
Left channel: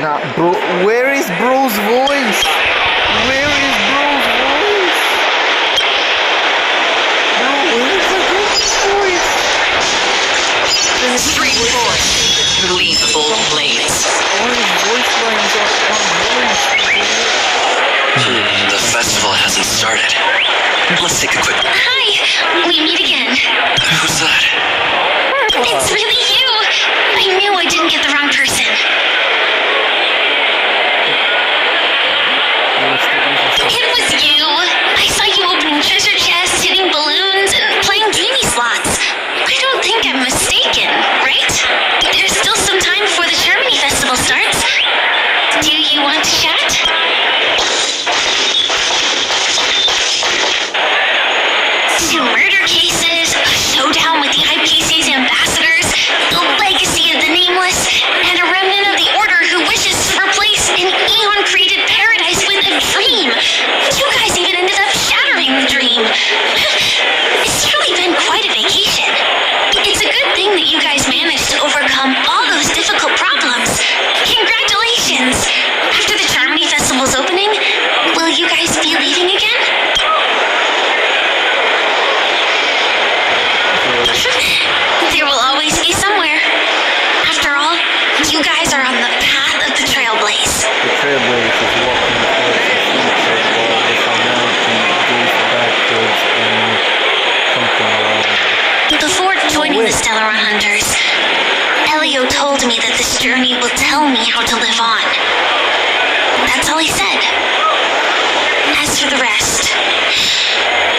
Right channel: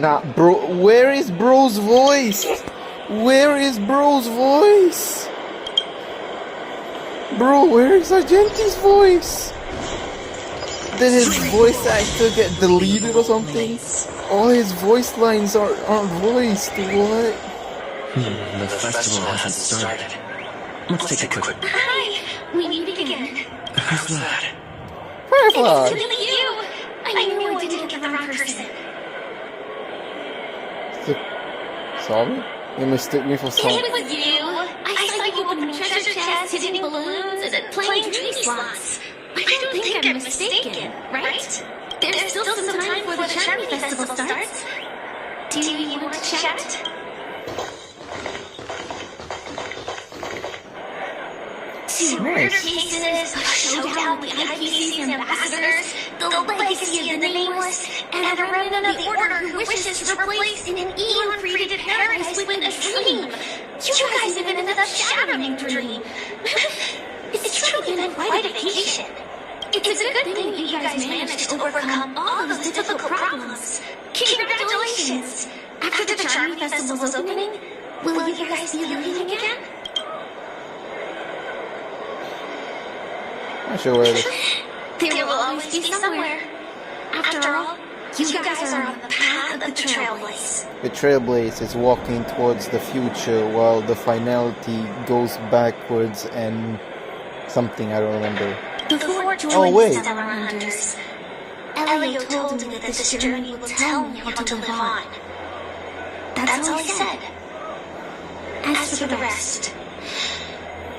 Nah, bro. Where is bro's voice? Where is bro's voice? Bro, where is Argenti's voice? Then his voice actor get deleted or something? All his voice lines aren't voiced, what? The festival hasn't started. Let's take a quick... Hi! We meet again. Who's that? It's really you! I knew I didn't get the wrong person. Sorry? You mistook me for something? It was you! I saw you opening treasure chests, hitting balloons, and playing genie slots. I don't think I'm mistaken, right? There's still some time before the Germany Festival starts. Do you want to chat? Some murder cases, a showdown with the IPC's ambassadors, the legacy of the Nameless, and a remnant of the Order who wishes to replace an eon-created paradise with a dream. You guys even ended up shattering the dream. It's truly been quite a vacation. It's a good thing that you guys managed to overcome all those difficult problems. Congratulations! After the Germany Festival's opening, will you guys be leaving again? There will always be somewhere. After all, you guys are on the path of the Trailblaze. Trailblaze is walking towards the future while the finality goes backwards and something around there. Before joining the Stellar Hunters, Elio told me that this journey will tell me how to live on. That's all he said. As for the rest,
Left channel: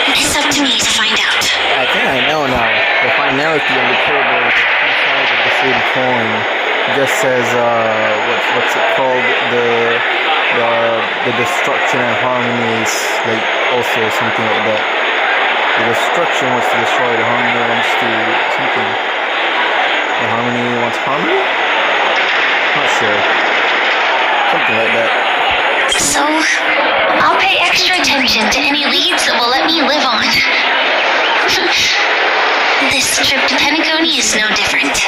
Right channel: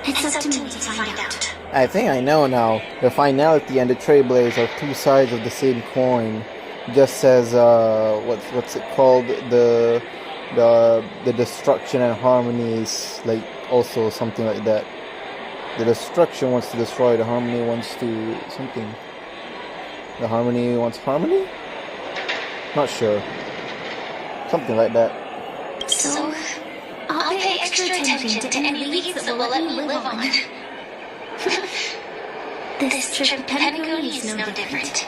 it's up to me to find out. I think I know now. The finality and the Trailblaze are two sides of the same coin. Just says what's it called? The destruction and harmony is like also something like that. The destruction wants to destroy, the harmony wants to something. The harmony wants harmony? Not sure. Something like that. So, I'll pay extra attention to any leads that will let me live on. This trip to Penacony is no different.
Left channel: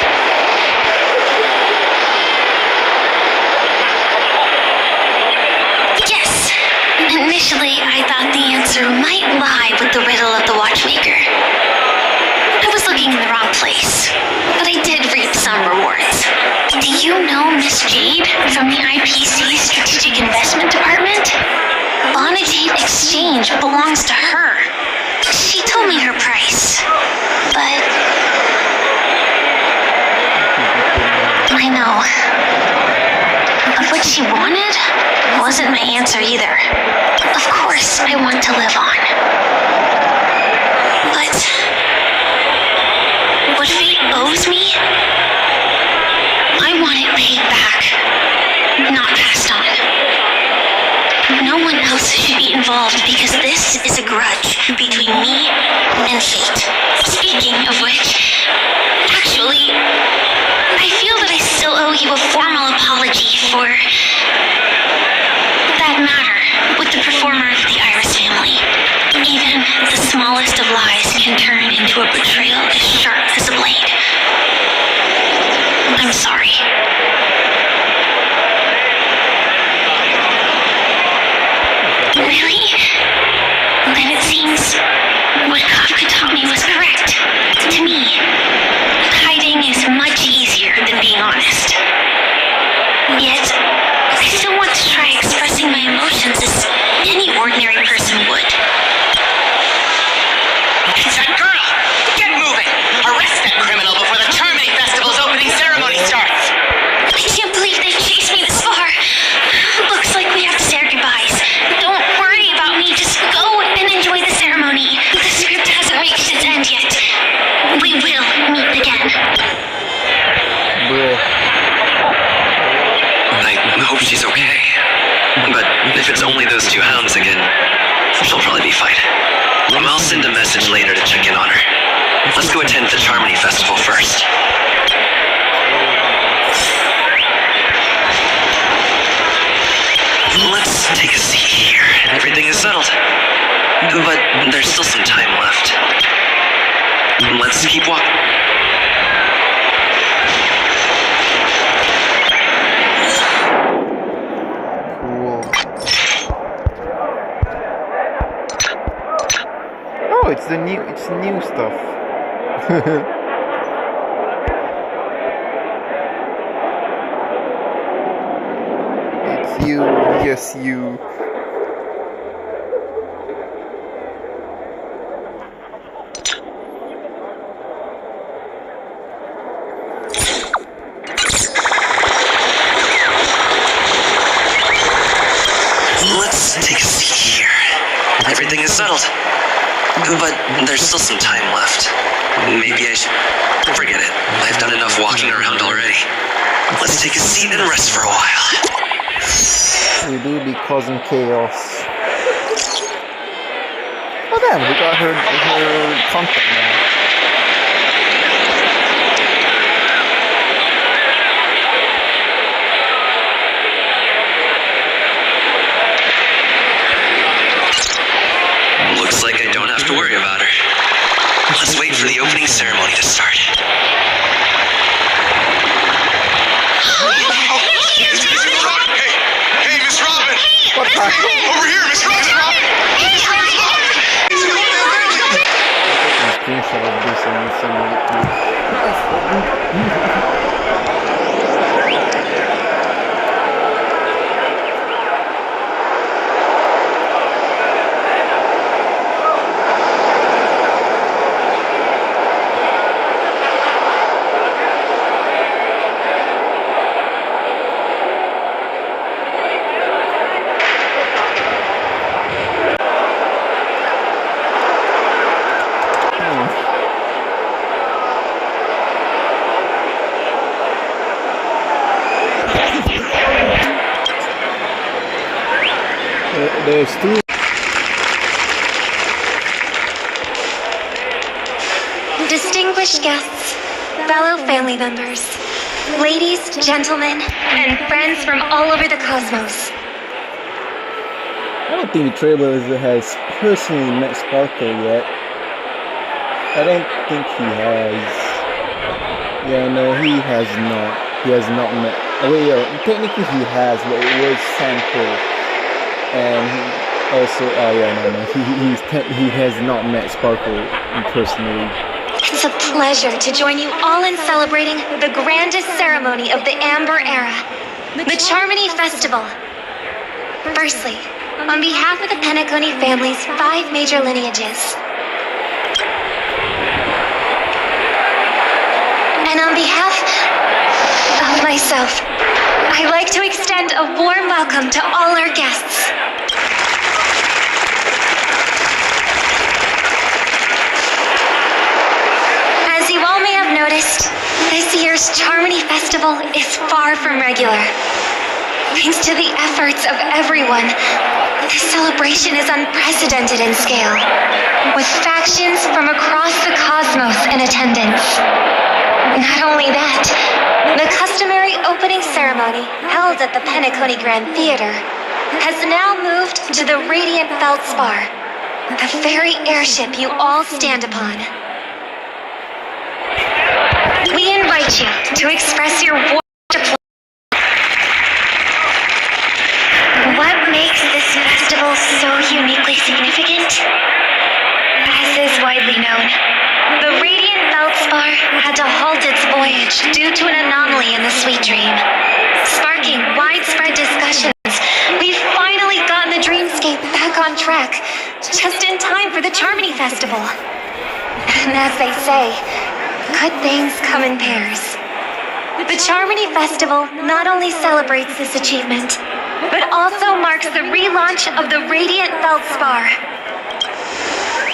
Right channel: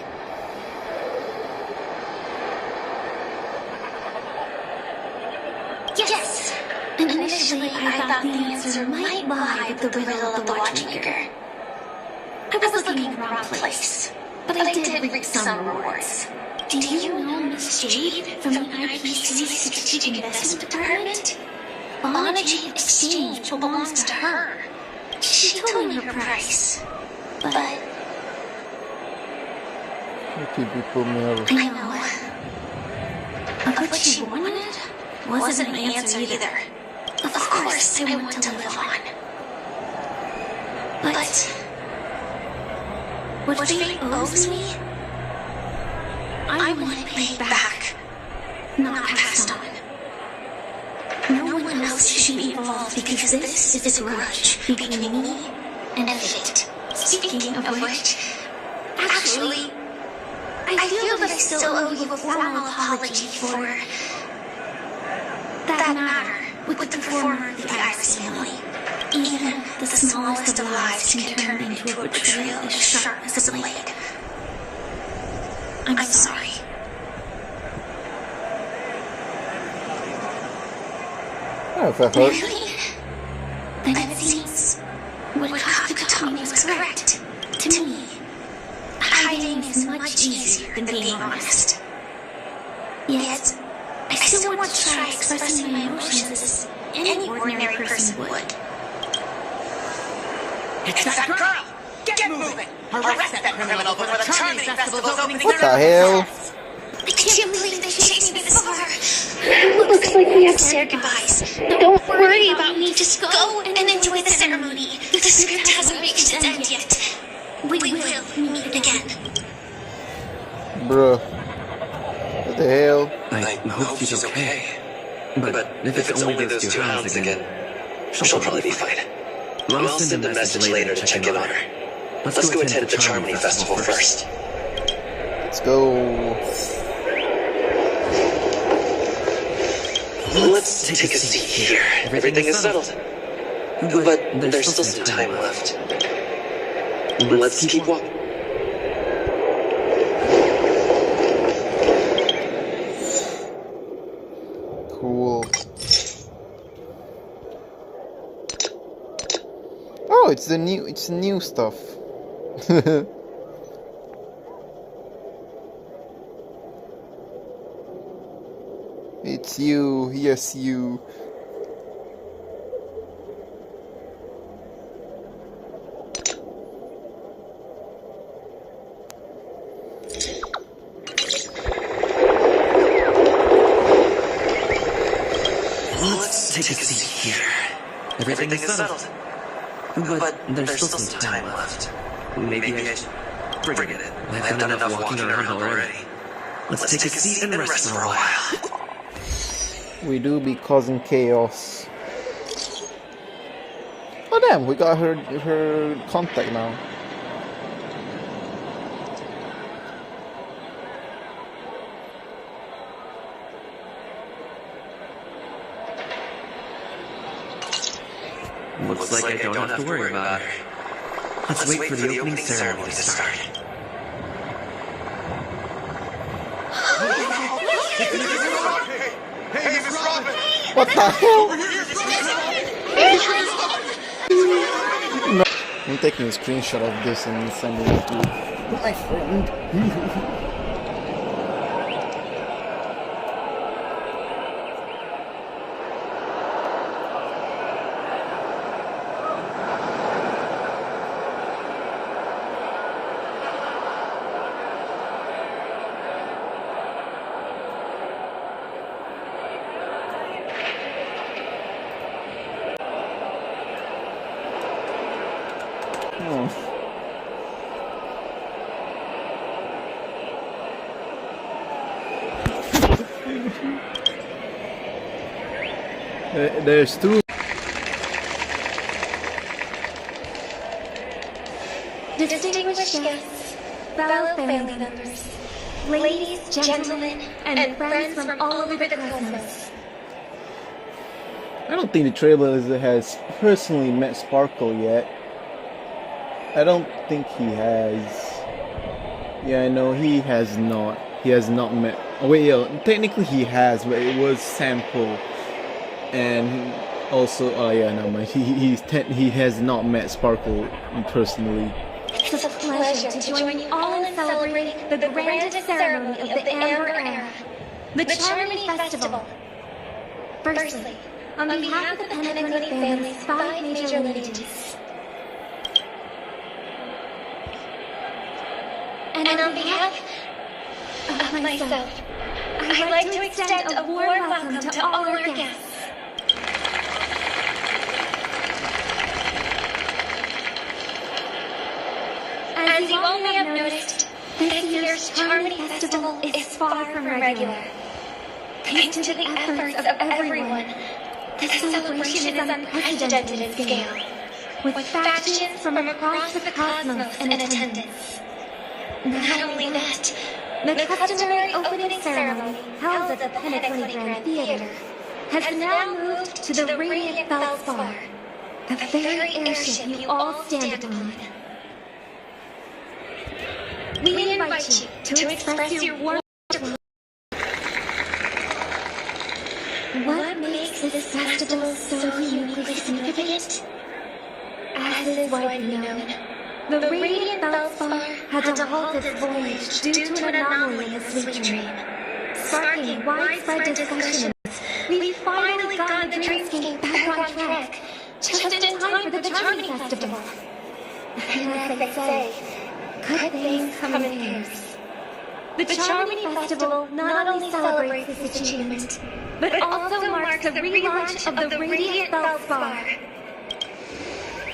Yes, initially I thought the answer might lie with the riddle of the watchmaker. I was looking in the wrong place, but I did reap some rewards. Do you know Miss Jade from the IPC Strategic Investment Department? Lana Jade Exchange belongs to her. She told me her price, but... I know. But what she wanted wasn't my answer either. Of course, I want to live on. But... what fate owes me, I want it paid back, not passed on. No one else should be involved because this is a grudge between me and fate. Speaking of which, actually, I feel that I still owe you a formal apology for that matter with the performer of the Iris family. Even the smallest of lies can turn into a betrayal as sharp as a blade. I'm sorry. Really? Then it seems what Kafka told me was correct. To me, hiding is much easier than being honest. Yet, I still want to try expressing my emotions as any ordinary person would. Girl, get moving! Arrest that criminal before the Terminating Festival's opening ceremony starts! I can't believe they chased me this far. Looks like we have to say our goodbyes. Don't worry about me, just go and enjoy the ceremony. The script hasn't reached its end yet. We will meet again. Bruh. I hope she's okay. But if it's only those two hounds again, she'll probably be fine. I'll send a message later to check in on her. Let's go attend the Charmony Festival first. Let's go. Let's take a seat here. Everything is settled. But there's still some time left. Let's keep walking. Cool. Oh, it's new stuff. It's you, yes you. Let's take a seat here. Everything is settled. But there's still some time left. Maybe I should... Forget it. I've done enough walking around already. Let's take a seat and rest for a while. We do be causing chaos. Oh damn, we got her contact now. Looks like I don't have to worry about her. Let's wait for the opening ceremony to start. Hey, Miss Robin! What the hell? Over here, Miss Robin! I'm taking a screenshot of this and sending it to my phone. There's two. Distinguished guests, fellow family members, ladies, gentlemen, and friends from all over the cosmos. I don't think the Trailblaze has personally met Sparkle yet. I don't think he has. Yeah, no, he has not. He has not met. Oh, wait, technically he has, but it was Sample. And he also, he has not met Sparkle personally. It's a pleasure to join you all in celebrating the grandest ceremony of the Amber Era, the Charmony Festival. Firstly, on behalf of the Penacony family's 5 major lineages, and on behalf of myself, I'd like to extend a warm welcome to all our guests. As you all may have noticed, this year's Charmony Festival is far from regular. Thanks to the efforts of everyone, the celebration is unprecedented in scale, with factions from across the cosmos in attendance. Not only that, the customary opening ceremony held at the Penacony Grand Theater has now moved to the Radiant Feldspar, the very airship you all stand upon. We invite you to express your warm applause. What makes this festival so uniquely significant? As is widely known, the Radiant Feldspar had to halt its voyage due to an anomaly in the Sweet Dream, sparking widespread discussions. We've finally gotten the dreamscape back on track, just in time for the Charmony Festival. And as they say, good things come in pairs. The Charmony Festival not only celebrates this achievement, but also marks the relaunch of the Radiant Feldspar.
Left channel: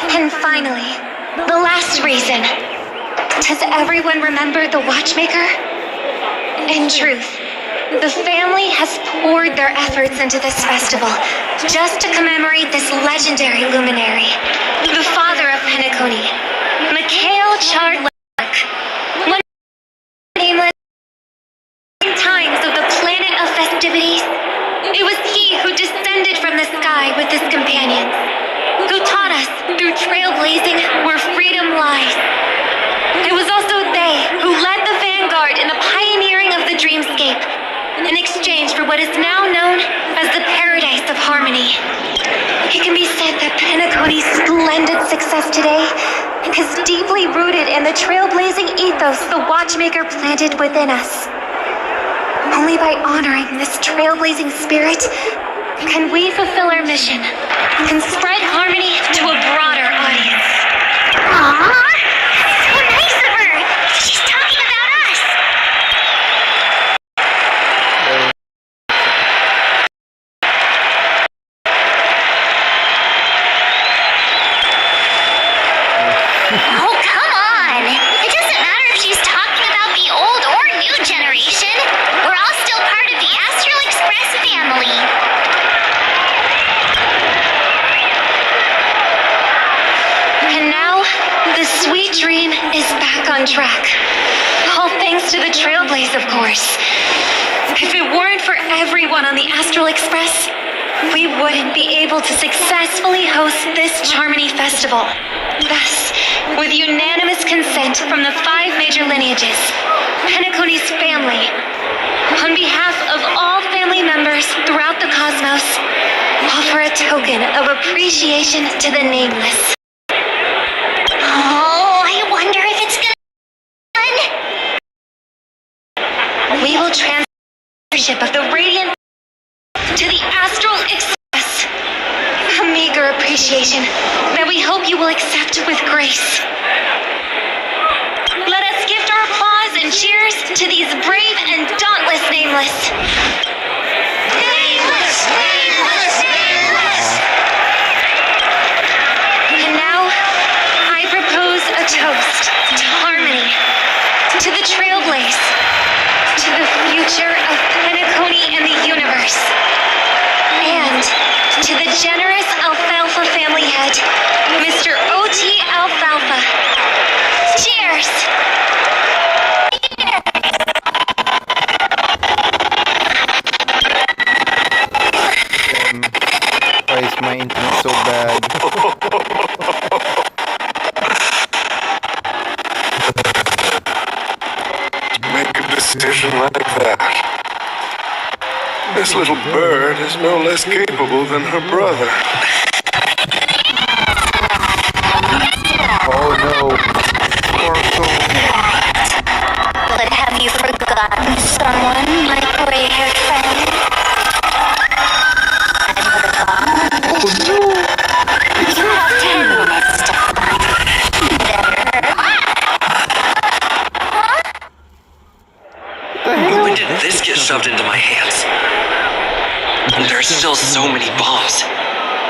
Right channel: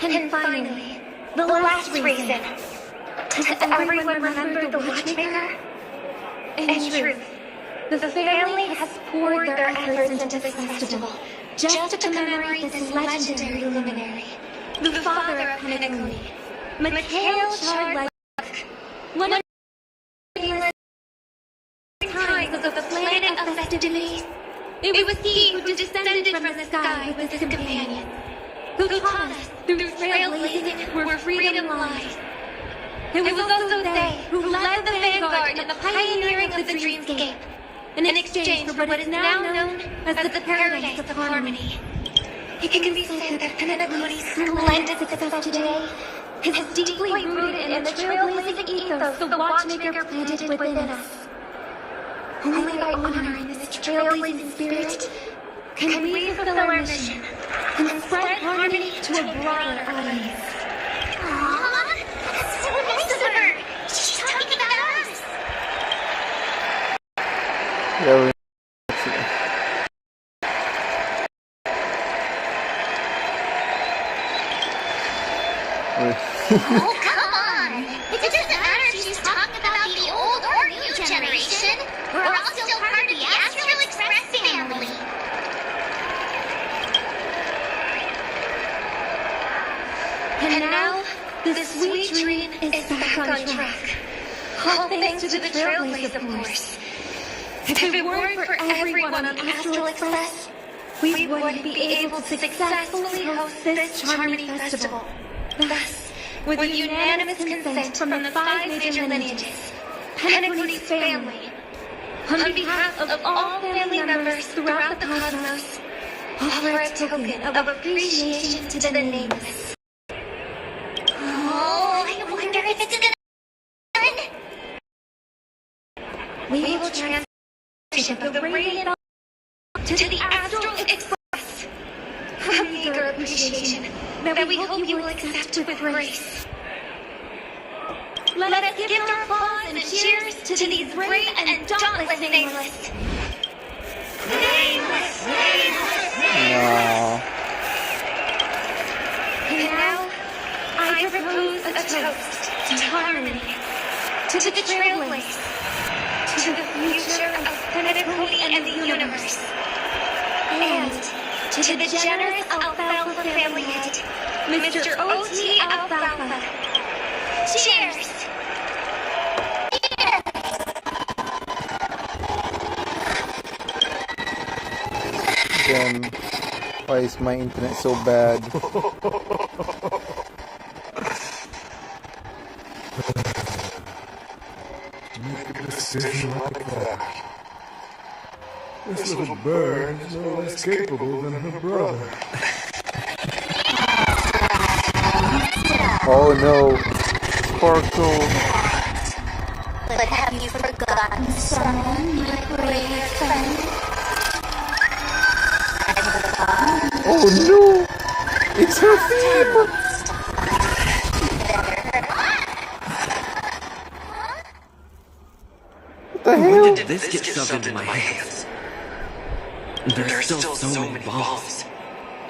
And finally, the last reason. Does everyone remember the Watchmaker? In truth, the family has poured their efforts into this festival just to commemorate this legendary luminary, the father of Penacony, Mikhail Chardlik. One nameless times of the planet of festivities, it was he who descended from the sky with his companions, who taught us through trailblazing where freedom lies. It was also they who led the vanguard in the pioneering of the dreamscape, in exchange for what is now known as the Paradise of Harmony. It can be said that Penacony's splendid success today is deeply rooted in the trailblazing ethos the Watchmaker planted within us. Only by honoring this trailblazing spirit can we fulfill our mission and spread harmony to a broader audience. Aww! So nice of her! She's talking about us! Oh, come on! It doesn't matter if she's talking about the old or new generation. We're all still part of the Astral Express family. And now, the sweet dream is back on track. All thanks to the Trailblaze, of course. If it weren't for everyone on the Astral Express, we wouldn't be able to successfully host this Charmony Festival. Thus, with unanimous consent from the 5 major lineages, Penacony's family, on behalf of all family members throughout the cosmos, offer a token of appreciation to the nameless. Oh, I wonder if it's gonna... We will transfer the ship of the Radiant to the Astral Express. A meager appreciation that we hope you will accept with grace. Let us gift our applause and cheers to these brave and dauntless nameless. Nameless, nameless, nameless! And now, I propose a toast to harmony, to the Trailblaze, to the future of Penacony in the universe. And to the generous Alfalfa family head, Mr. O.T. Alfalfa. Cheers! Damn, why is my internet so bad? Make a decision like that. This little bird is no less capable than her brother. Oh no, Sparkle. But have you forgotten someone, my gray-haired friend? Oh no, it's her favorite. What the hell? When did this get shoved into my hands? There's still so many bombs.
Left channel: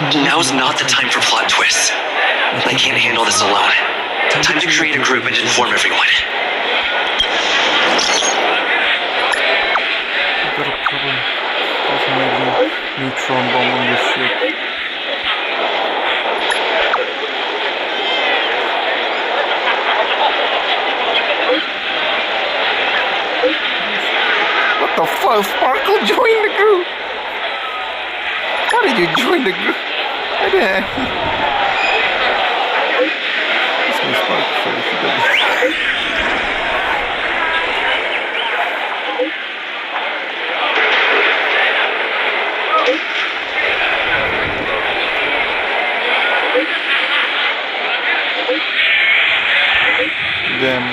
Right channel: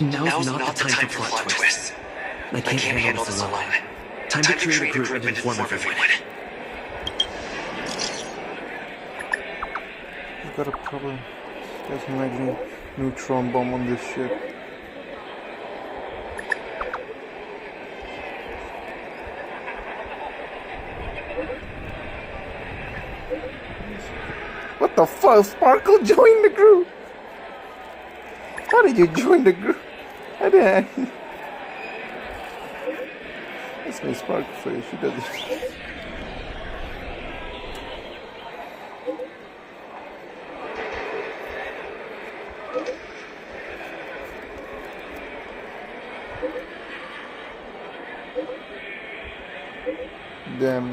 Now's not the time for plot twists. I can't handle this alone. Time to create a group and inform everyone. I've got a problem. There's maybe neutron bomb on this ship. What the fuck? Sparkle joined the group! How did you join the group? I didn't. This way Sparkle first. He doesn't. Damn.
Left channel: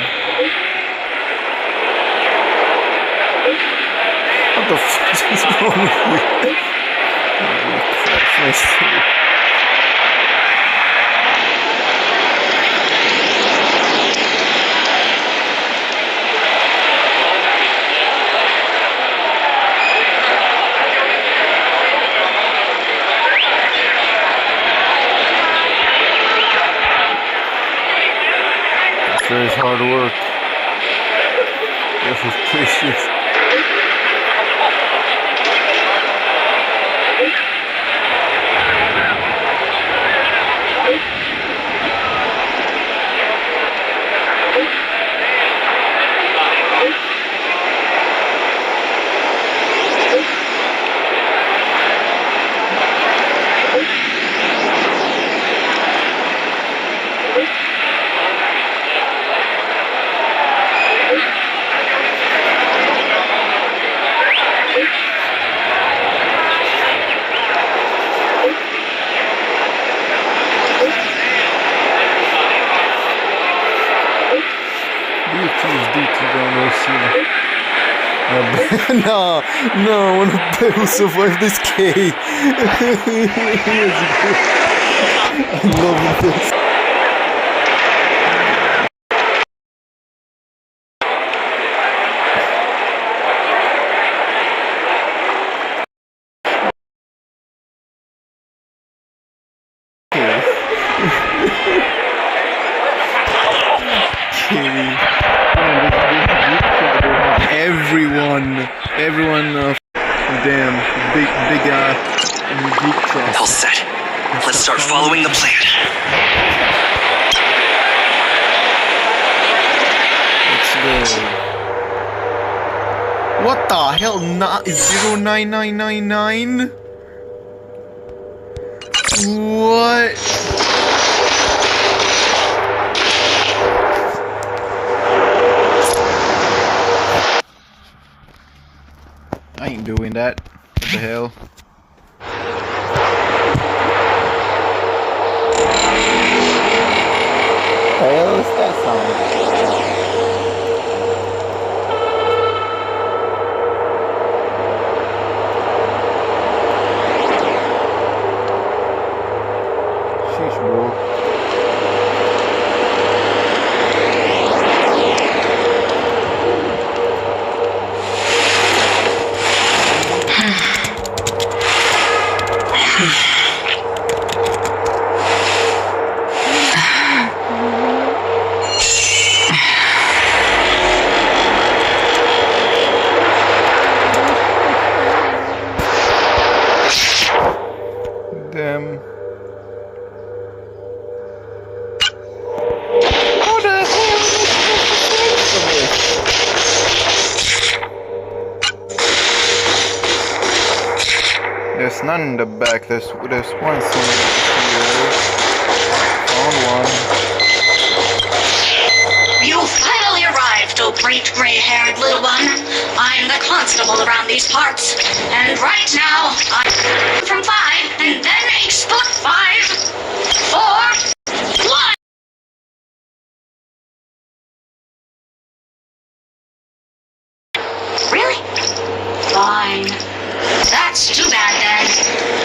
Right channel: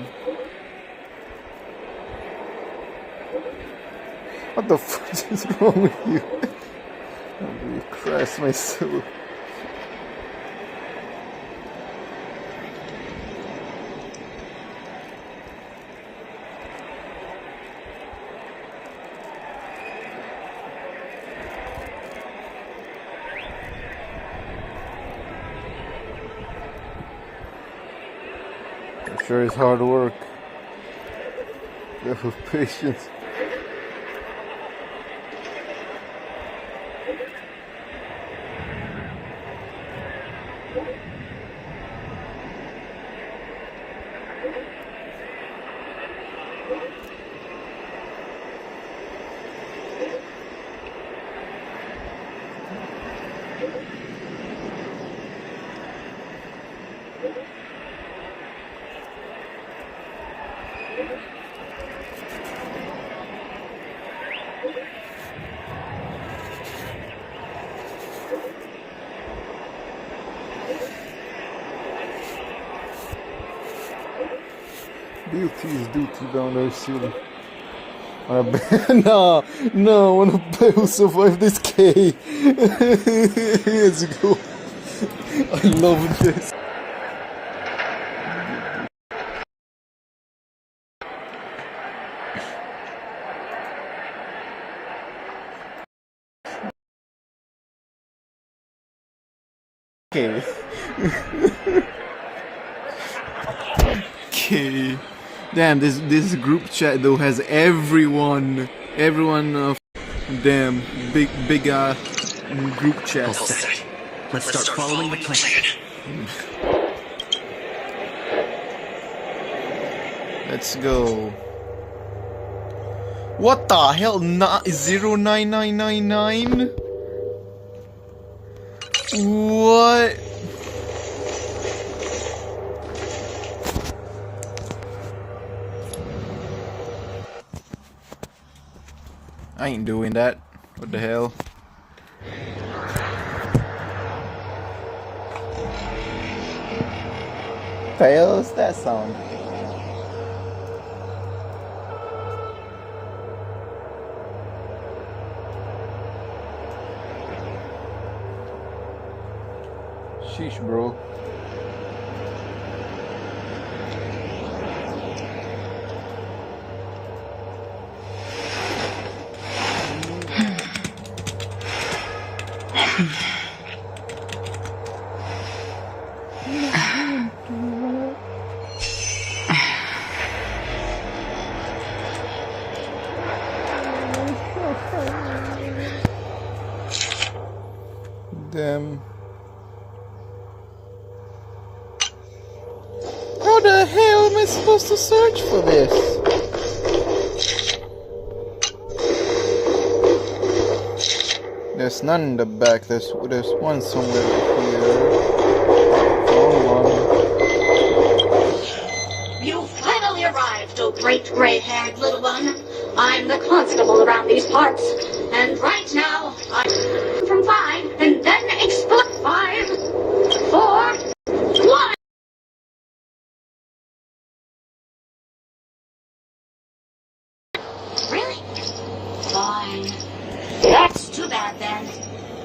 What the fuck is wrong with you? Holy Christ, my soul. Sure is hard work. Yes, with patience. DT down OC. No, I want to bet who survived this K. Let's go. I love this. Damn, this group chat though has everyone damn big group chat. All set. Let's start following the plan. Let's go. What the hell? 09999? What? I ain't doing that. What the hell? What the hell is that song? Sheesh, bro. to search for this? There's none in the back. There's one somewhere here. Found one. You finally arrived, oh great gray-haired little one. I'm the constable around these parts, and right now I'm from 5, and then explode 5, 4, 1. Really? Fine. That's too bad then.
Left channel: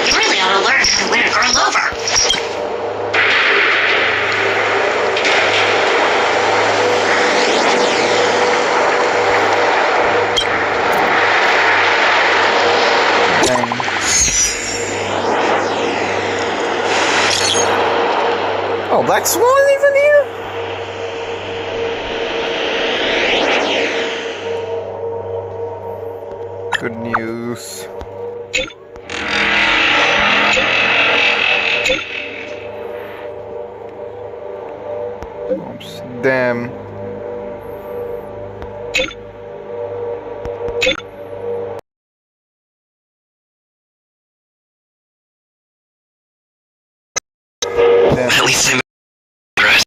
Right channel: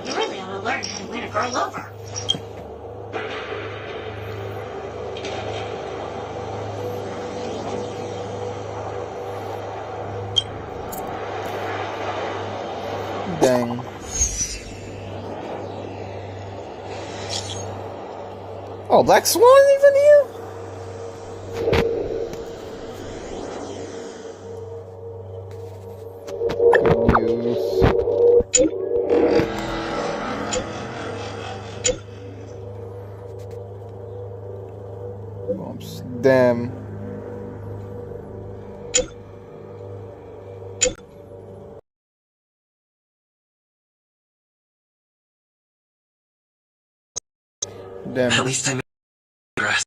You really ought to learn how to win a girl over. Dang. Oh, Black Swan even here? Good news. Oops, damn. Damn. At least I'm dressed.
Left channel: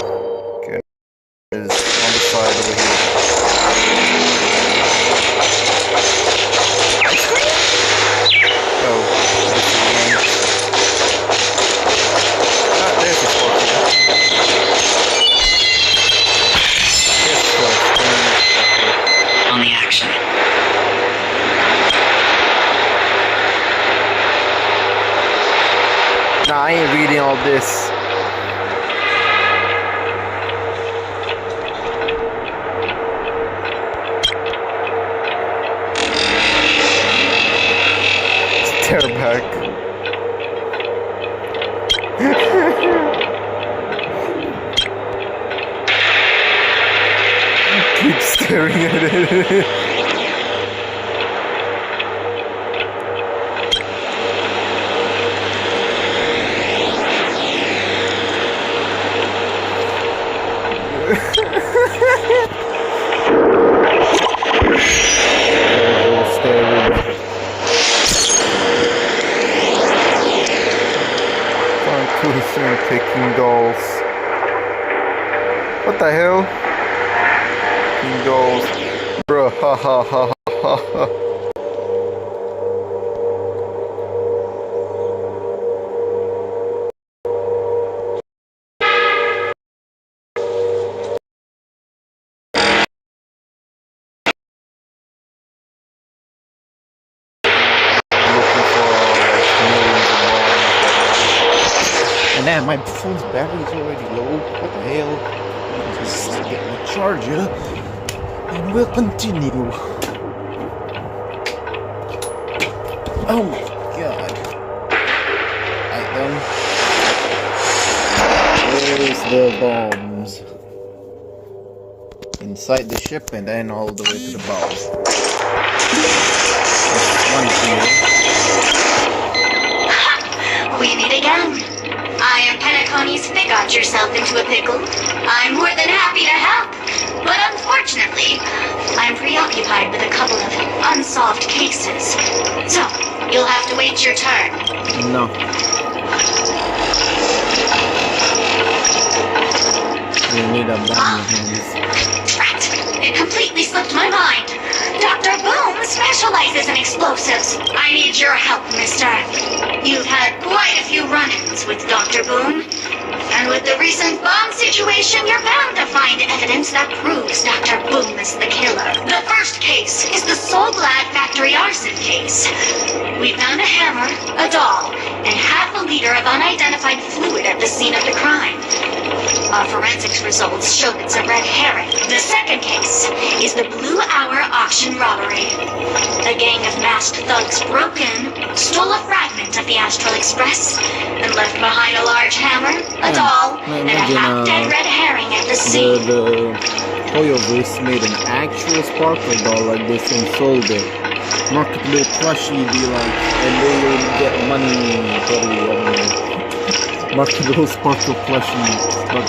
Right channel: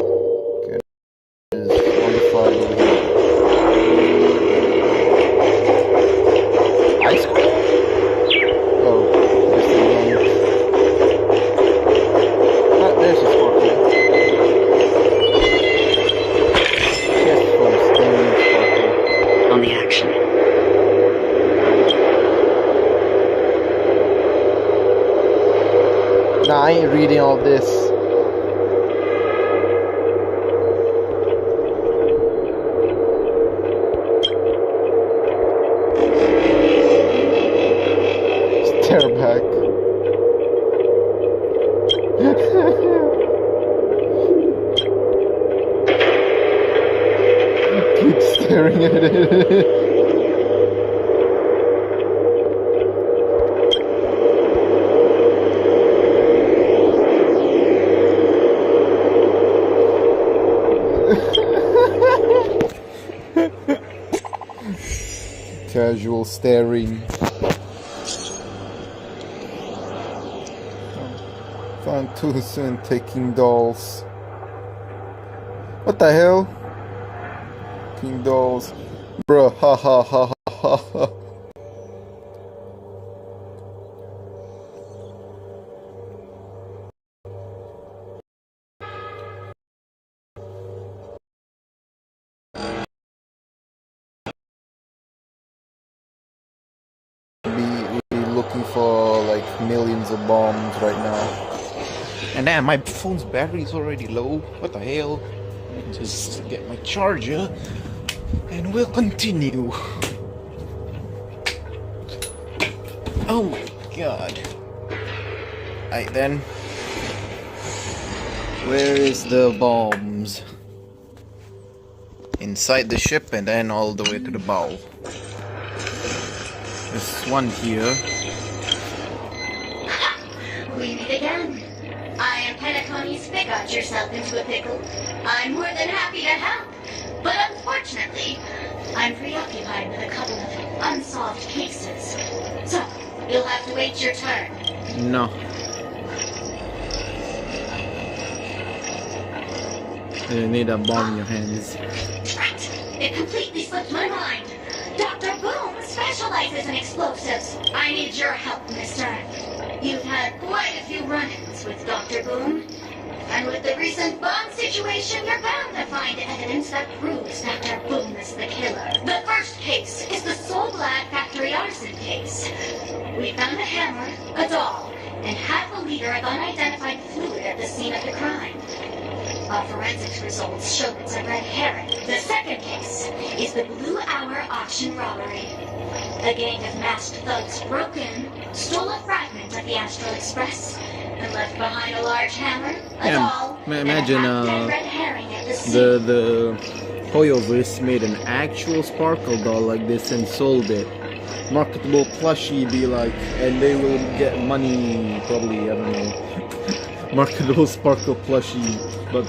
Okay, is on the side over here. Ice cream? Oh, this is again. Ah, there's the sparkle. Yes, first, then sparkle. On the action. Nah, I ain't reading all this. Stare back. Keep staring at it. Casual staring. Found too soon taking dolls. What the hell? Taking dolls. Bruh, ha ha ha ha ha. And damn, my phone's battery is already low. What the hell? Just get my charger and we'll continue. Oh my god. Alright then. Where is the bombs? Inside the ship and then all the way to the bow. There's one here. We meet again. I am Penacony's Fig got yourself into a pickle. I'm more than happy to help. But unfortunately, I'm preoccupied with a couple of unsolved cases. So, you'll have to wait your turn. No. You need a bomb in your hands. Drat! It completely slipped my mind. Dr. Boom specializes in explosives. I need your help, mister. You've had quite a few run-ins with Dr. Boom. And with the recent bomb situation, you're bound to find evidence that proves Dr. Boom is the killer. The first case is the Soul Glad Factory arson case. We found a hammer, a doll, and half a liter of unidentified fluid at the scene of the crime. Our forensics results showed it's a red herring. The second case is the Blue Hour auction robbery. The gang of masked thugs broke in, stole a fragment of the Astral Express, and left behind a large hammer, a doll, and a half-dead red herring at the scene. The Hoyoverse made an actual sparkle doll like this and sold it. marketable plushie be like, and they will get money probably, I don't know. Marketable sparkle plushie, but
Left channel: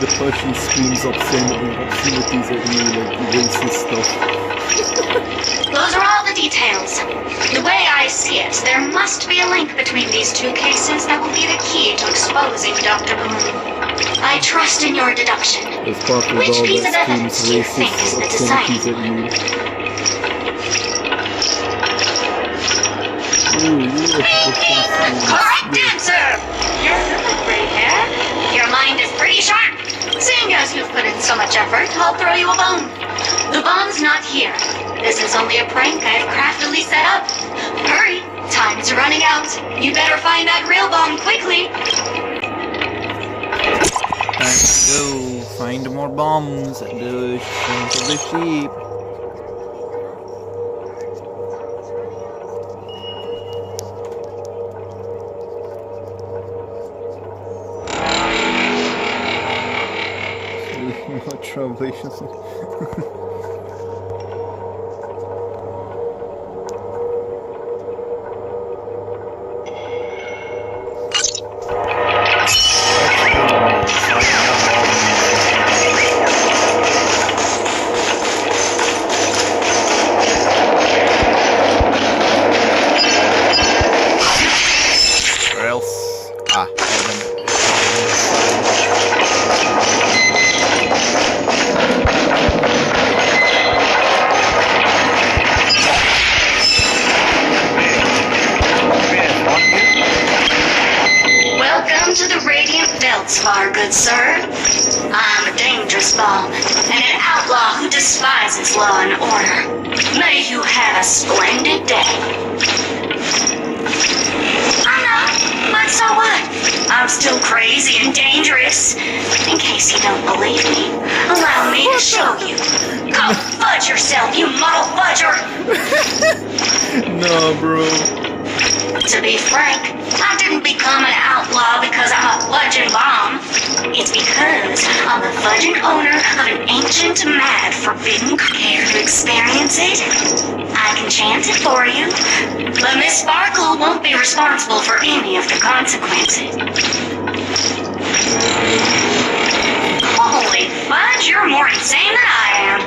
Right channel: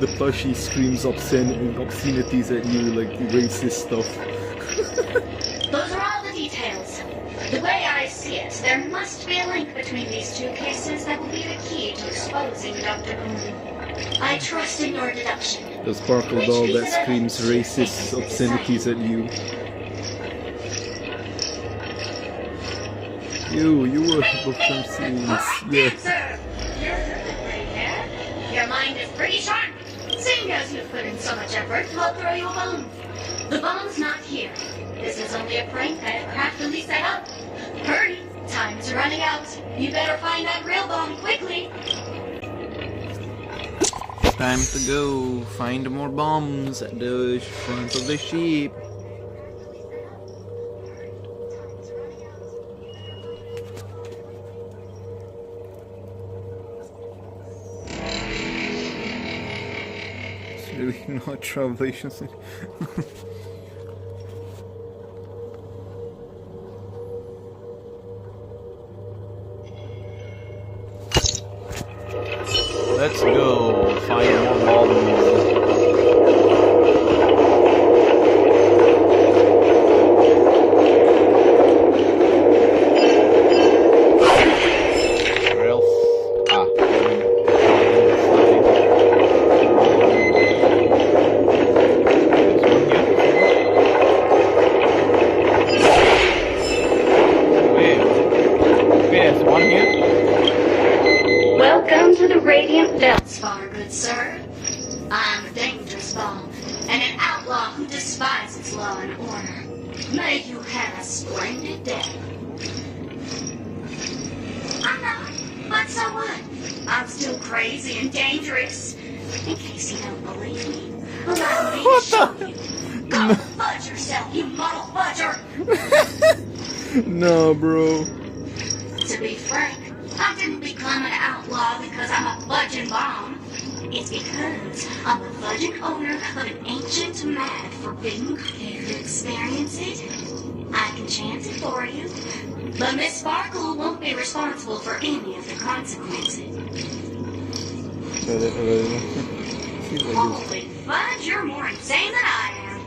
the plushie screams obscenities at you, like racist stuff. Those are all the details. The way I see it, there must be a link between these two cases that will be the key to exposing Dr. Boone. I trust in your deduction. The sparkle doll that screams racist obscenities at you. You are correct answer! You're the gray hair. Your mind is pretty sharp. Seeing as you've put in so much effort, I'll throw you a bone. The bomb's not here. This is only a prank I've craftily set up. Hurry, time's running out. You better find that real bomb quickly. Time to go find more bombs at the front of the ship. No translations. Let's go find more bombs. Where else? Ah, Welcome to the Radiant Feldspar, good sir. I'm a dangerous bomb, and an outlaw who despises law and order. May you have a splendid day. I know, but so what? I'm still crazy and dangerous. In case you don't believe me, allow me to show you. Go fudge yourself, you muddle fudger! No, bro. To be frank, I didn't become an outlaw because I'm a fudging bomb. It's because I'm the fudging owner of an ancient, mad, forbidden. Care to experience it? I can chant it for you, but Miss Sparkle won't be responsible for any of the consequences. Holy fudge, you're more insane than I am.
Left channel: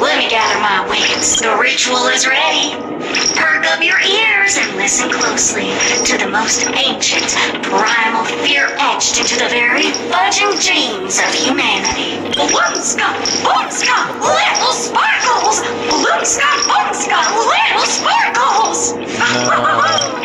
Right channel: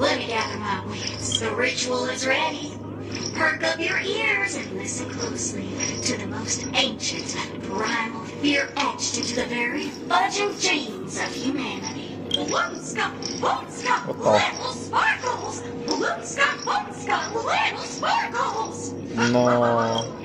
Let me gather my wits. The ritual is ready. Perk up your ears and listen closely to the most ancient, primal fear etched into the very fudging genes of humanity. Bloomska, boomska, little sparkles! Bloomska, boomska, little sparkles! No.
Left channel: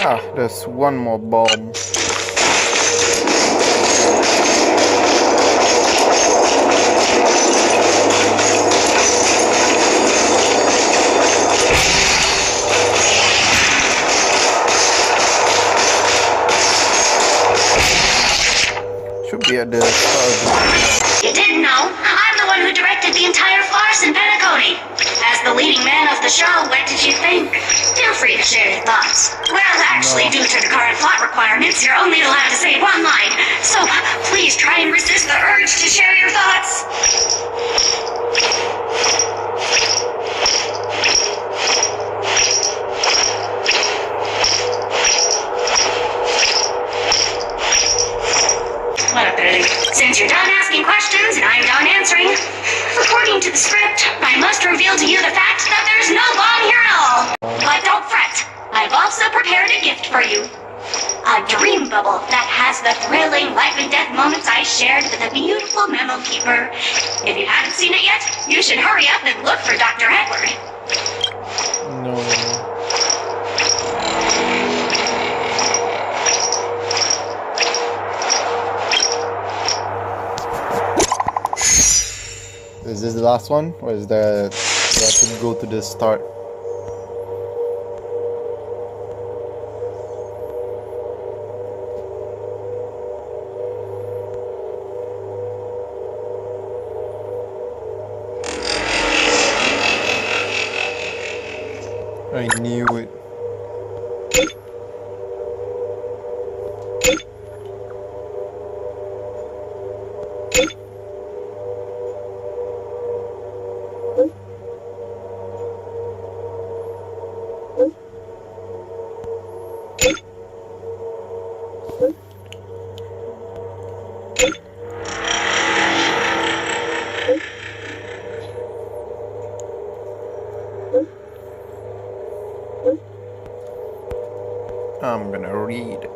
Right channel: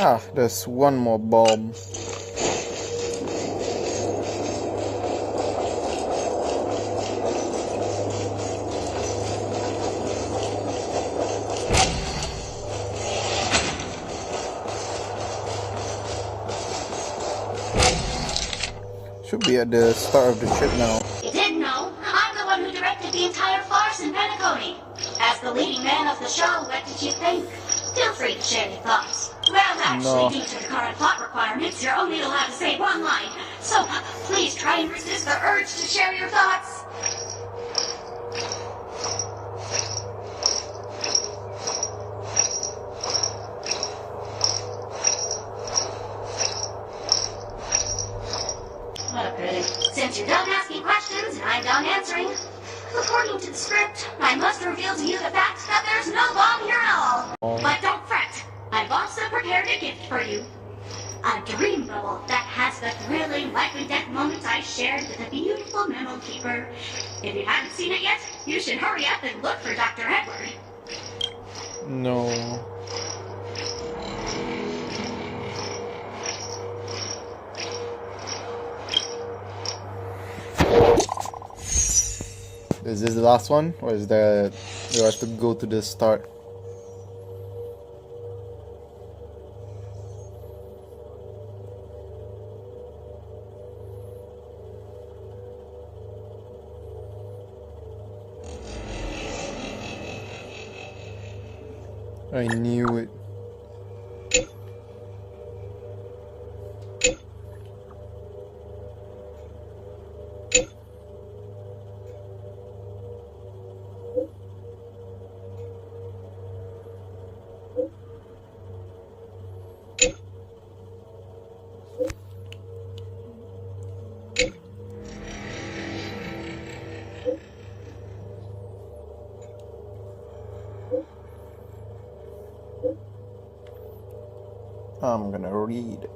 Ah, there's one more bomb. Should be at the start of the trip now. You didn't know? I'm the one who directed the entire farce in Penacody. As the leading man of the show, what did you think? Feel free to share your thoughts. Well, actually, due to the current plot requirements, you're only allowed to say one line. So, please try and resist the urge to share your thoughts. What a pity. Since you're done asking questions and I'm done answering, according to the script, I must reveal to you the fact that there's no bomb here at all. But don't fret. I've also prepared a gift for you. A dream bubble that has the thrilling life and death moments I shared with a beautiful memo keeper. If you haven't seen it yet, you should hurry up and look for Dr. Edward. No. Is this the last one, or is there? Do I have to go to the start? I knew it. I'm gonna read.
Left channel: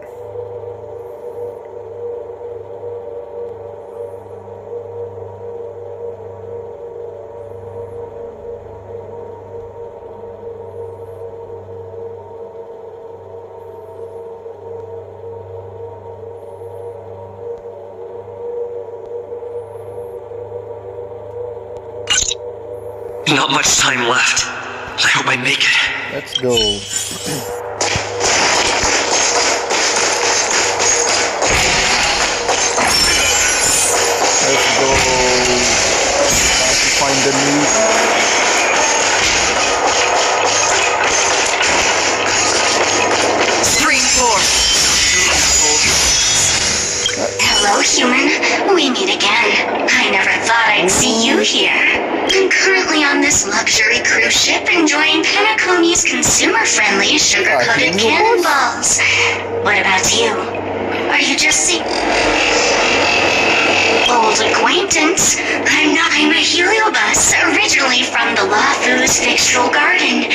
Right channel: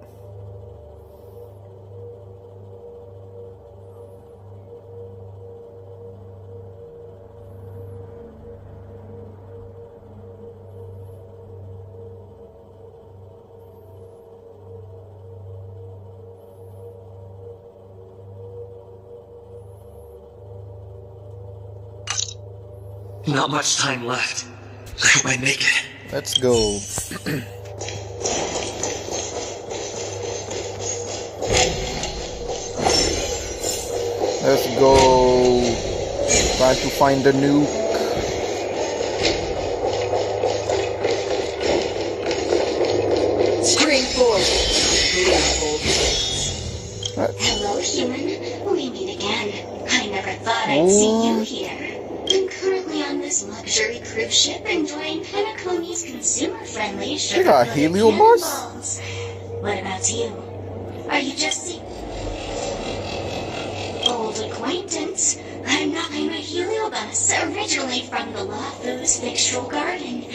Not much time left. I hope I make it. Let's go. Let's go. Trying to find the nuke. Stream force. Hello, human. We meet again. I never thought I'd see you here. I'm currently on this luxury cruise ship enjoying Panacomi's consumer-friendly sugar-coated cannonballs. What about you? Are you just seeing... Old acquaintance. I'm a heliobus, originally from the Lafu's Fictional Garden.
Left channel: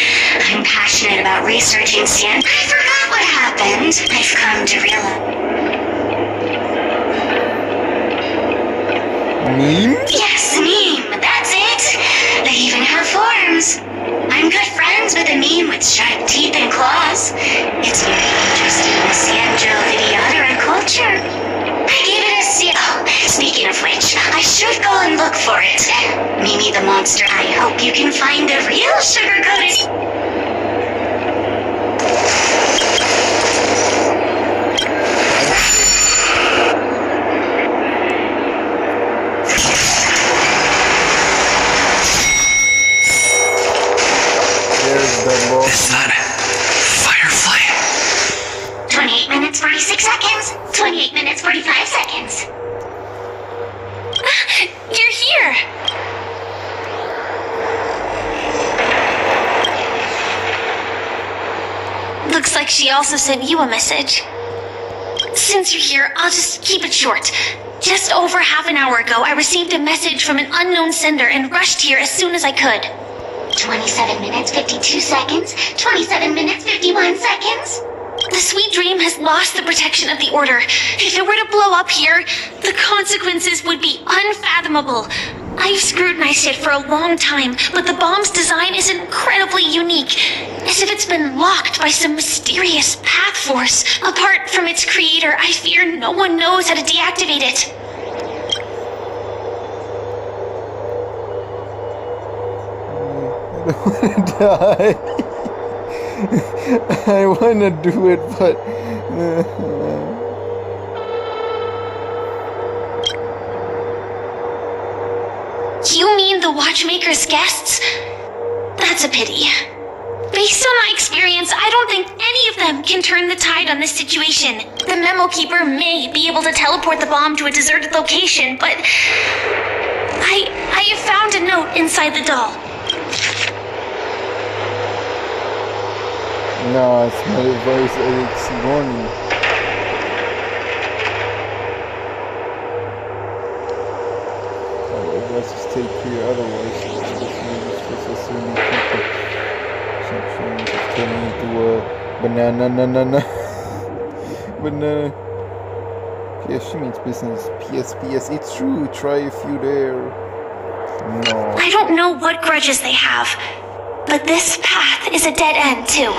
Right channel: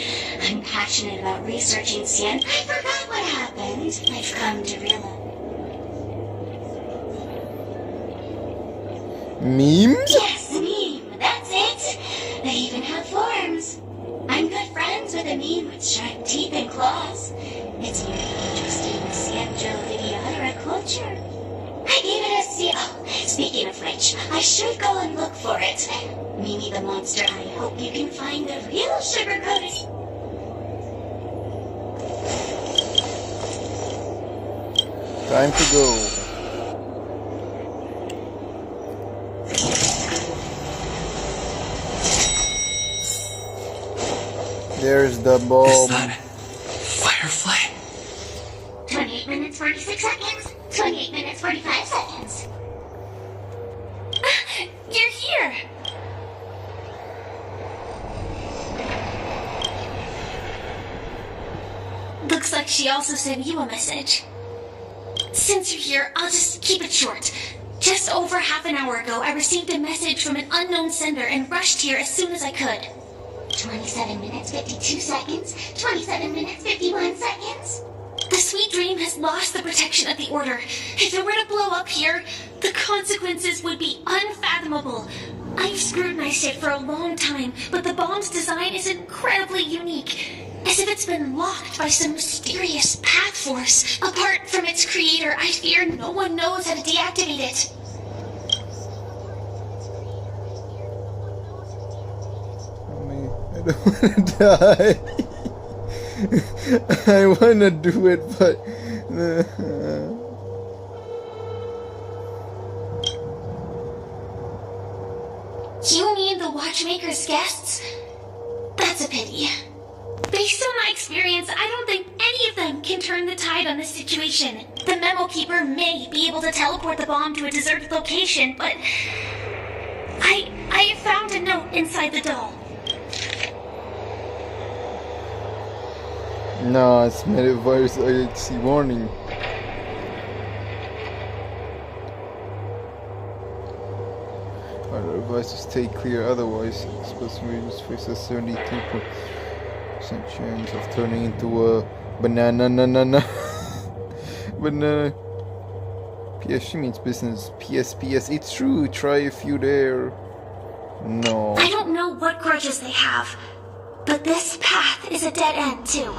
I'm passionate about researching sand. I forgot what happened. I've come to realize... Meme? Yes, meme. That's it. They even have forms. I'm good friends with a meme with sharp teeth and claws. It's very interesting in the Sanjo Videodera culture. I gave it a C. Oh, speaking of which, I should go and look for it. Mimi the monster, I hope you can find the real sugar-coated... Time to go. There's the bomb. Is that Firefly? 28 minutes, 46 seconds. 28 minutes, 45 seconds. You're here. Looks like she also sent you a message. Since you're here, I'll just keep it short. Just over half an hour ago, I received a message from an unknown sender and rushed here as soon as I could. 27 minutes, 52 seconds. 27 minutes, 51 seconds. The Sweet Dream has lost the protection of the Order. If it were to blow up here, the consequences would be unfathomable. I've scrutinized it for a long time, but the bomb's design is incredibly unique. As if it's been locked by some mysterious path force. Apart from its creator, I fear no one knows how to deactivate it. I don't wanna die. I wanna do it, but... You mean the Watchmaker's guests? That's a pity. Based on my experience, I don't think any of them can turn the tide on this situation. The Memo Keeper may be able to teleport the bomb to a deserted location, but... I have found a note inside the doll. No, it's my advice. It's warning. Our advice is stay clear, otherwise it's supposed to be used for necessarily people. Some chance of turning into a banana. Banana. PS, she means business. PS, it's true. Try if you dare. No. I don't know what grudges they have. But this path is a dead end, too.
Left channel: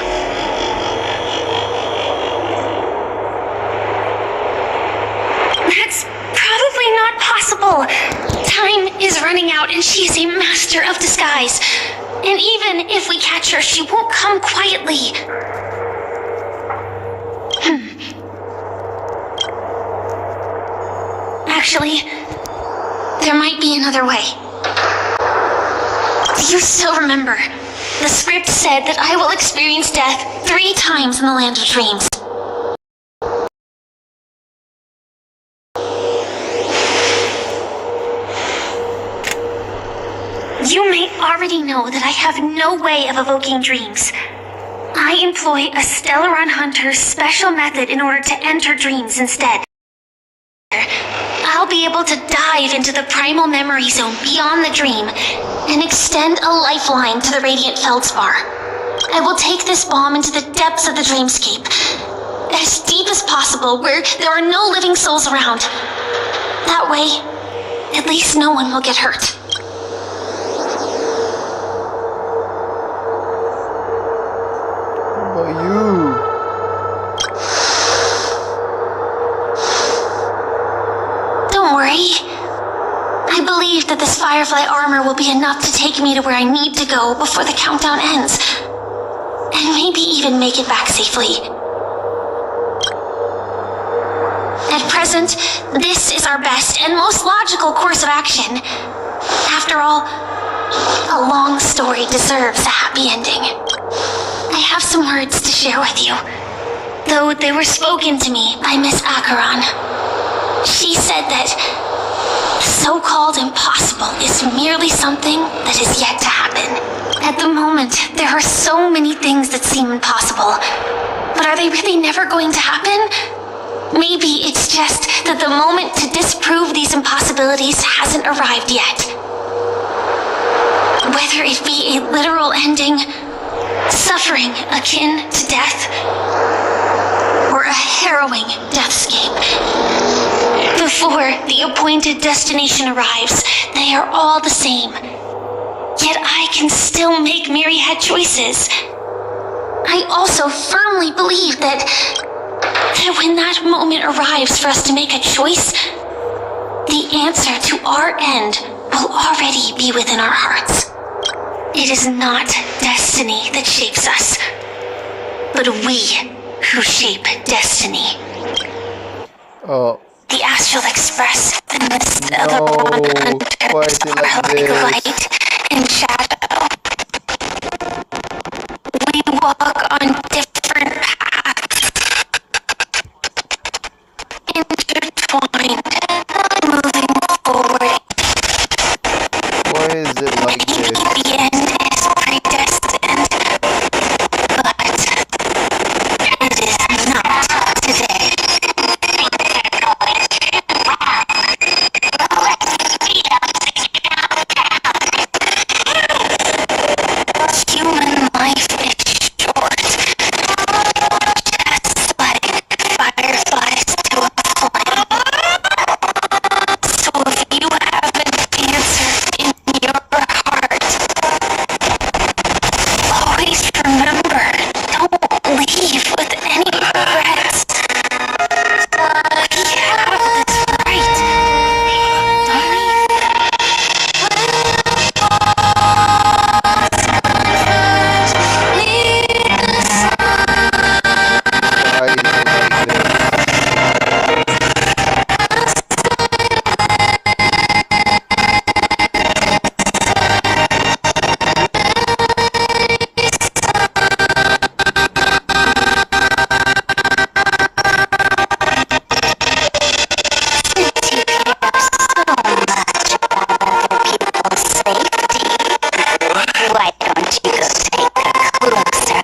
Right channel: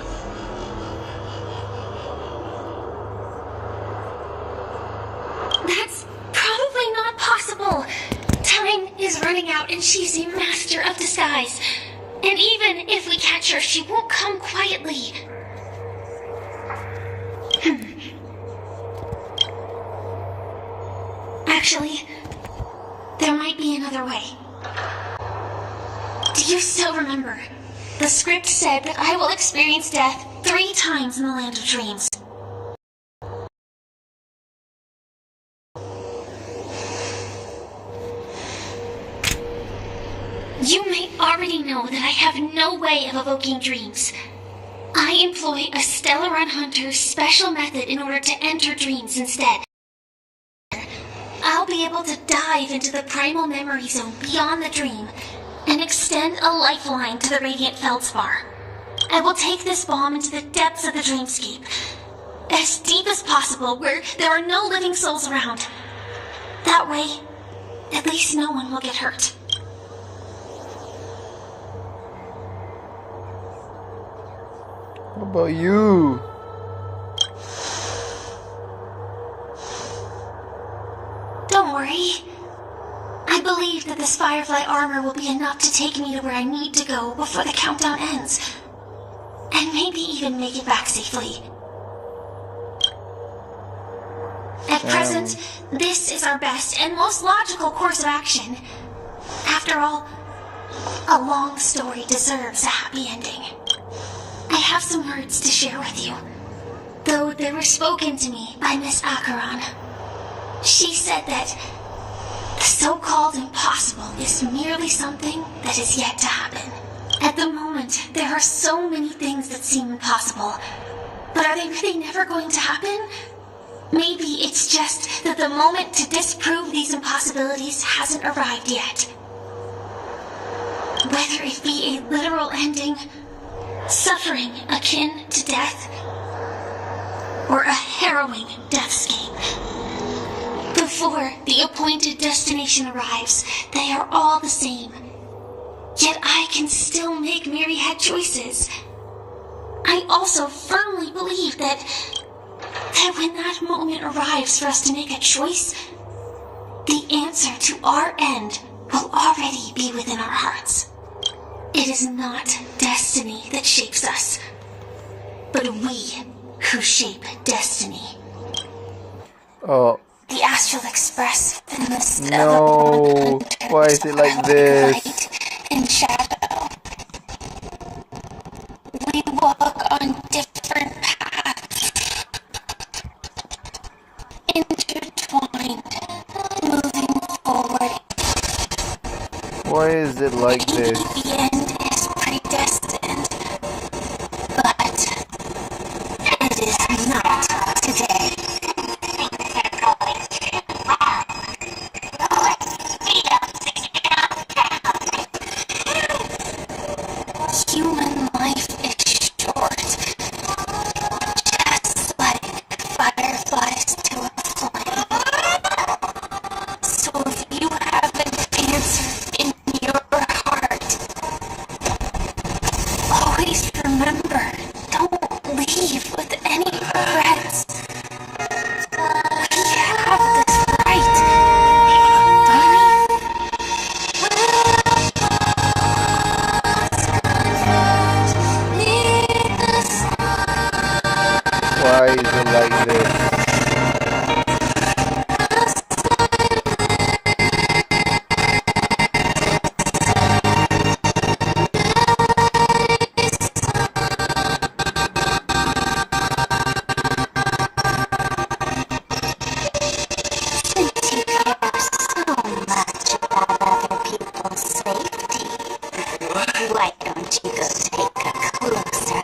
That's probably not possible. Time is running out and she's a master of disguise. And even if we catch her, she won't come quietly. Actually, there might be another way. Do you still remember? The script said that I will experience death 3 times in the land of dreams. You may already know that I have no way of evoking dreams. I employ a Stellaron Hunter's special method in order to enter dreams instead. I'll be able to dive into the primal memory zone beyond the dream and extend a lifeline to the radiant feldspar. I will take this bomb into the depths of the dreamscape, as deep as possible where there are no living souls around. That way, at least no one will get hurt. What about you? Don't worry. I believe that this Firefly armor will be enough to take me to where I need to go before the countdown ends. And maybe even make it back safely. At present, this is our best and most logical course of action. After all, a long story deserves a happy ending. I have some words to share with you, though they were spoken to me by Miss Acheron. She said that the so-called impossible is merely something that is yet to happen. At the moment, there are so many things that seem impossible, but are they really never going to happen? Maybe it's just that the moment to disprove these impossibilities hasn't arrived yet. Whether it be a literal ending, suffering akin to death, or a harrowing deathscape. Before the appointed destination arrives, they are all the same. Yet I can still make myriad choices. I also firmly believe that when that moment arrives for us to make a choice, the answer to our end will already be within our hearts. It is not destiny that shapes us, but we who shape destiny. Oh. The Astral Express and the No, why is it like this? Light and shadow. We walk on different paths, intertwined, moving forward. Why is it like this? The end is predestined, but it is not today. Human life is short, just like fireflies to a flame. So if you have an answer in your heart, always remember, don't leave with any regrets. We have this right, don't we? Why is it like this? Why don't you go take a closer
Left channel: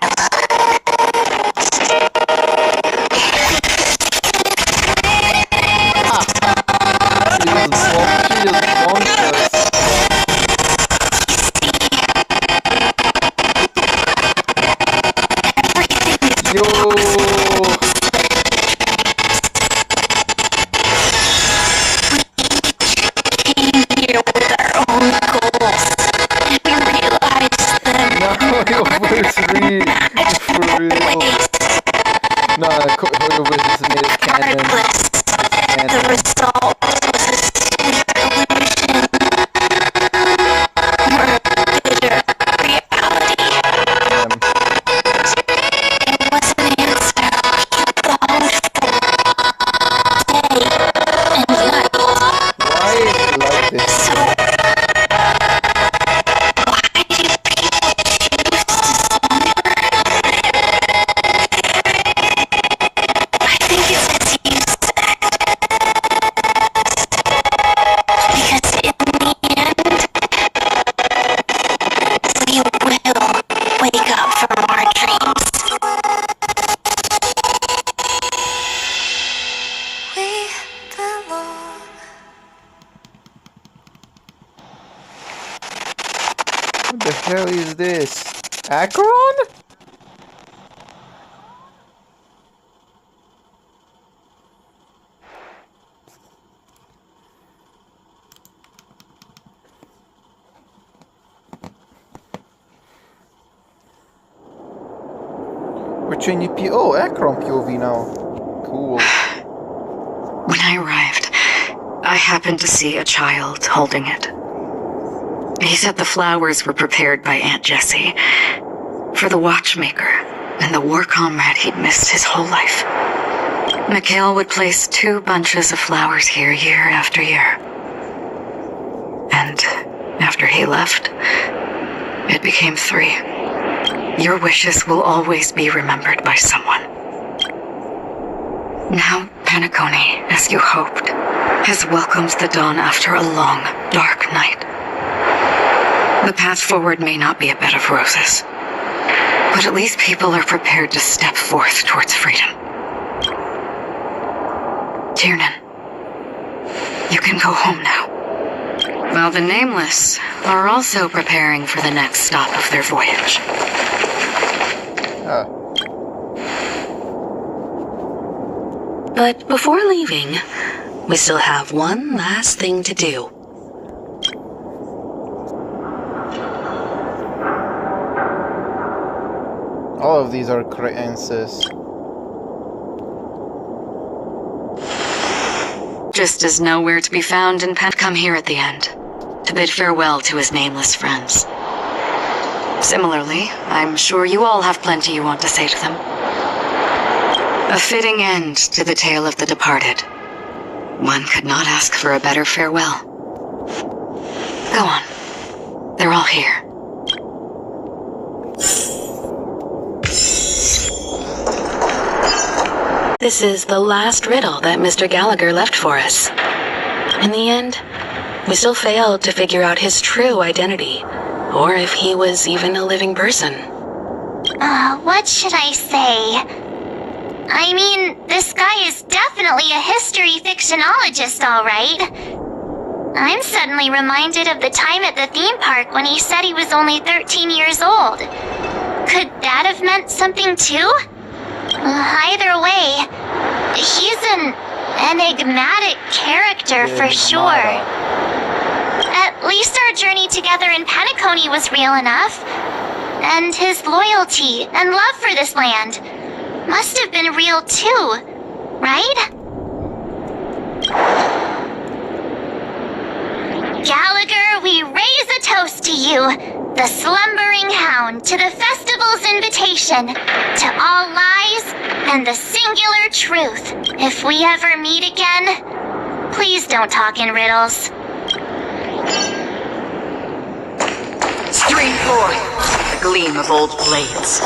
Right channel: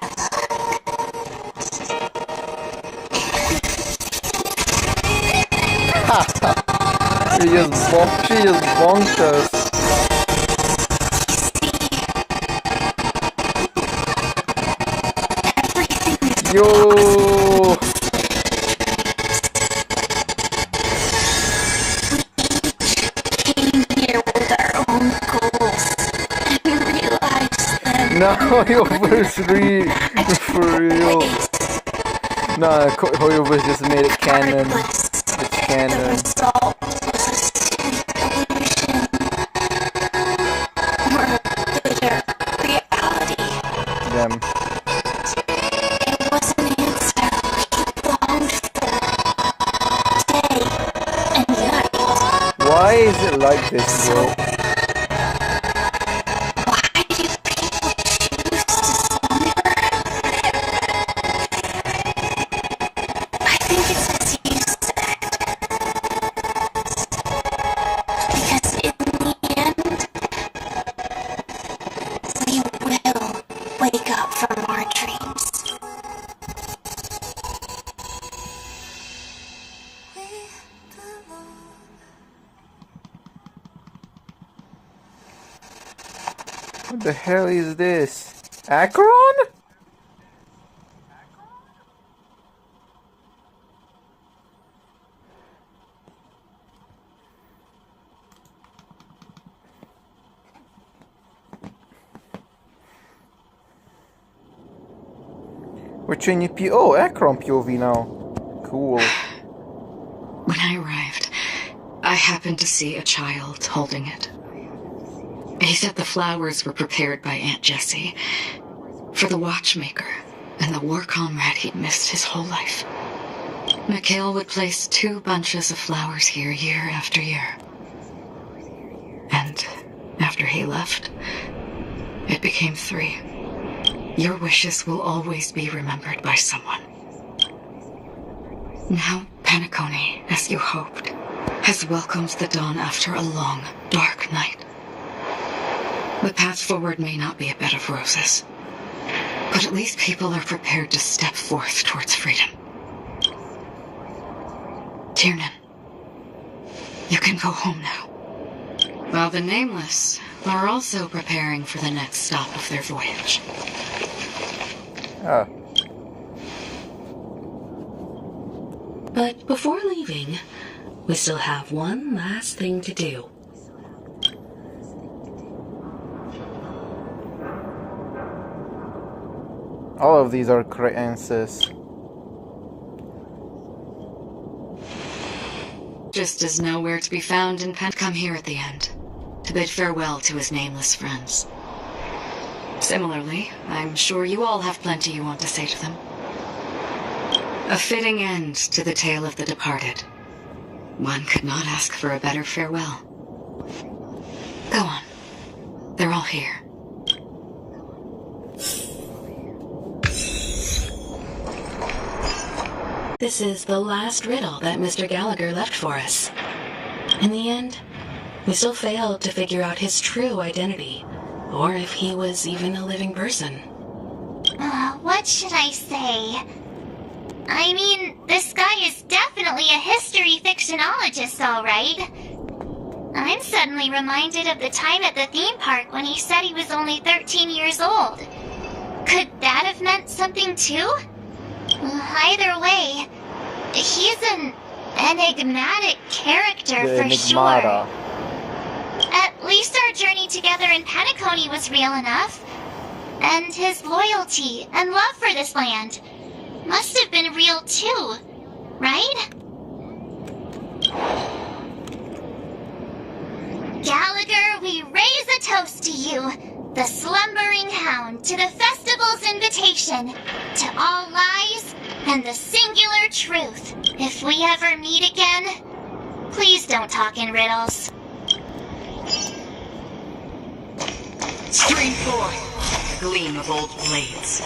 She just bonked us. Yo! came here with our own goals, and we realized that No, No, Hoyoverse just made it canon. It's canon. The result was a sweet illusion. Or a bitter reality. It was an answer he longed for. Day and night. Why is it like this, bro? Why do people choose to slumber? I think it's as you said. Because in the end, we will wake up from our dreams. We belong. What the hell is this? Akron? We're changing Akron POV now. Cool. When I arrived, I happened to see a child holding it. He said the flowers were prepared by Aunt Jessie for the watchmaker and the war comrade he'd missed his whole life. Mikhail would place 2 bunches of flowers here year after year. And after he left, it became 3. Your wishes will always be remembered by someone. Now, Penacony, as you hoped, has welcomed the dawn after a long, dark night. The path forward may not be a bed of roses, but at least people are prepared to step forth towards freedom. Tiernan, you can go home now. While the Nameless are also preparing for the next stop of their voyage. But before leaving, we still have one last thing to do. All of these are correct answers. Just as nowhere to be found in come here at the end, to bid farewell to his nameless friends. Similarly, I'm sure you all have plenty you want to say to them. A fitting end to the tale of the departed. One could not ask for a better farewell. Go on. They're all here. This is the last riddle that Mr. Gallagher left for us. In the end, we still failed to figure out his true identity, or if he was even a living person. What should I say? I mean, this guy is definitely a history fictionologist, all right. I'm suddenly reminded of the time at the theme park when he said he was only 13 years old. Could that have meant something too? Either way, he's an enigmatic character for sure. At least our journey together in Penacony was real enough. And his loyalty and love for this land must have been real too, right? Gallagher, we raise a toast to you, the slumbering hound, to the festival's invitation, to all lies and the singular truth. If we ever meet again, please don't talk in riddles. Stream forth, the gleam of old blades.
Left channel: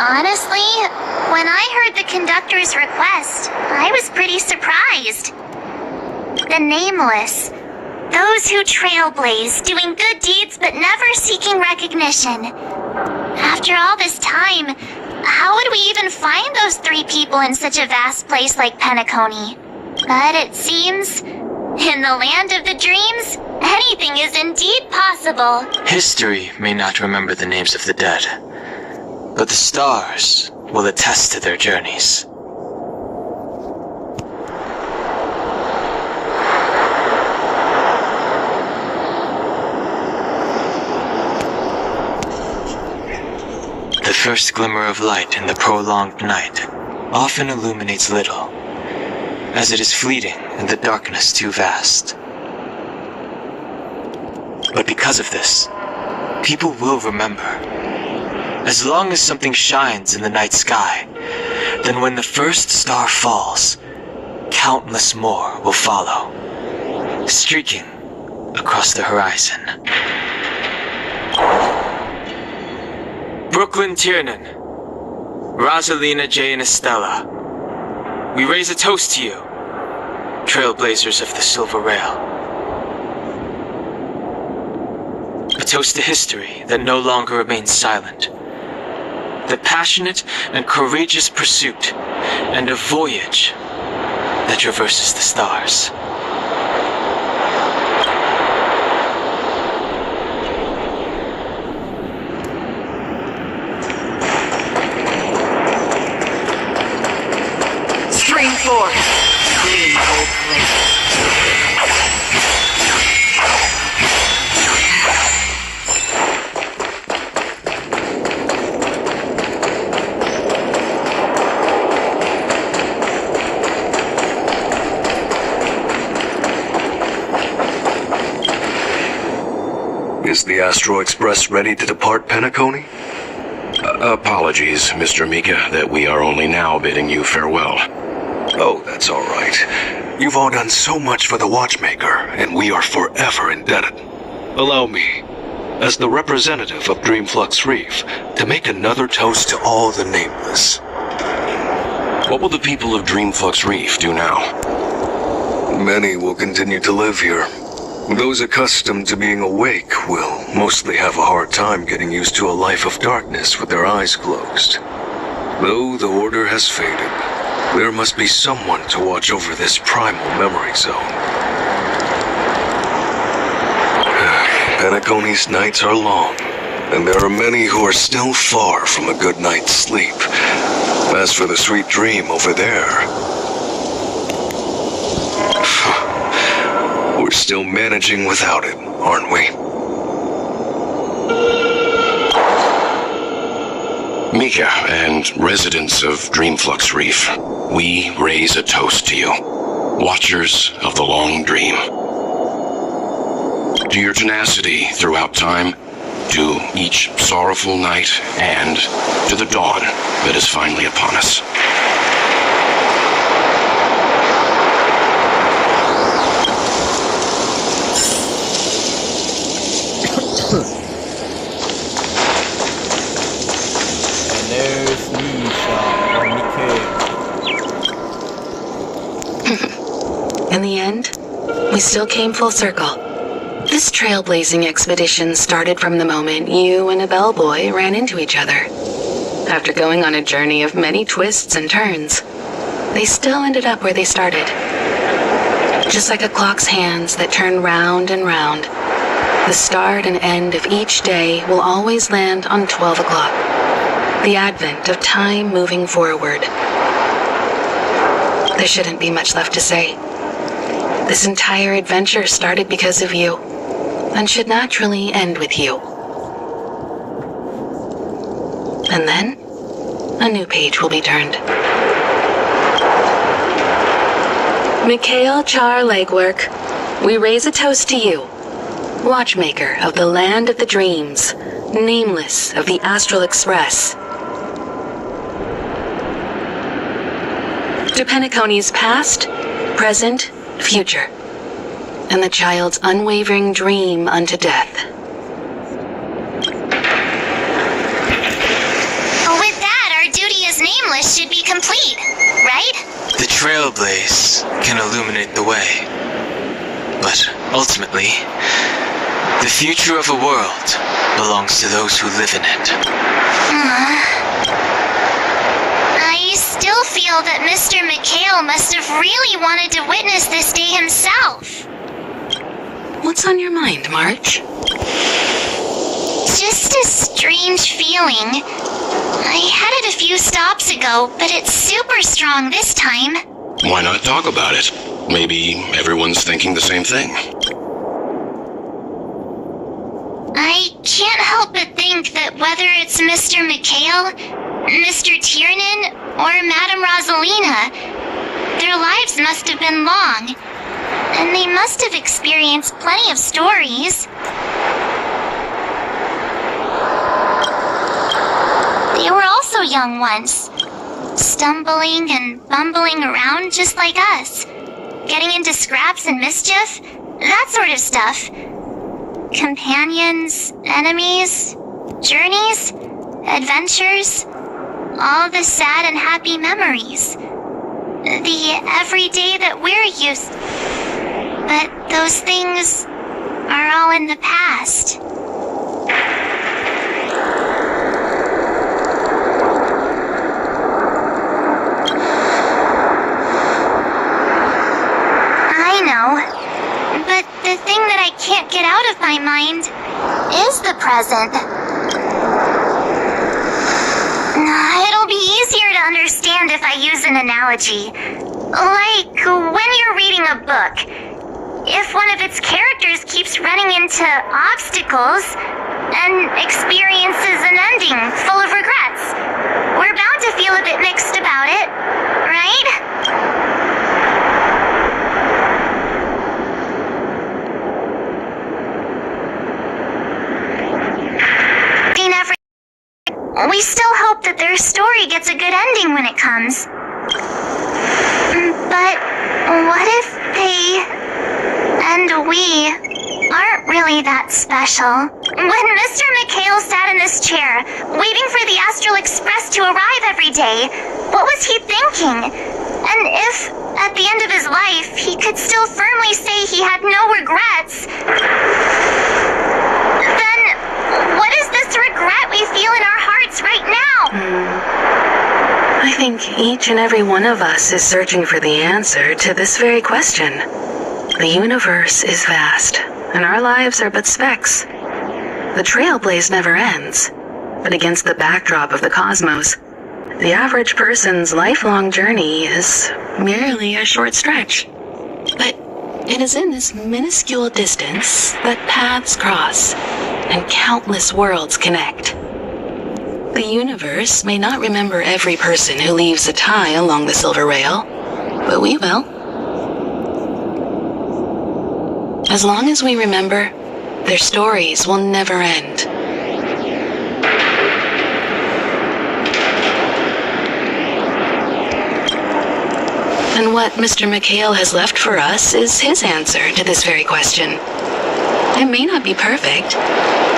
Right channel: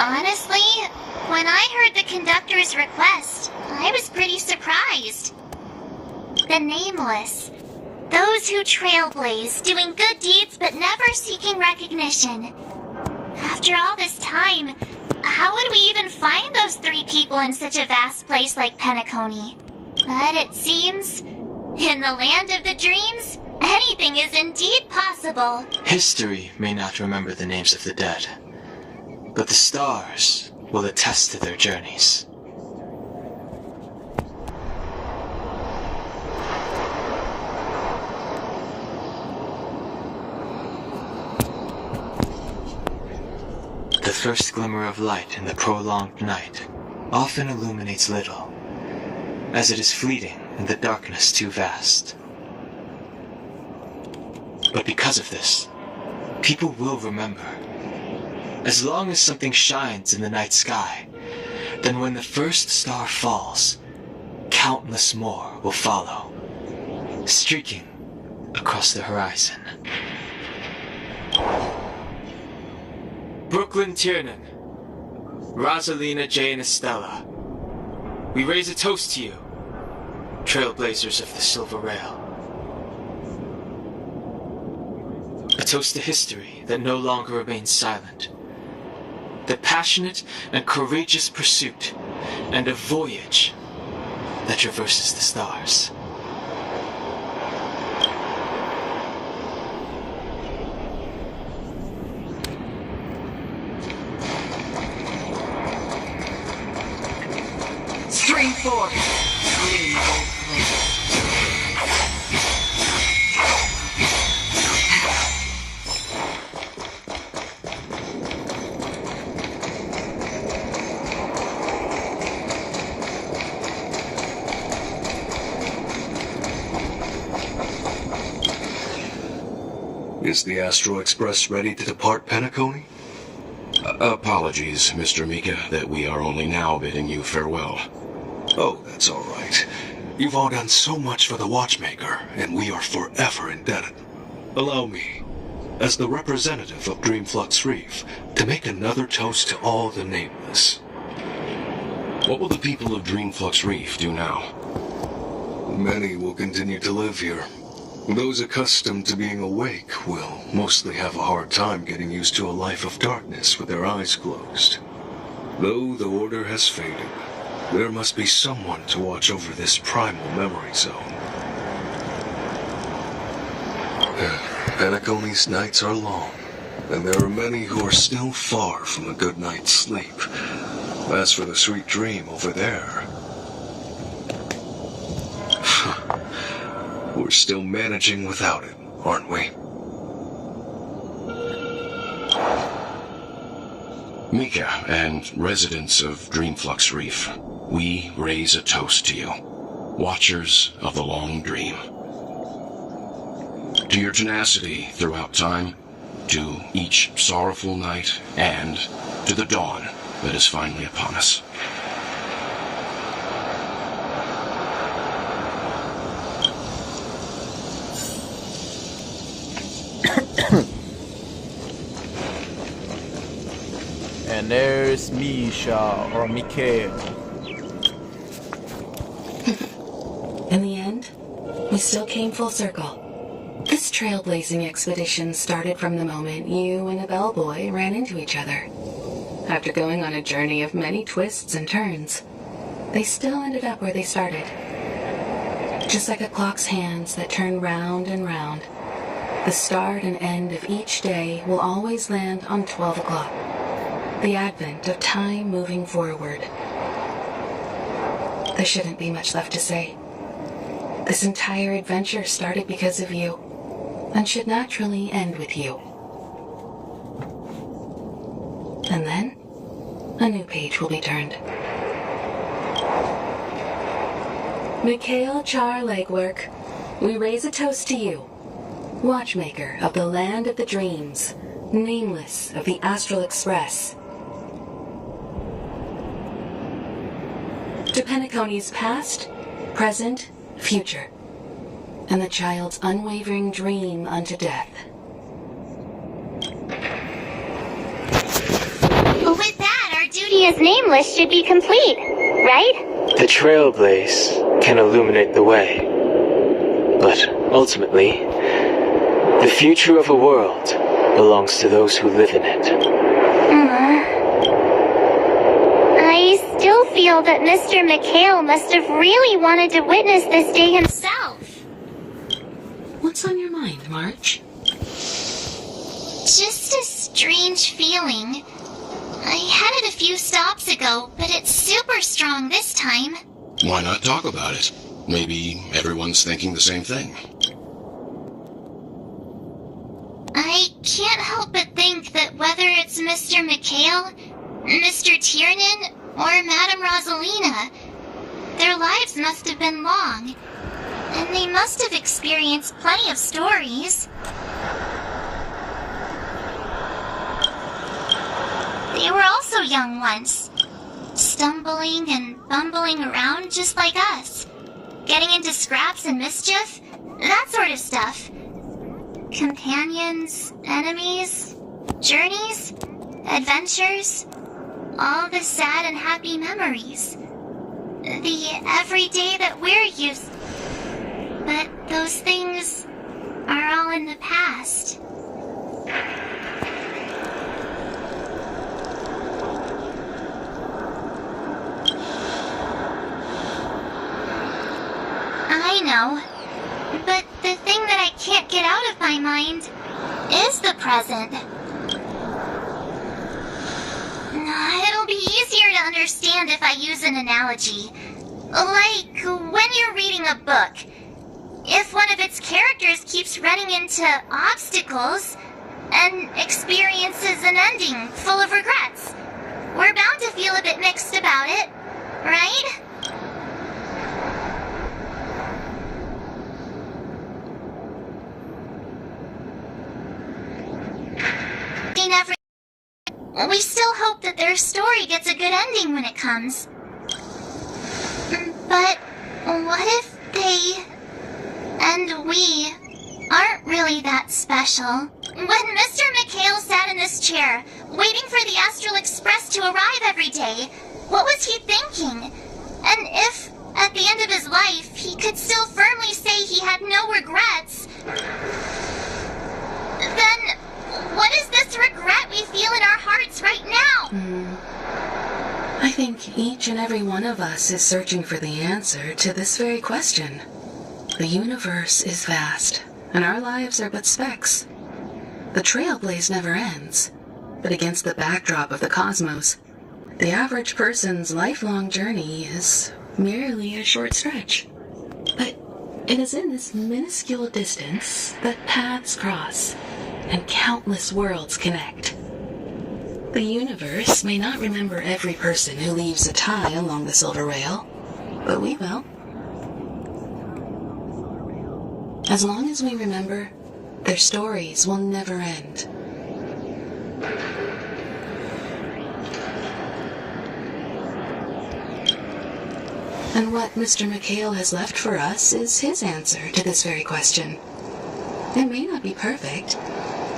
Honestly, when I heard the conductor's request, I was pretty surprised. The Nameless. Those who trailblaze, doing good deeds but never seeking recognition. After all this time, how would we even find those 3 people in such a vast place like Penacony? But it seems, in the land of the dreams, anything is indeed possible. History may not remember the names of the dead, but the stars will attest to their journeys. The first glimmer of light in the prolonged night often illuminates little, as it is fleeting and the darkness too vast. But because of this, people will remember. As long as something shines in the night sky, then when the first star falls, countless more will follow, streaking across the horizon. Brooklyn Tiernan, Rosalina J. and Estella, we raise a toast to you, trailblazers of the Silver Rail. A toast to history that no longer remains silent. The passionate and courageous pursuit, and a voyage that traverses the stars. Stream force! Is the Astro Express ready to depart, Penacony? Apologies, Mr. Mika, that we are only now bidding you farewell. Oh, that's all right. You've all done so much for the Watchmaker, and we are forever indebted. Allow me, as the representative of Dreamflux Reef, to make another toast to all the nameless. What will the people of Dreamflux Reef do now? Many will continue to live here. Those accustomed to being awake will mostly have a hard time getting used to a life of darkness with their eyes closed. Though the order has faded, there must be someone to watch over this primal memory zone. Penacony's nights are long, and there are many who are still far from a good night's sleep. As for the sweet dream over there, we're still managing without it, aren't we? Mika and residents of Dreamflux Reef, we raise a toast to you, watchers of the long dream. To your tenacity throughout time, to each sorrowful night, and to the dawn that is finally upon us. And there's Misha, or Mikhail. In the end, we still came full circle. This trailblazing expedition started from the moment you and a bellboy ran into each other. After going on a journey of many twists and turns, they still ended up where they started. Just like a clock's hands that turn round and round, the start and end of each day will always land on 12 o'clock. The advent of time moving forward. There shouldn't be much left to say. This entire adventure started because of you, and should naturally end with you. And then, a new page will be turned. Mikhail Char Legwork, we raise a toast to you, watchmaker of the land of the dreams, nameless of the Astral Express. To Penacony's past, present, future, and the child's unwavering dream unto death. With that, our duty as nameless should be complete, right? The Trailblaze can illuminate the way, but ultimately, the future of a world belongs to those who live in it. I still feel that Mr. Mikhail must have really wanted to witness this day himself. What's on your mind, March? Just a strange feeling. I had it a few stops ago, but it's super strong this time. Why not talk about it? Maybe everyone's thinking the same thing. I can't help but think that whether it's Mr. Mikhail, Mr. Tiernan, or Madame Rosalina, their lives must have been long, and they must have experienced plenty of stories. They were also young once, stumbling and bumbling around just like us, getting into scraps and mischief, that sort of stuff. Companions, enemies, journeys, adventures, all the sad and happy memories. The everyday that we're used. But those things are all in the past. I know, but the thing that I can't get out of my mind is the present. It'll be easier to understand if I use an analogy. Like when you're reading a book. If one of its characters keeps running into obstacles and experiences an ending full of regrets, we're bound to feel a bit mixed about it, right? We still hope that their story gets a good ending when it comes. But what if they and we aren't really that special? When Mr. Mikhail sat in this chair, waiting for the Astral Express to arrive every day, what was he thinking? And if, at the end of his life, he could still firmly say he had no regrets, then what is this regret we feel in our hearts right now? I think each and every one of us is searching for the answer to this very question. The universe is vast, and our lives are but specks. The Trailblaze never ends, but against the backdrop of the cosmos, the average person's lifelong journey is merely a short stretch. But it is in this minuscule distance that paths cross and countless worlds connect. The universe may not remember every person who leaves a tie along the silver rail, but we will. As long as we remember, their stories will never end. And what Mr. Mikhail has left for us is his answer to this very question. It may not be perfect,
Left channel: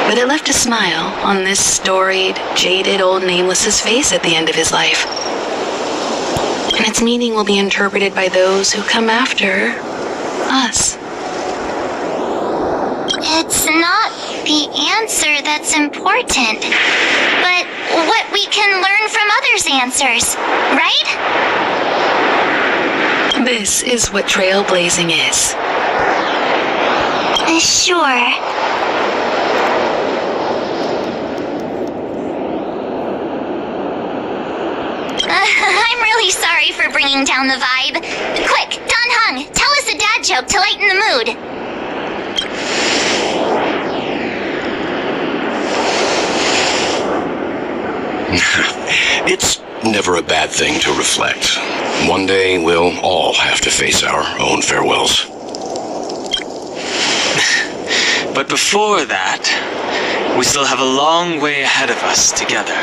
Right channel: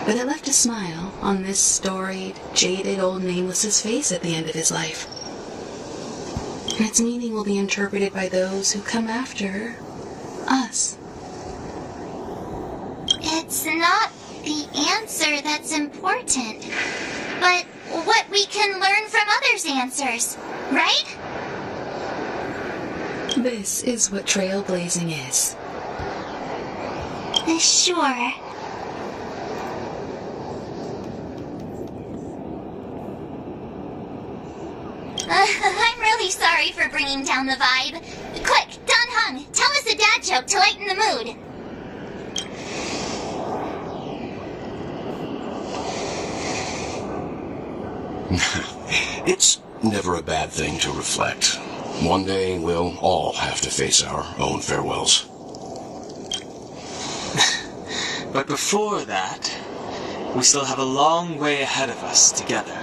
but it left a smile on this storied, jaded old Nameless's face at the end of his life. And its meaning will be interpreted by those who come after us. It's not the answer that's important, but what we can learn from others' answers, right? This is what trailblazing is. Sure. I'm really sorry for bringing down the vibe. Quick, Don Hung, tell us a dad joke to lighten the mood. It's never a bad thing to reflect. One day we'll all have to face our own farewells. But before that, we still have a long way ahead of us together.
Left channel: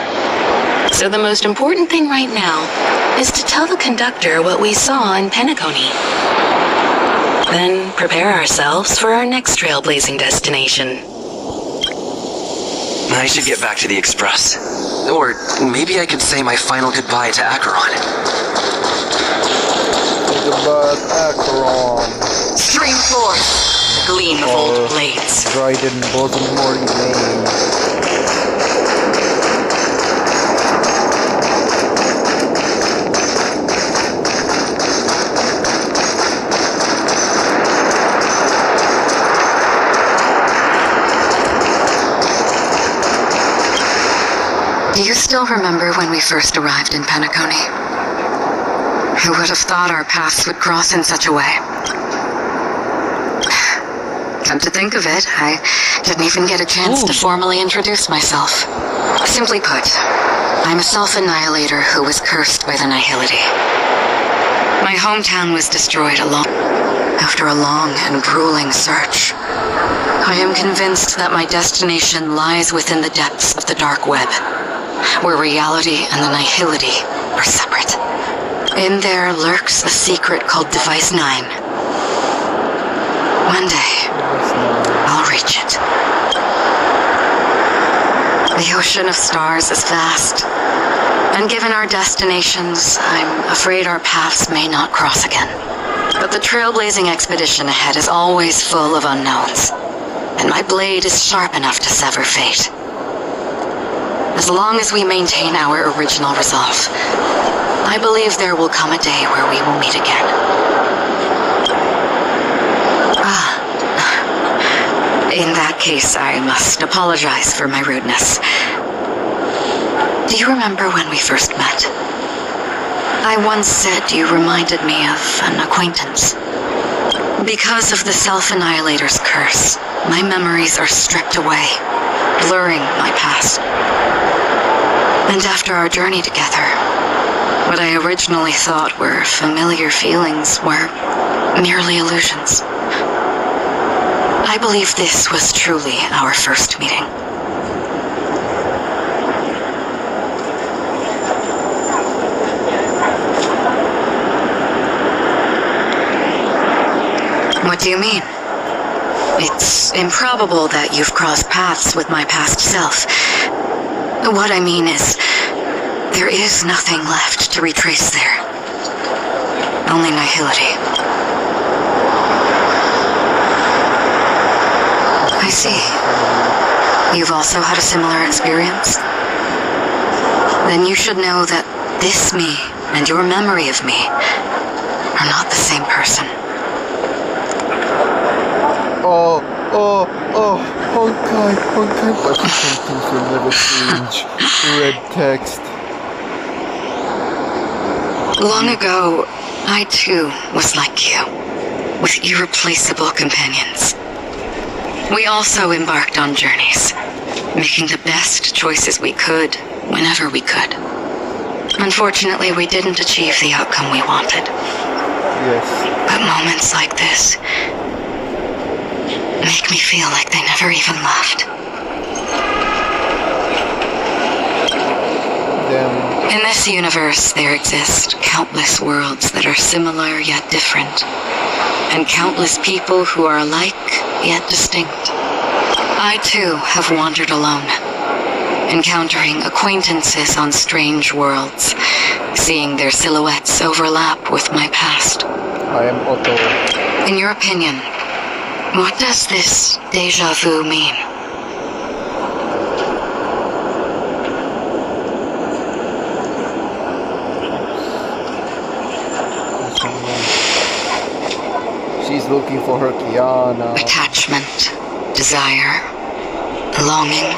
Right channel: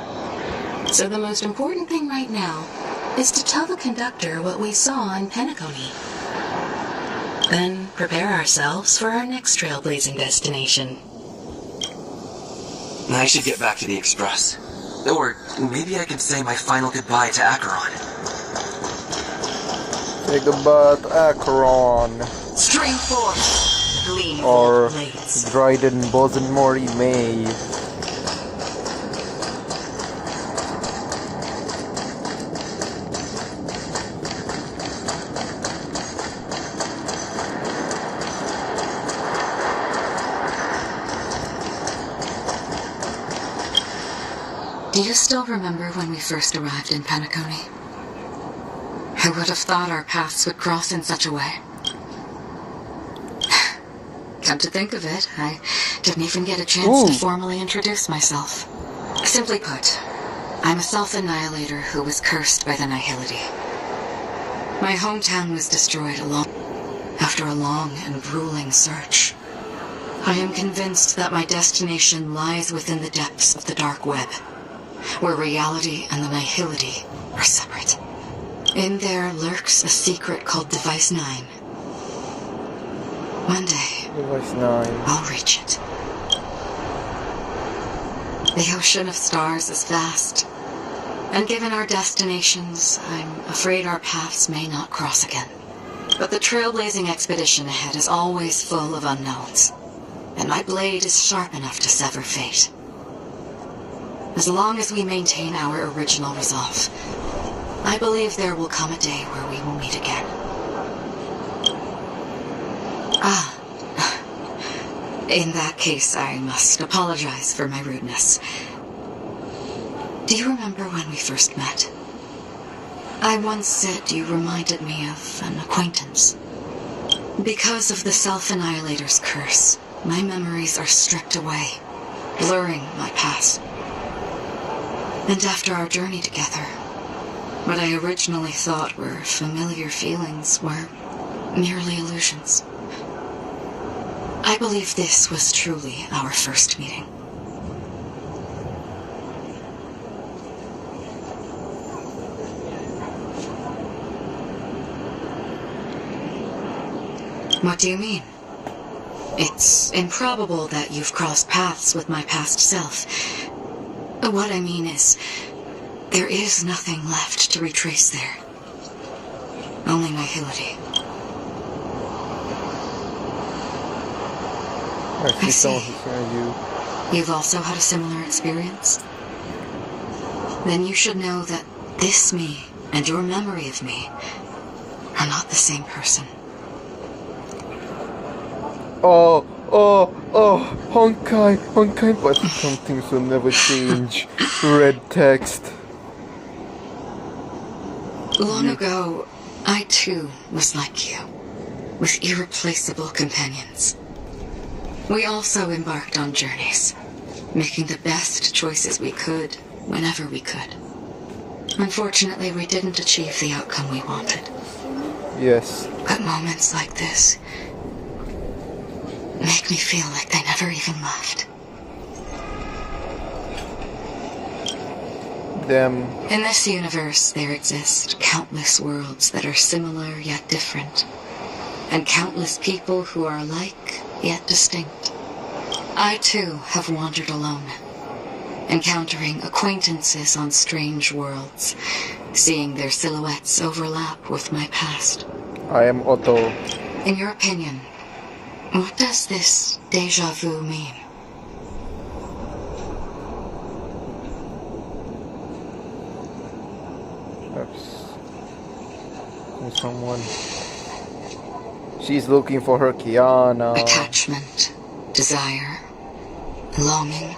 So the most important thing right now is to tell the conductor what we saw in Penacony. Then prepare ourselves for our next trailblazing destination. I should get back to the Express. Or maybe I could say my final goodbye to Acheron. Say goodbye to Acheron. Stream forth, gleam of Or old blades. Dryden Bosom Mori May. Do you still remember when we first arrived in Penacony? Who would have thought our paths would cross in such a way? Come to think of it, I didn't even get a chance to formally introduce myself. Simply put, I'm a self-annihilator who was cursed by the Nihility. My hometown was destroyed after a long and grueling search. I am convinced that my destination lies within the depths of the dark web, where reality and the Nihility are separate. In there lurks a secret called Device 9. One day, I'll reach it. The ocean of stars is vast, and given our destinations, I'm afraid our paths may not cross again. But the trailblazing expedition ahead is always full of unknowns, and my blade is sharp enough to sever fate. As long as we maintain our original resolve, I believe there will come a day where we will meet again. In that case, I must apologize for my rudeness. Do you remember when we first met? I once said you reminded me of an acquaintance. Because of the Self-Annihilator's curse, my memories are stripped away, blurring my past. And after our journey together, what I originally thought were familiar feelings were merely illusions. I believe this was truly our first meeting. What do you mean? It's improbable that you've crossed paths with my past self. What I mean is, there is nothing left to retrace there. Only nihility. I see. You've also had a similar experience? Then you should know that this me and your memory of me are not the same person. Honkai, but some things will never change. Red text. Long ago, I too was like you, with irreplaceable companions. We also embarked on journeys, making the best choices we could, whenever we could. Unfortunately, we didn't achieve the outcome we wanted. Yes. But moments like this make me feel like they never even left. Damn. In this universe, there exist countless worlds that are similar yet different, and countless people who are alike yet distinct. I too have wandered alone, encountering acquaintances on strange worlds, seeing their silhouettes overlap with my past. I am Otto. In your opinion, what does this déjà vu mean? She's looking for her Kiana. Attachment, desire, longing.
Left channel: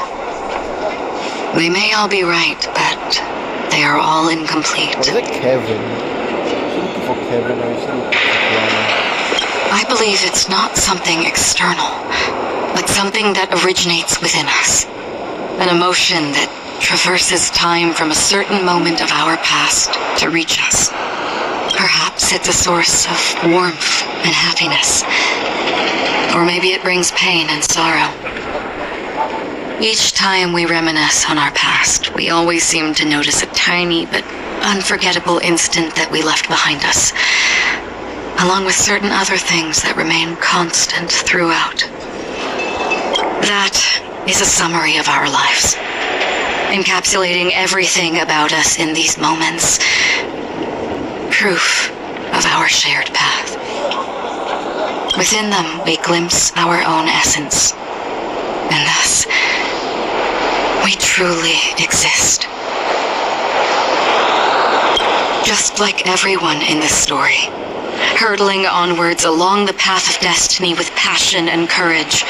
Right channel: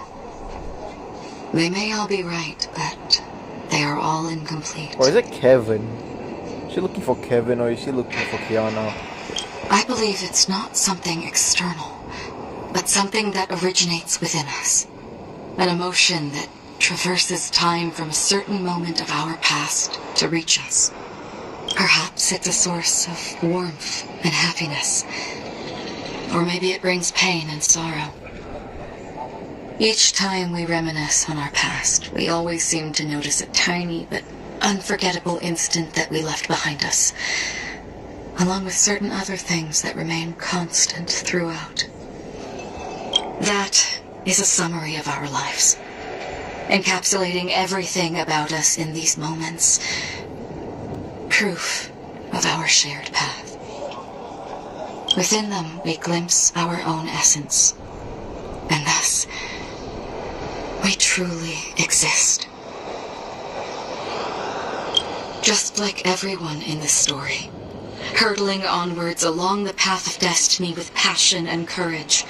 They may all be right, but they are all incomplete. Or is it Kevin? Is she looking for Kevin or is she looking for Kiana? I believe it's not something external, but something that originates within us. An emotion that traverses time from a certain moment of our past to reach us. Perhaps it's a source of warmth and happiness. Or maybe it brings pain and sorrow. Each time we reminisce on our past, we always seem to notice a tiny but unforgettable instant that we left behind us, along with certain other things that remain constant throughout. That is a summary of our lives, encapsulating everything about us in these moments. Proof of our shared path. Within them, we glimpse our own essence, and thus, we truly exist. Just like everyone in this story, hurtling onwards along the path of destiny with passion and courage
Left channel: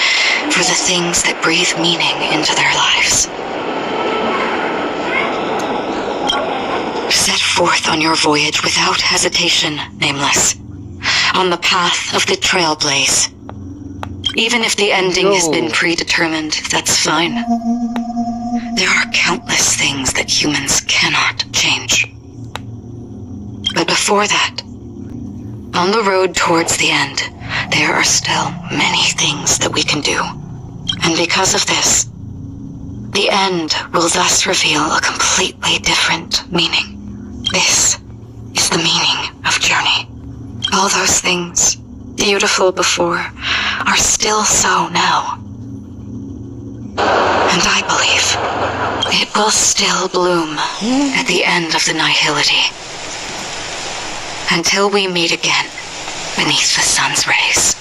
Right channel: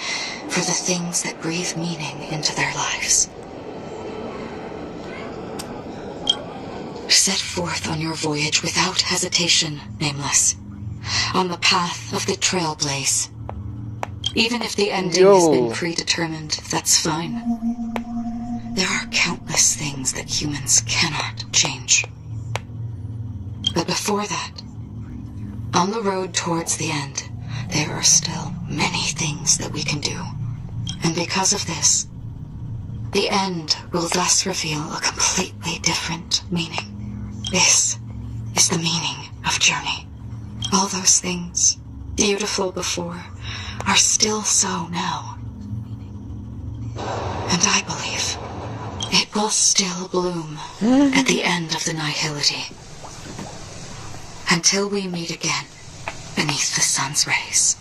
for the things that breathe meaning into their lives. Set forth on your voyage without hesitation, Nameless, on the path of the Trailblaze. Even if the ending has been predetermined, that's fine. There are countless things that humans cannot change. But before that, on the road towards the end, there are still many things that we can do. And because of this, the end will thus reveal a completely different meaning. This is the meaning of journey. All those things, beautiful before, are still so now. And I believe it will still bloom at the end of the nihility. Until we meet again beneath the sun's rays.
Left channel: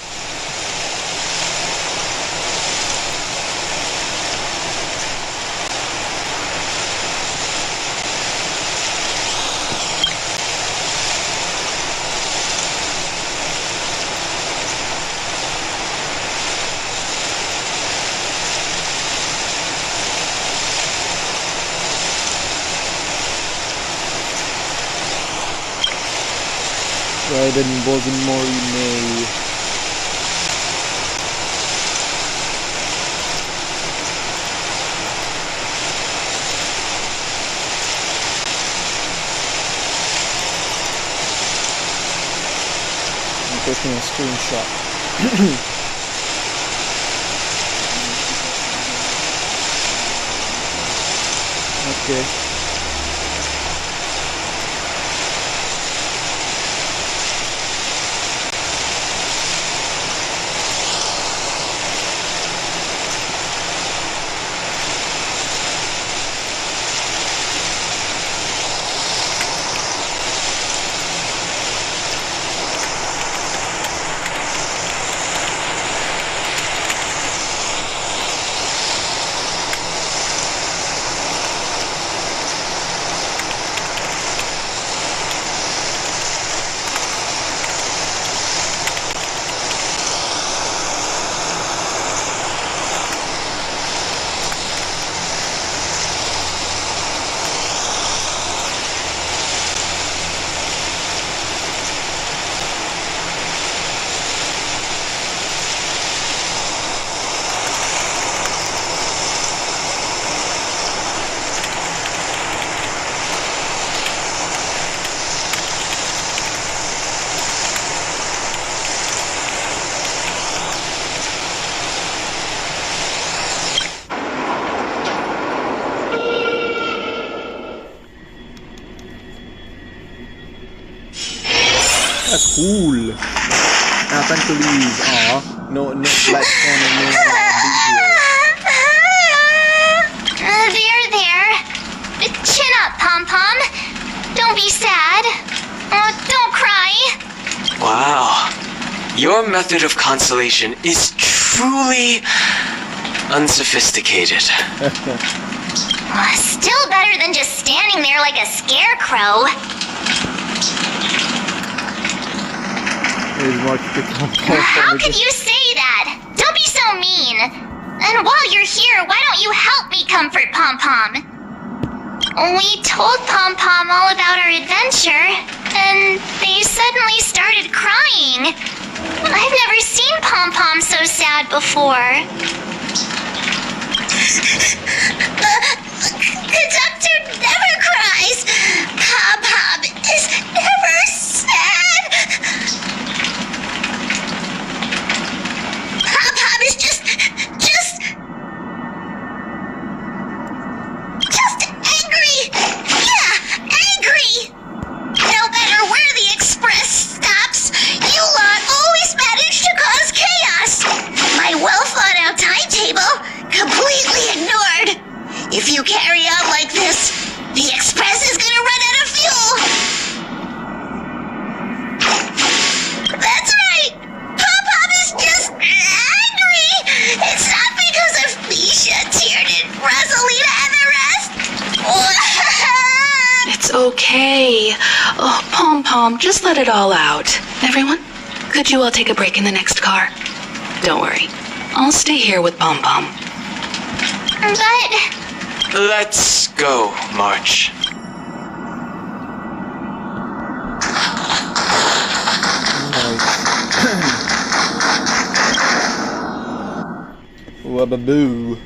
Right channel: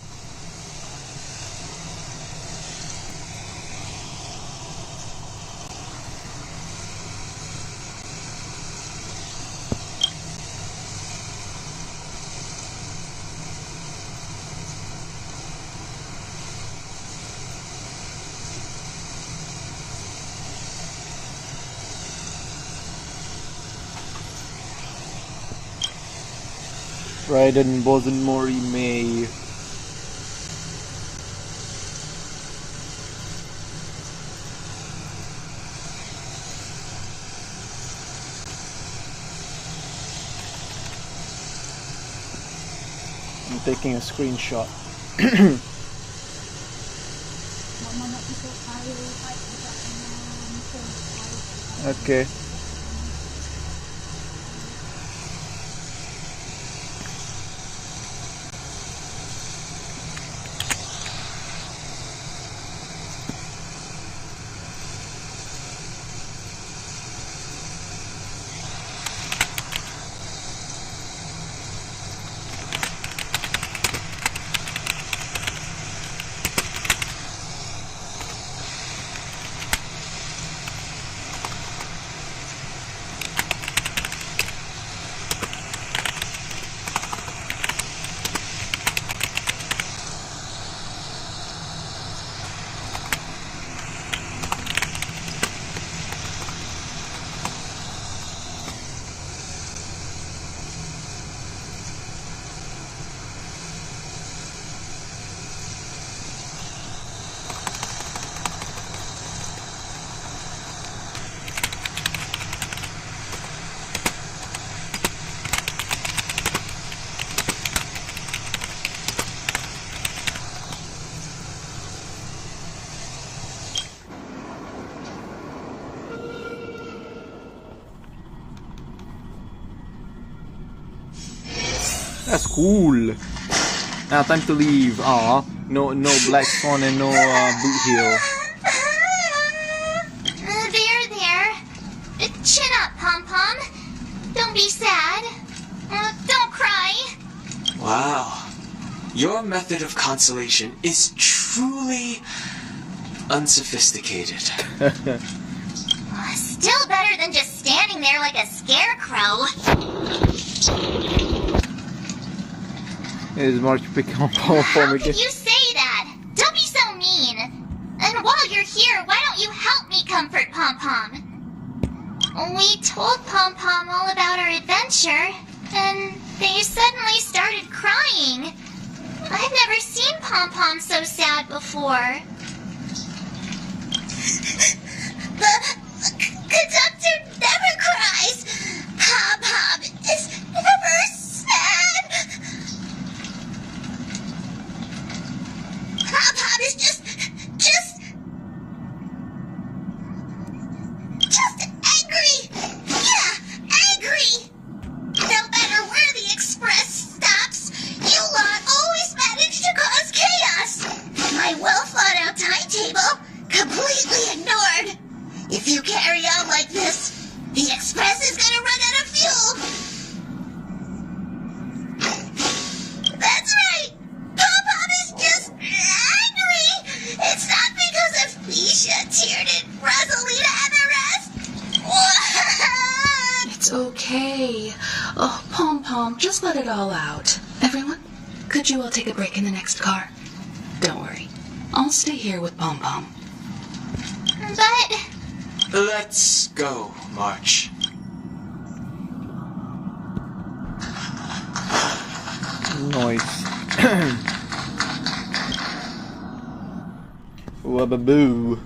Raiden wasn't Mori-May. I'm taking a screenshot. Okay. That's cool. Now time to leave. Aw, no black spawn and no boot heel. There. Chin up, Pom-Pom. Don't be sad. Don't cry. Wow. Your method of consolation is truly unsophisticated. Still better than just standing there like a scarecrow. Is Mark picking up How could you say that? Don't be so mean. And while you're here, why don't you help me comfort Pom-Pom? We told Pom-Pom all about our adventure, and they suddenly started crying. I've never seen Pom-Pom so sad before. The doctor never cries. Pom-Pom is never sad. Pom-Pom is just angry. Yeah, angry. No matter where the express stops, you lot always manage to cause chaos. My well-thought-out timetable completely ignored. If you carry on like this, the express is gonna run out of fuel. That's right. Pom-Pom is just angry. It's not because of Misha, Tiernan, Rosalina, and the rest. It's okay. Oh, Pom-Pom, just let it all out. Everyone, could you all take a break in the next car? Don't worry. I'll stay here with Pom-Pom. But... Let's go, March. Nice. Wababoo.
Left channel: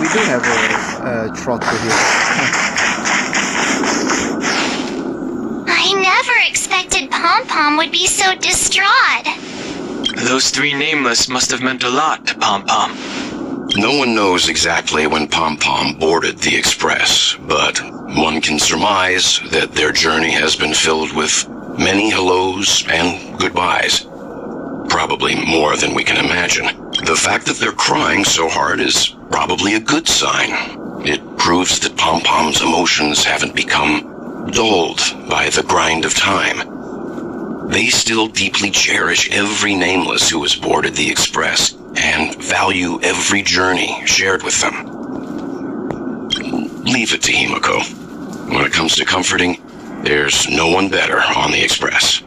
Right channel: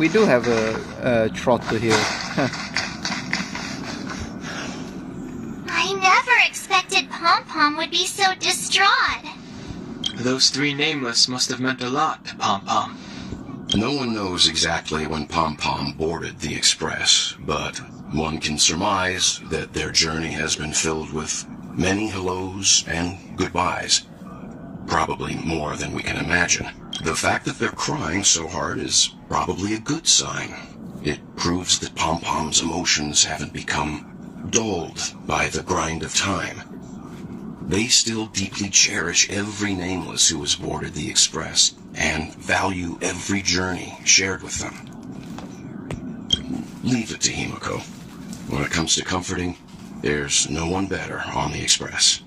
We do have a trotter here. I never expected Pom Pom would be so distraught. Those three nameless must have meant a lot to Pom Pom. No one knows exactly when Pom Pom boarded the Express, but one can surmise that their journey has been filled with many hellos and goodbyes. Probably more than we can imagine. The fact that they're crying so hard is probably a good sign. It proves that Pom Pom's emotions haven't become dulled by the grind of time. They still deeply cherish every nameless who has boarded the Express and value every journey shared with them. Leave it to Himiko. When it comes to comforting, there's no one better on the Express.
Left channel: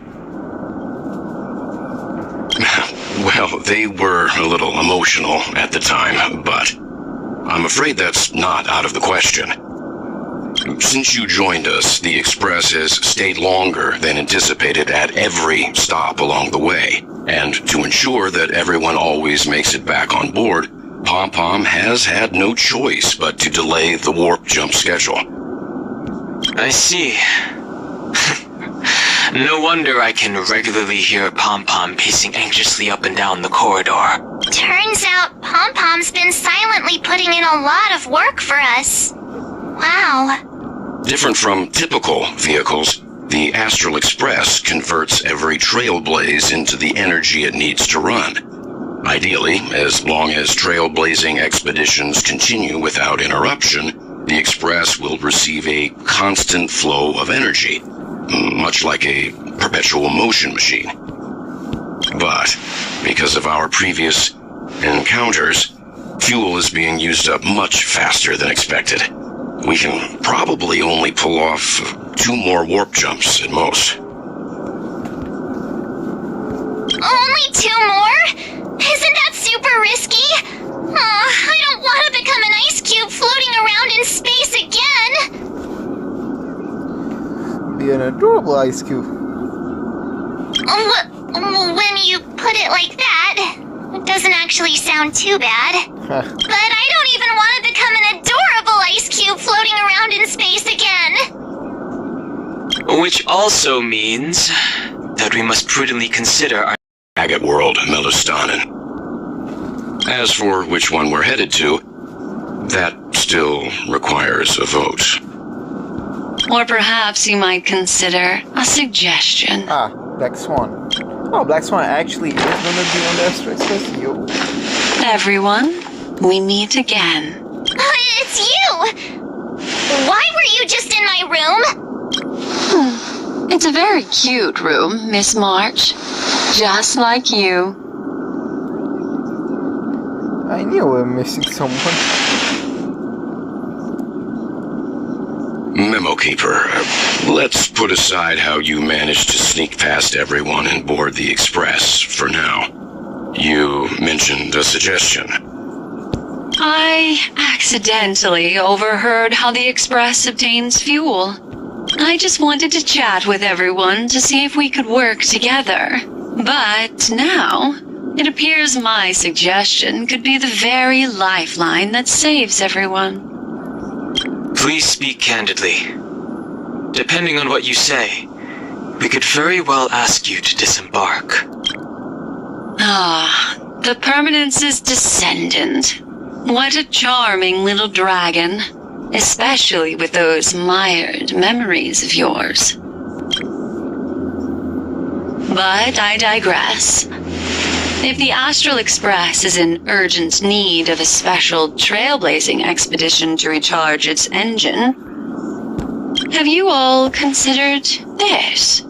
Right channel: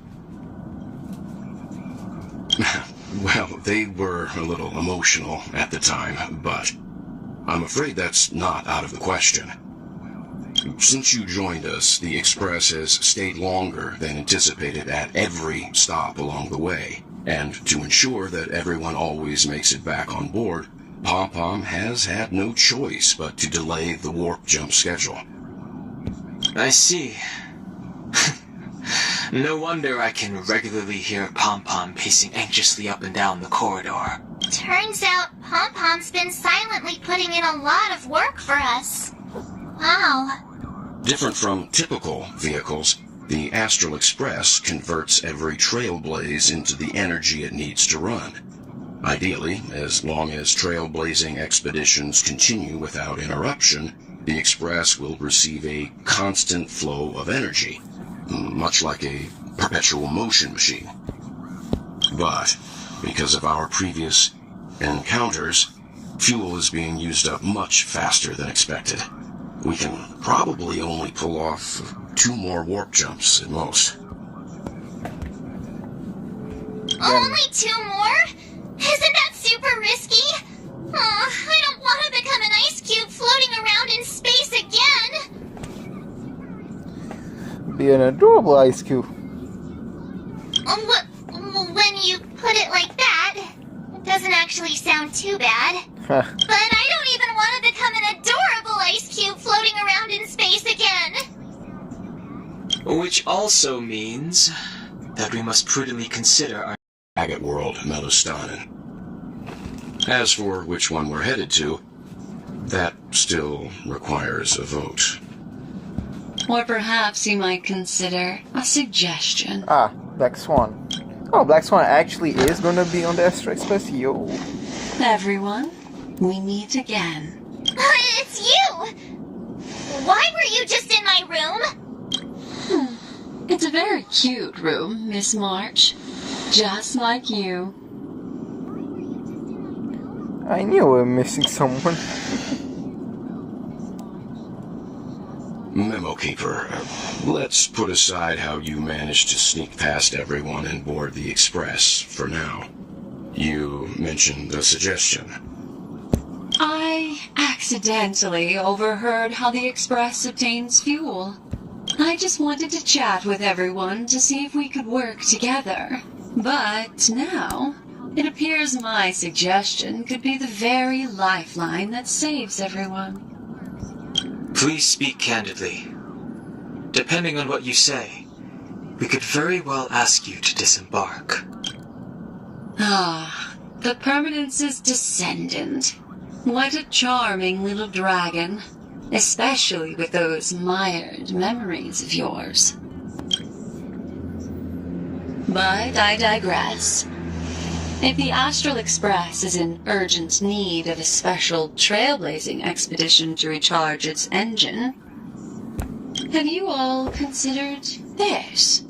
Well, they were a little emotional at the time, but I'm afraid that's not out of the question. Since you joined us, the Express has stayed longer than anticipated at every stop along the way. And to ensure that everyone always makes it back on board, Pom Pom has had no choice but to delay the warp jump schedule. I see. No wonder I can regularly hear Pom Pom pacing anxiously up and down the corridor. Turns out Pom Pom's been silently putting in a lot of work for us. Wow. Different from typical vehicles, the Astral Express converts every Trailblaze into the energy it needs to run. Ideally, as long as trailblazing expeditions continue without interruption, the Express will receive a constant flow of energy, much like a perpetual motion machine. But, because of our previous encounters, fuel is being used up much faster than expected. We can probably only pull off 2 more warp jumps at most. Only 2 more? Isn't that super risky? I don't want to become an ice cube floating around in space again. Be an adorable ice cube. When you put it like that, it doesn't actually sound too bad. But I don't even want to become an adorable ice cube floating around in space again. Which also means that we must prudently consider our Agate World, Melostanen. As for which one we're headed to, that still requires a vote. Or perhaps you might consider a suggestion. Black Swan. Oh, Black Swan actually is gonna be on the Astral Express? Yo. Everyone, we meet again. It's you! Why were you just in my room? It's a very cute room, Miss March. Just like you. I knew we were missing someone. Memo Keeper, let's put aside how you managed to sneak past everyone and board the Express for now. You mentioned a suggestion. I accidentally overheard how the Express obtains fuel. I just wanted to chat with everyone to see if we could work together. But now, it appears my suggestion could be the very lifeline that saves everyone. Please speak candidly. Depending on what you say, we could very well ask you to disembark. The Permanence's descendant. What a charming little dragon. Especially with those mired memories of yours. But I digress. If the Astral Express is in urgent need of a special trailblazing expedition to recharge its engine, have you all considered this?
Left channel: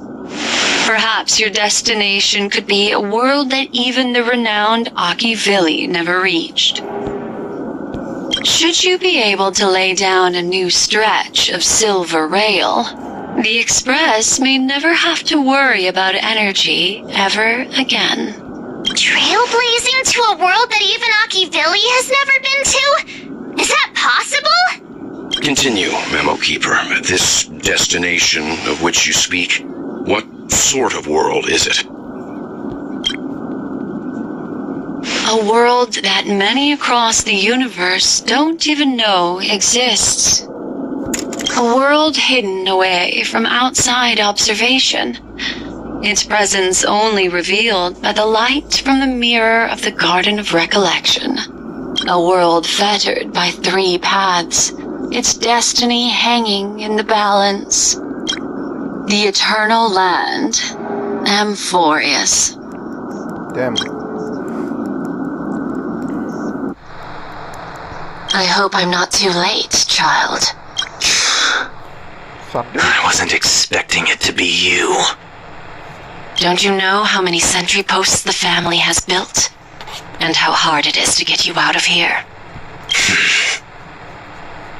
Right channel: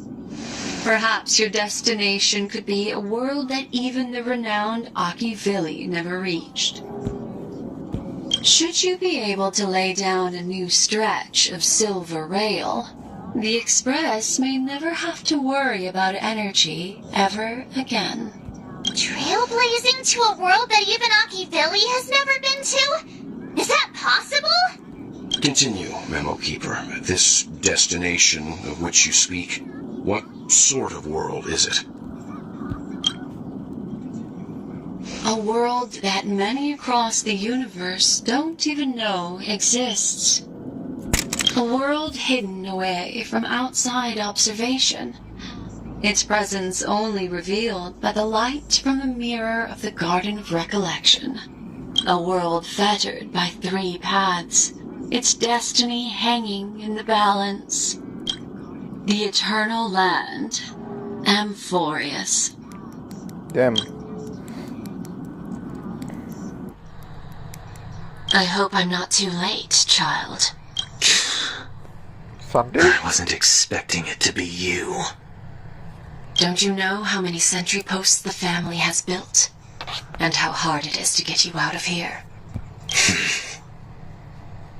Perhaps your destination could be a world that even the renowned Akivilli never reached. Should you be able to lay down a new stretch of silver rail, the Express may never have to worry about energy ever again. Trailblazing to a world that even Akivilli has never been to? Is that possible? Continue, Memo Keeper. This destination of which you speak, what sort of world is it? A world that many across the universe don't even know exists. A world hidden away from outside observation. Its presence only revealed by the light from the mirror of the Garden of Recollection. A world fettered by 3 paths, its destiny hanging in the balance. The eternal land, Amphorius. Damn. I hope I'm not too late, child. Sunday? I wasn't expecting it to be you. Don't you know how many sentry posts the family has built? And how hard it is to get you out of here?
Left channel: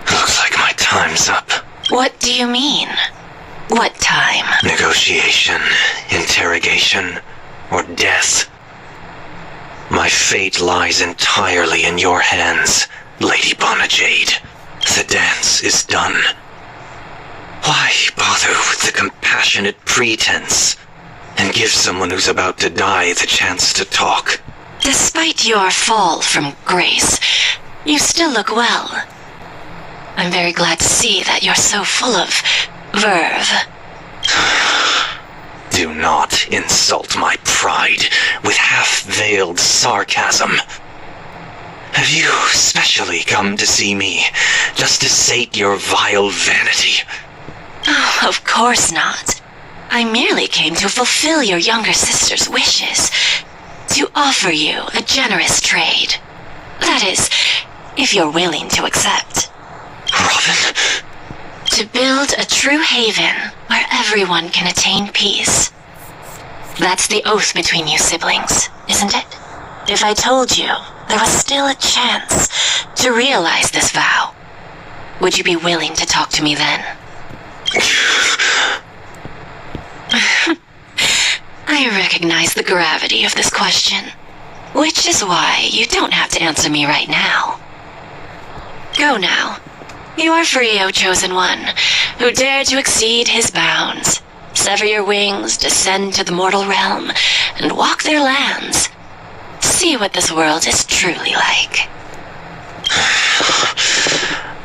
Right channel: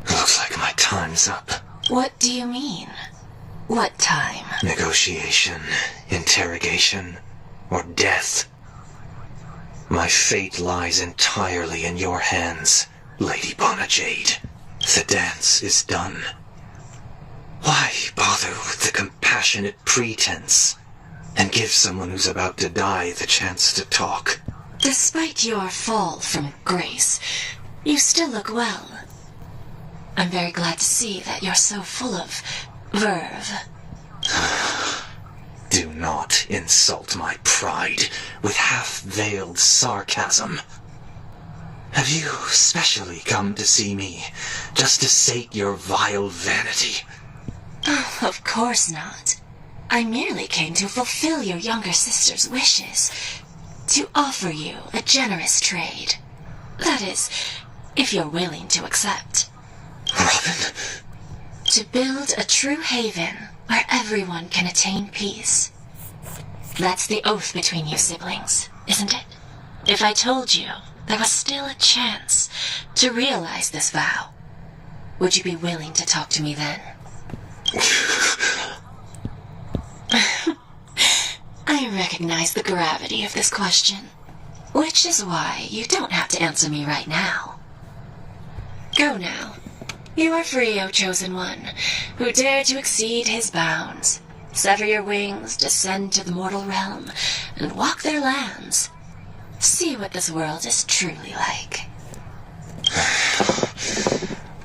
Looks like my time's up. What do you mean? What time? Negotiation, interrogation, or death. My fate lies entirely in your hands, Lady Bonajade. The dance is done. Why bother with the compassionate pretense and give someone who's about to die the chance to talk? Despite your fall from grace, you still look well. I'm very glad to see that you're so full of verve. Do not insult my pride with half-veiled sarcasm. Have you specially come to see me just to sate your vile vanity? Oh, of course not. I merely came to fulfill your younger sister's wishes. To offer you a generous trade. That is, if you're willing to accept. Robin? To build a true haven where everyone can attain peace. That's the oath between you siblings, isn't it? If I told you there was still a chance to realize this vow, would you be willing to talk to me then? I recognize the gravity of this question, which is why you don't have to answer me right now. Go now. You are free, O Chosen One, who dare to exceed his bounds, sever your wings, descend to the mortal realm, and walk their lands. See what this world is truly like.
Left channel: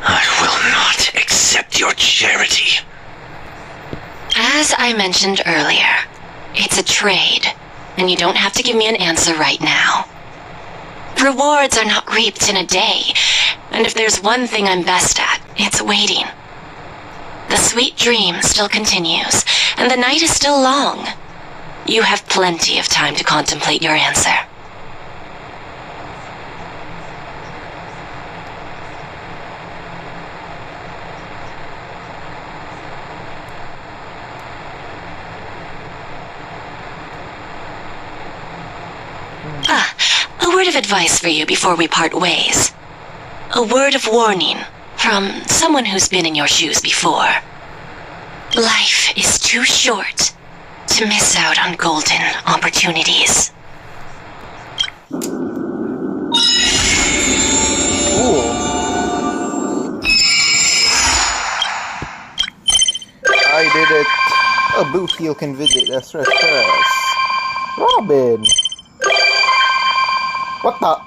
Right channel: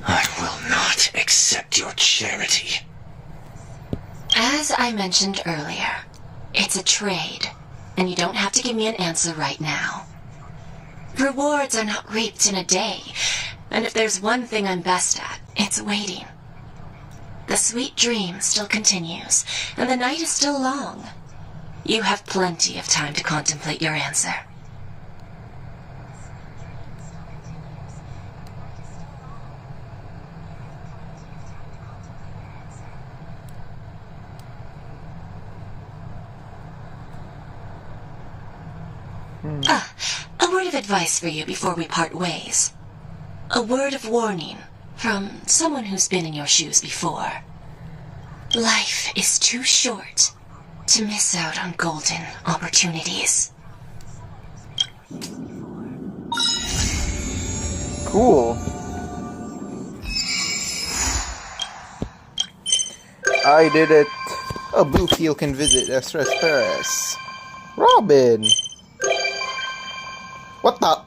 I will not accept your charity. As I mentioned earlier, it's a trade, and you don't have to give me an answer right now. Rewards are not reaped in a day, and if there's one thing I'm best at, it's waiting. The sweet dream still continues, and the night is still long. You have plenty of time to contemplate your answer. A word of advice for you before we part ways. A word of warning from someone who's been in your shoes before. Life is too short to miss out on golden opportunities. Cool. I did it. A booth heel can visit Estress Terrace. Robin! What the?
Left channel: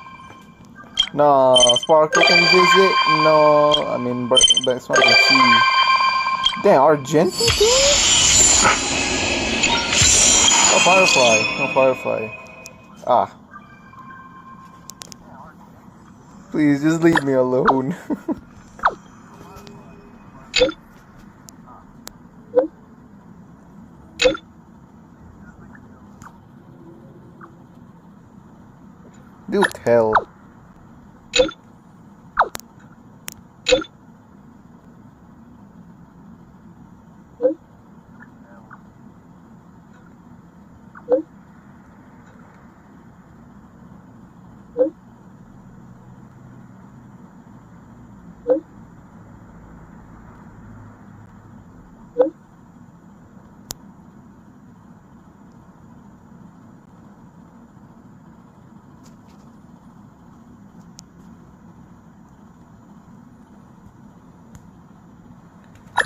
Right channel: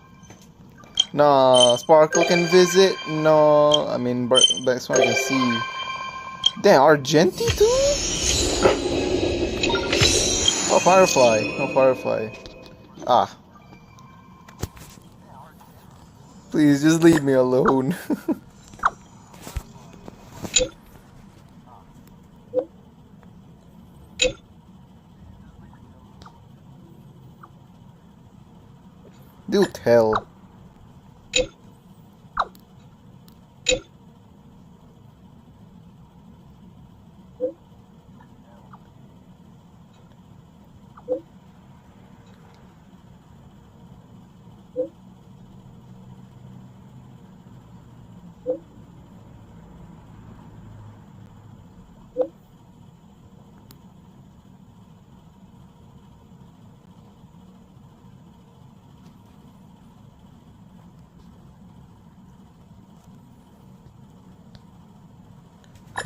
No, Sparkle can visit. No, I mean, back so I can see. Damn, Argenti too? Oh, Firefly. No Firefly. Ah. Please, just leave me alone. Do tell.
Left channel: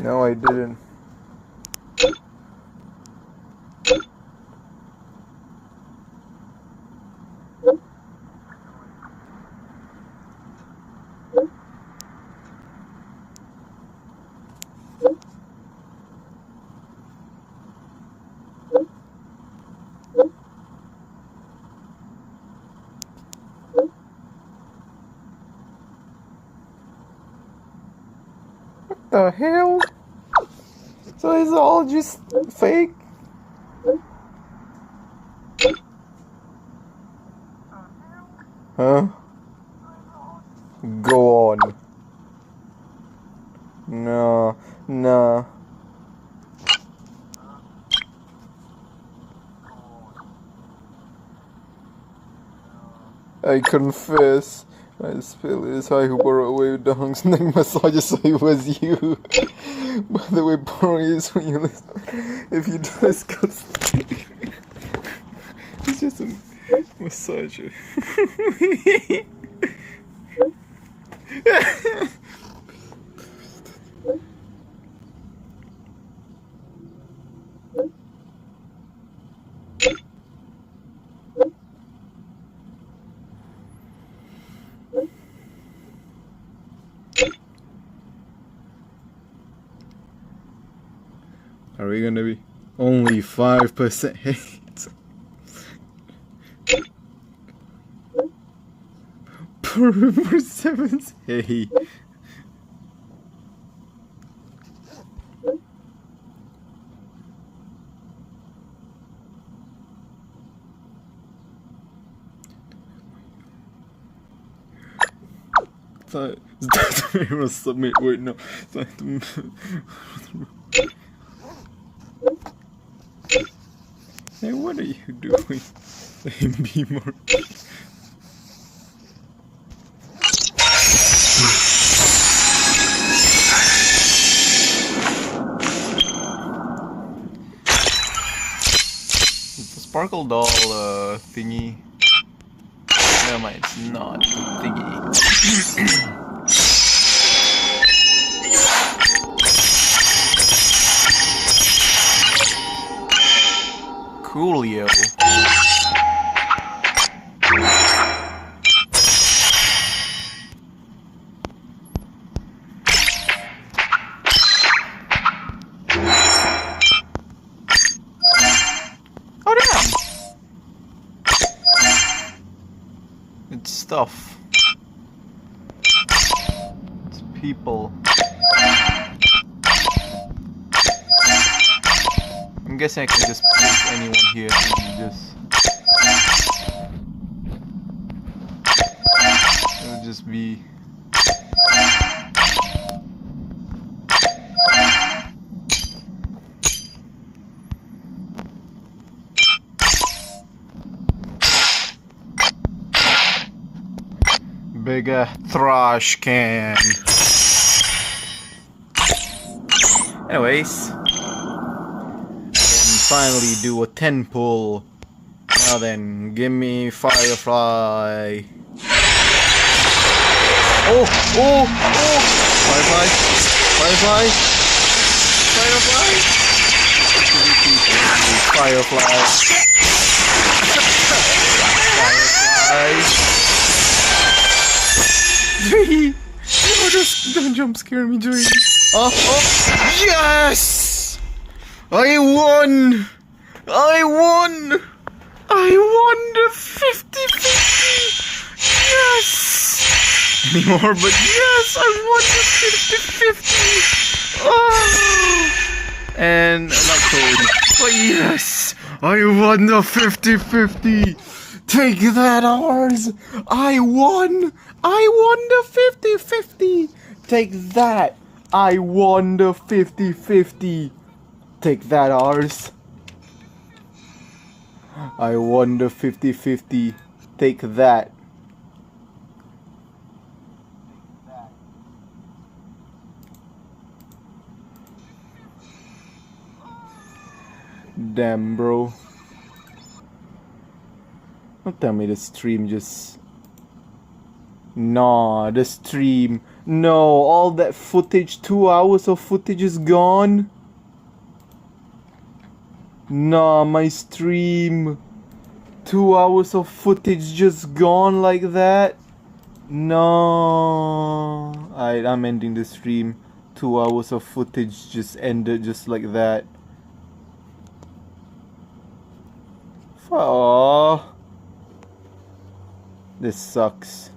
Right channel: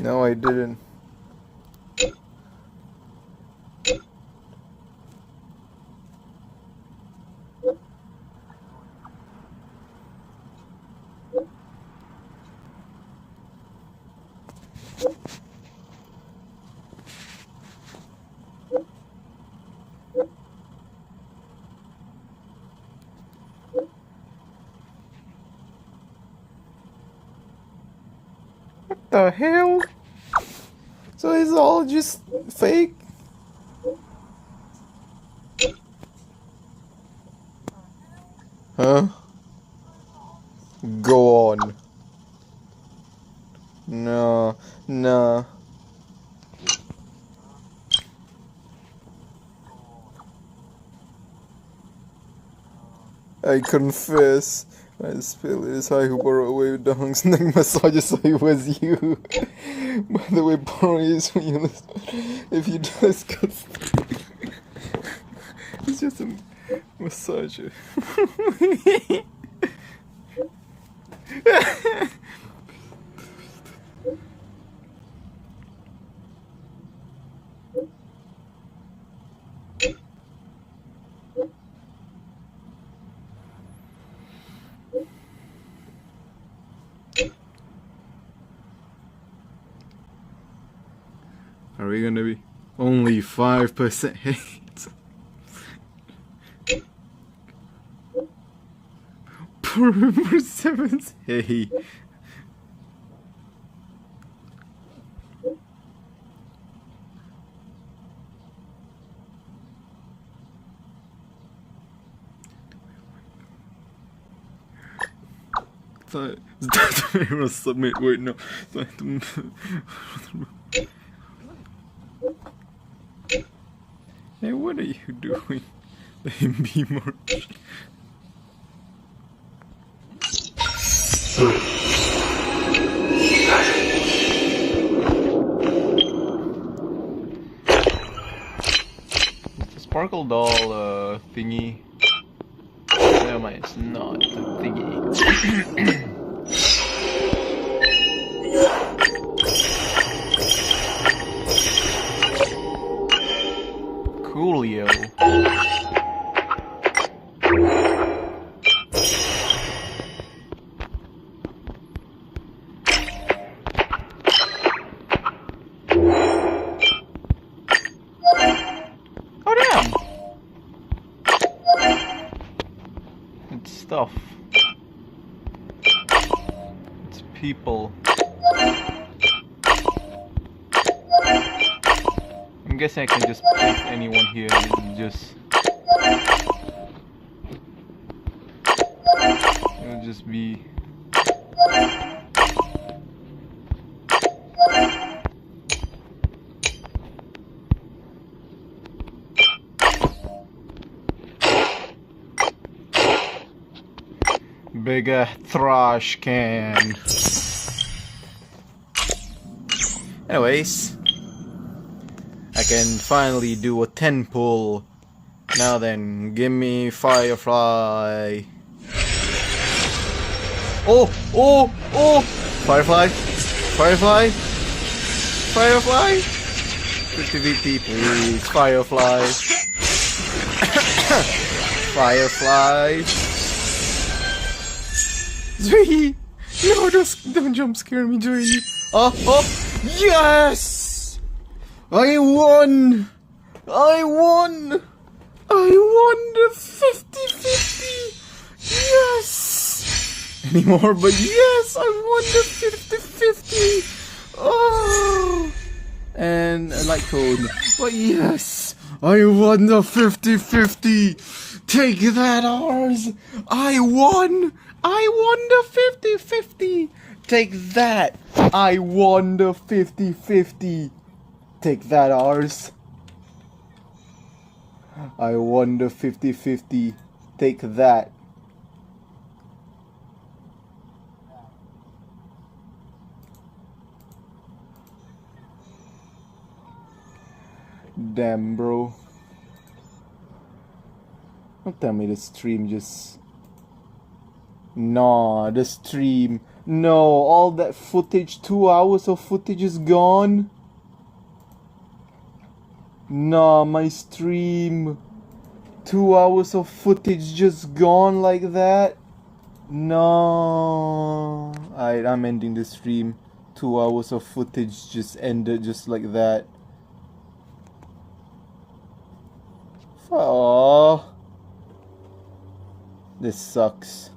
No, I didn't. What the hell? So it's all just fake? Huh? Go on. No, no. I confess, I spill is I who borrow away with the Hunk's neck massage, so it was you. By the way, borrow is when you listen. If you do this, it's just a massager. Are we gonna be only 5% hate? Per 7 hey. Submit. Wait, no. Hey, what are you doing? Be more. It's a sparkle doll thingy. Never mind, it's not a thingy. Coolio. Oh damn! It's stuff. It's people. I'm guessing I can just place anyone here and just... It'll just be... Bigger trash can. Anyways, I can finally do a 10 pull. Now then, give me Firefly. Oh! Firefly! Firefly! Firefly! Firefly! Firefly! Joey! No, don't jump scare me, Joey! Oh! Yes! I won! The 50-50! Yes! Anymore, but yes! I won the 50-50! Oh! And I like code. But yes! I won the 50-50! Take that, ours! I won the 50-50! Take that! I won the 50-50! Take that, ours! I won the 50-50. Take that. Damn, bro. Don't tell me the stream just... Nah, the stream. No, all that footage, 2 hours of footage is gone. Nah, my stream. 2 hours of footage just gone like that. No. I'm ending the stream. 2 hours of footage just ended just like that. Aww. This sucks.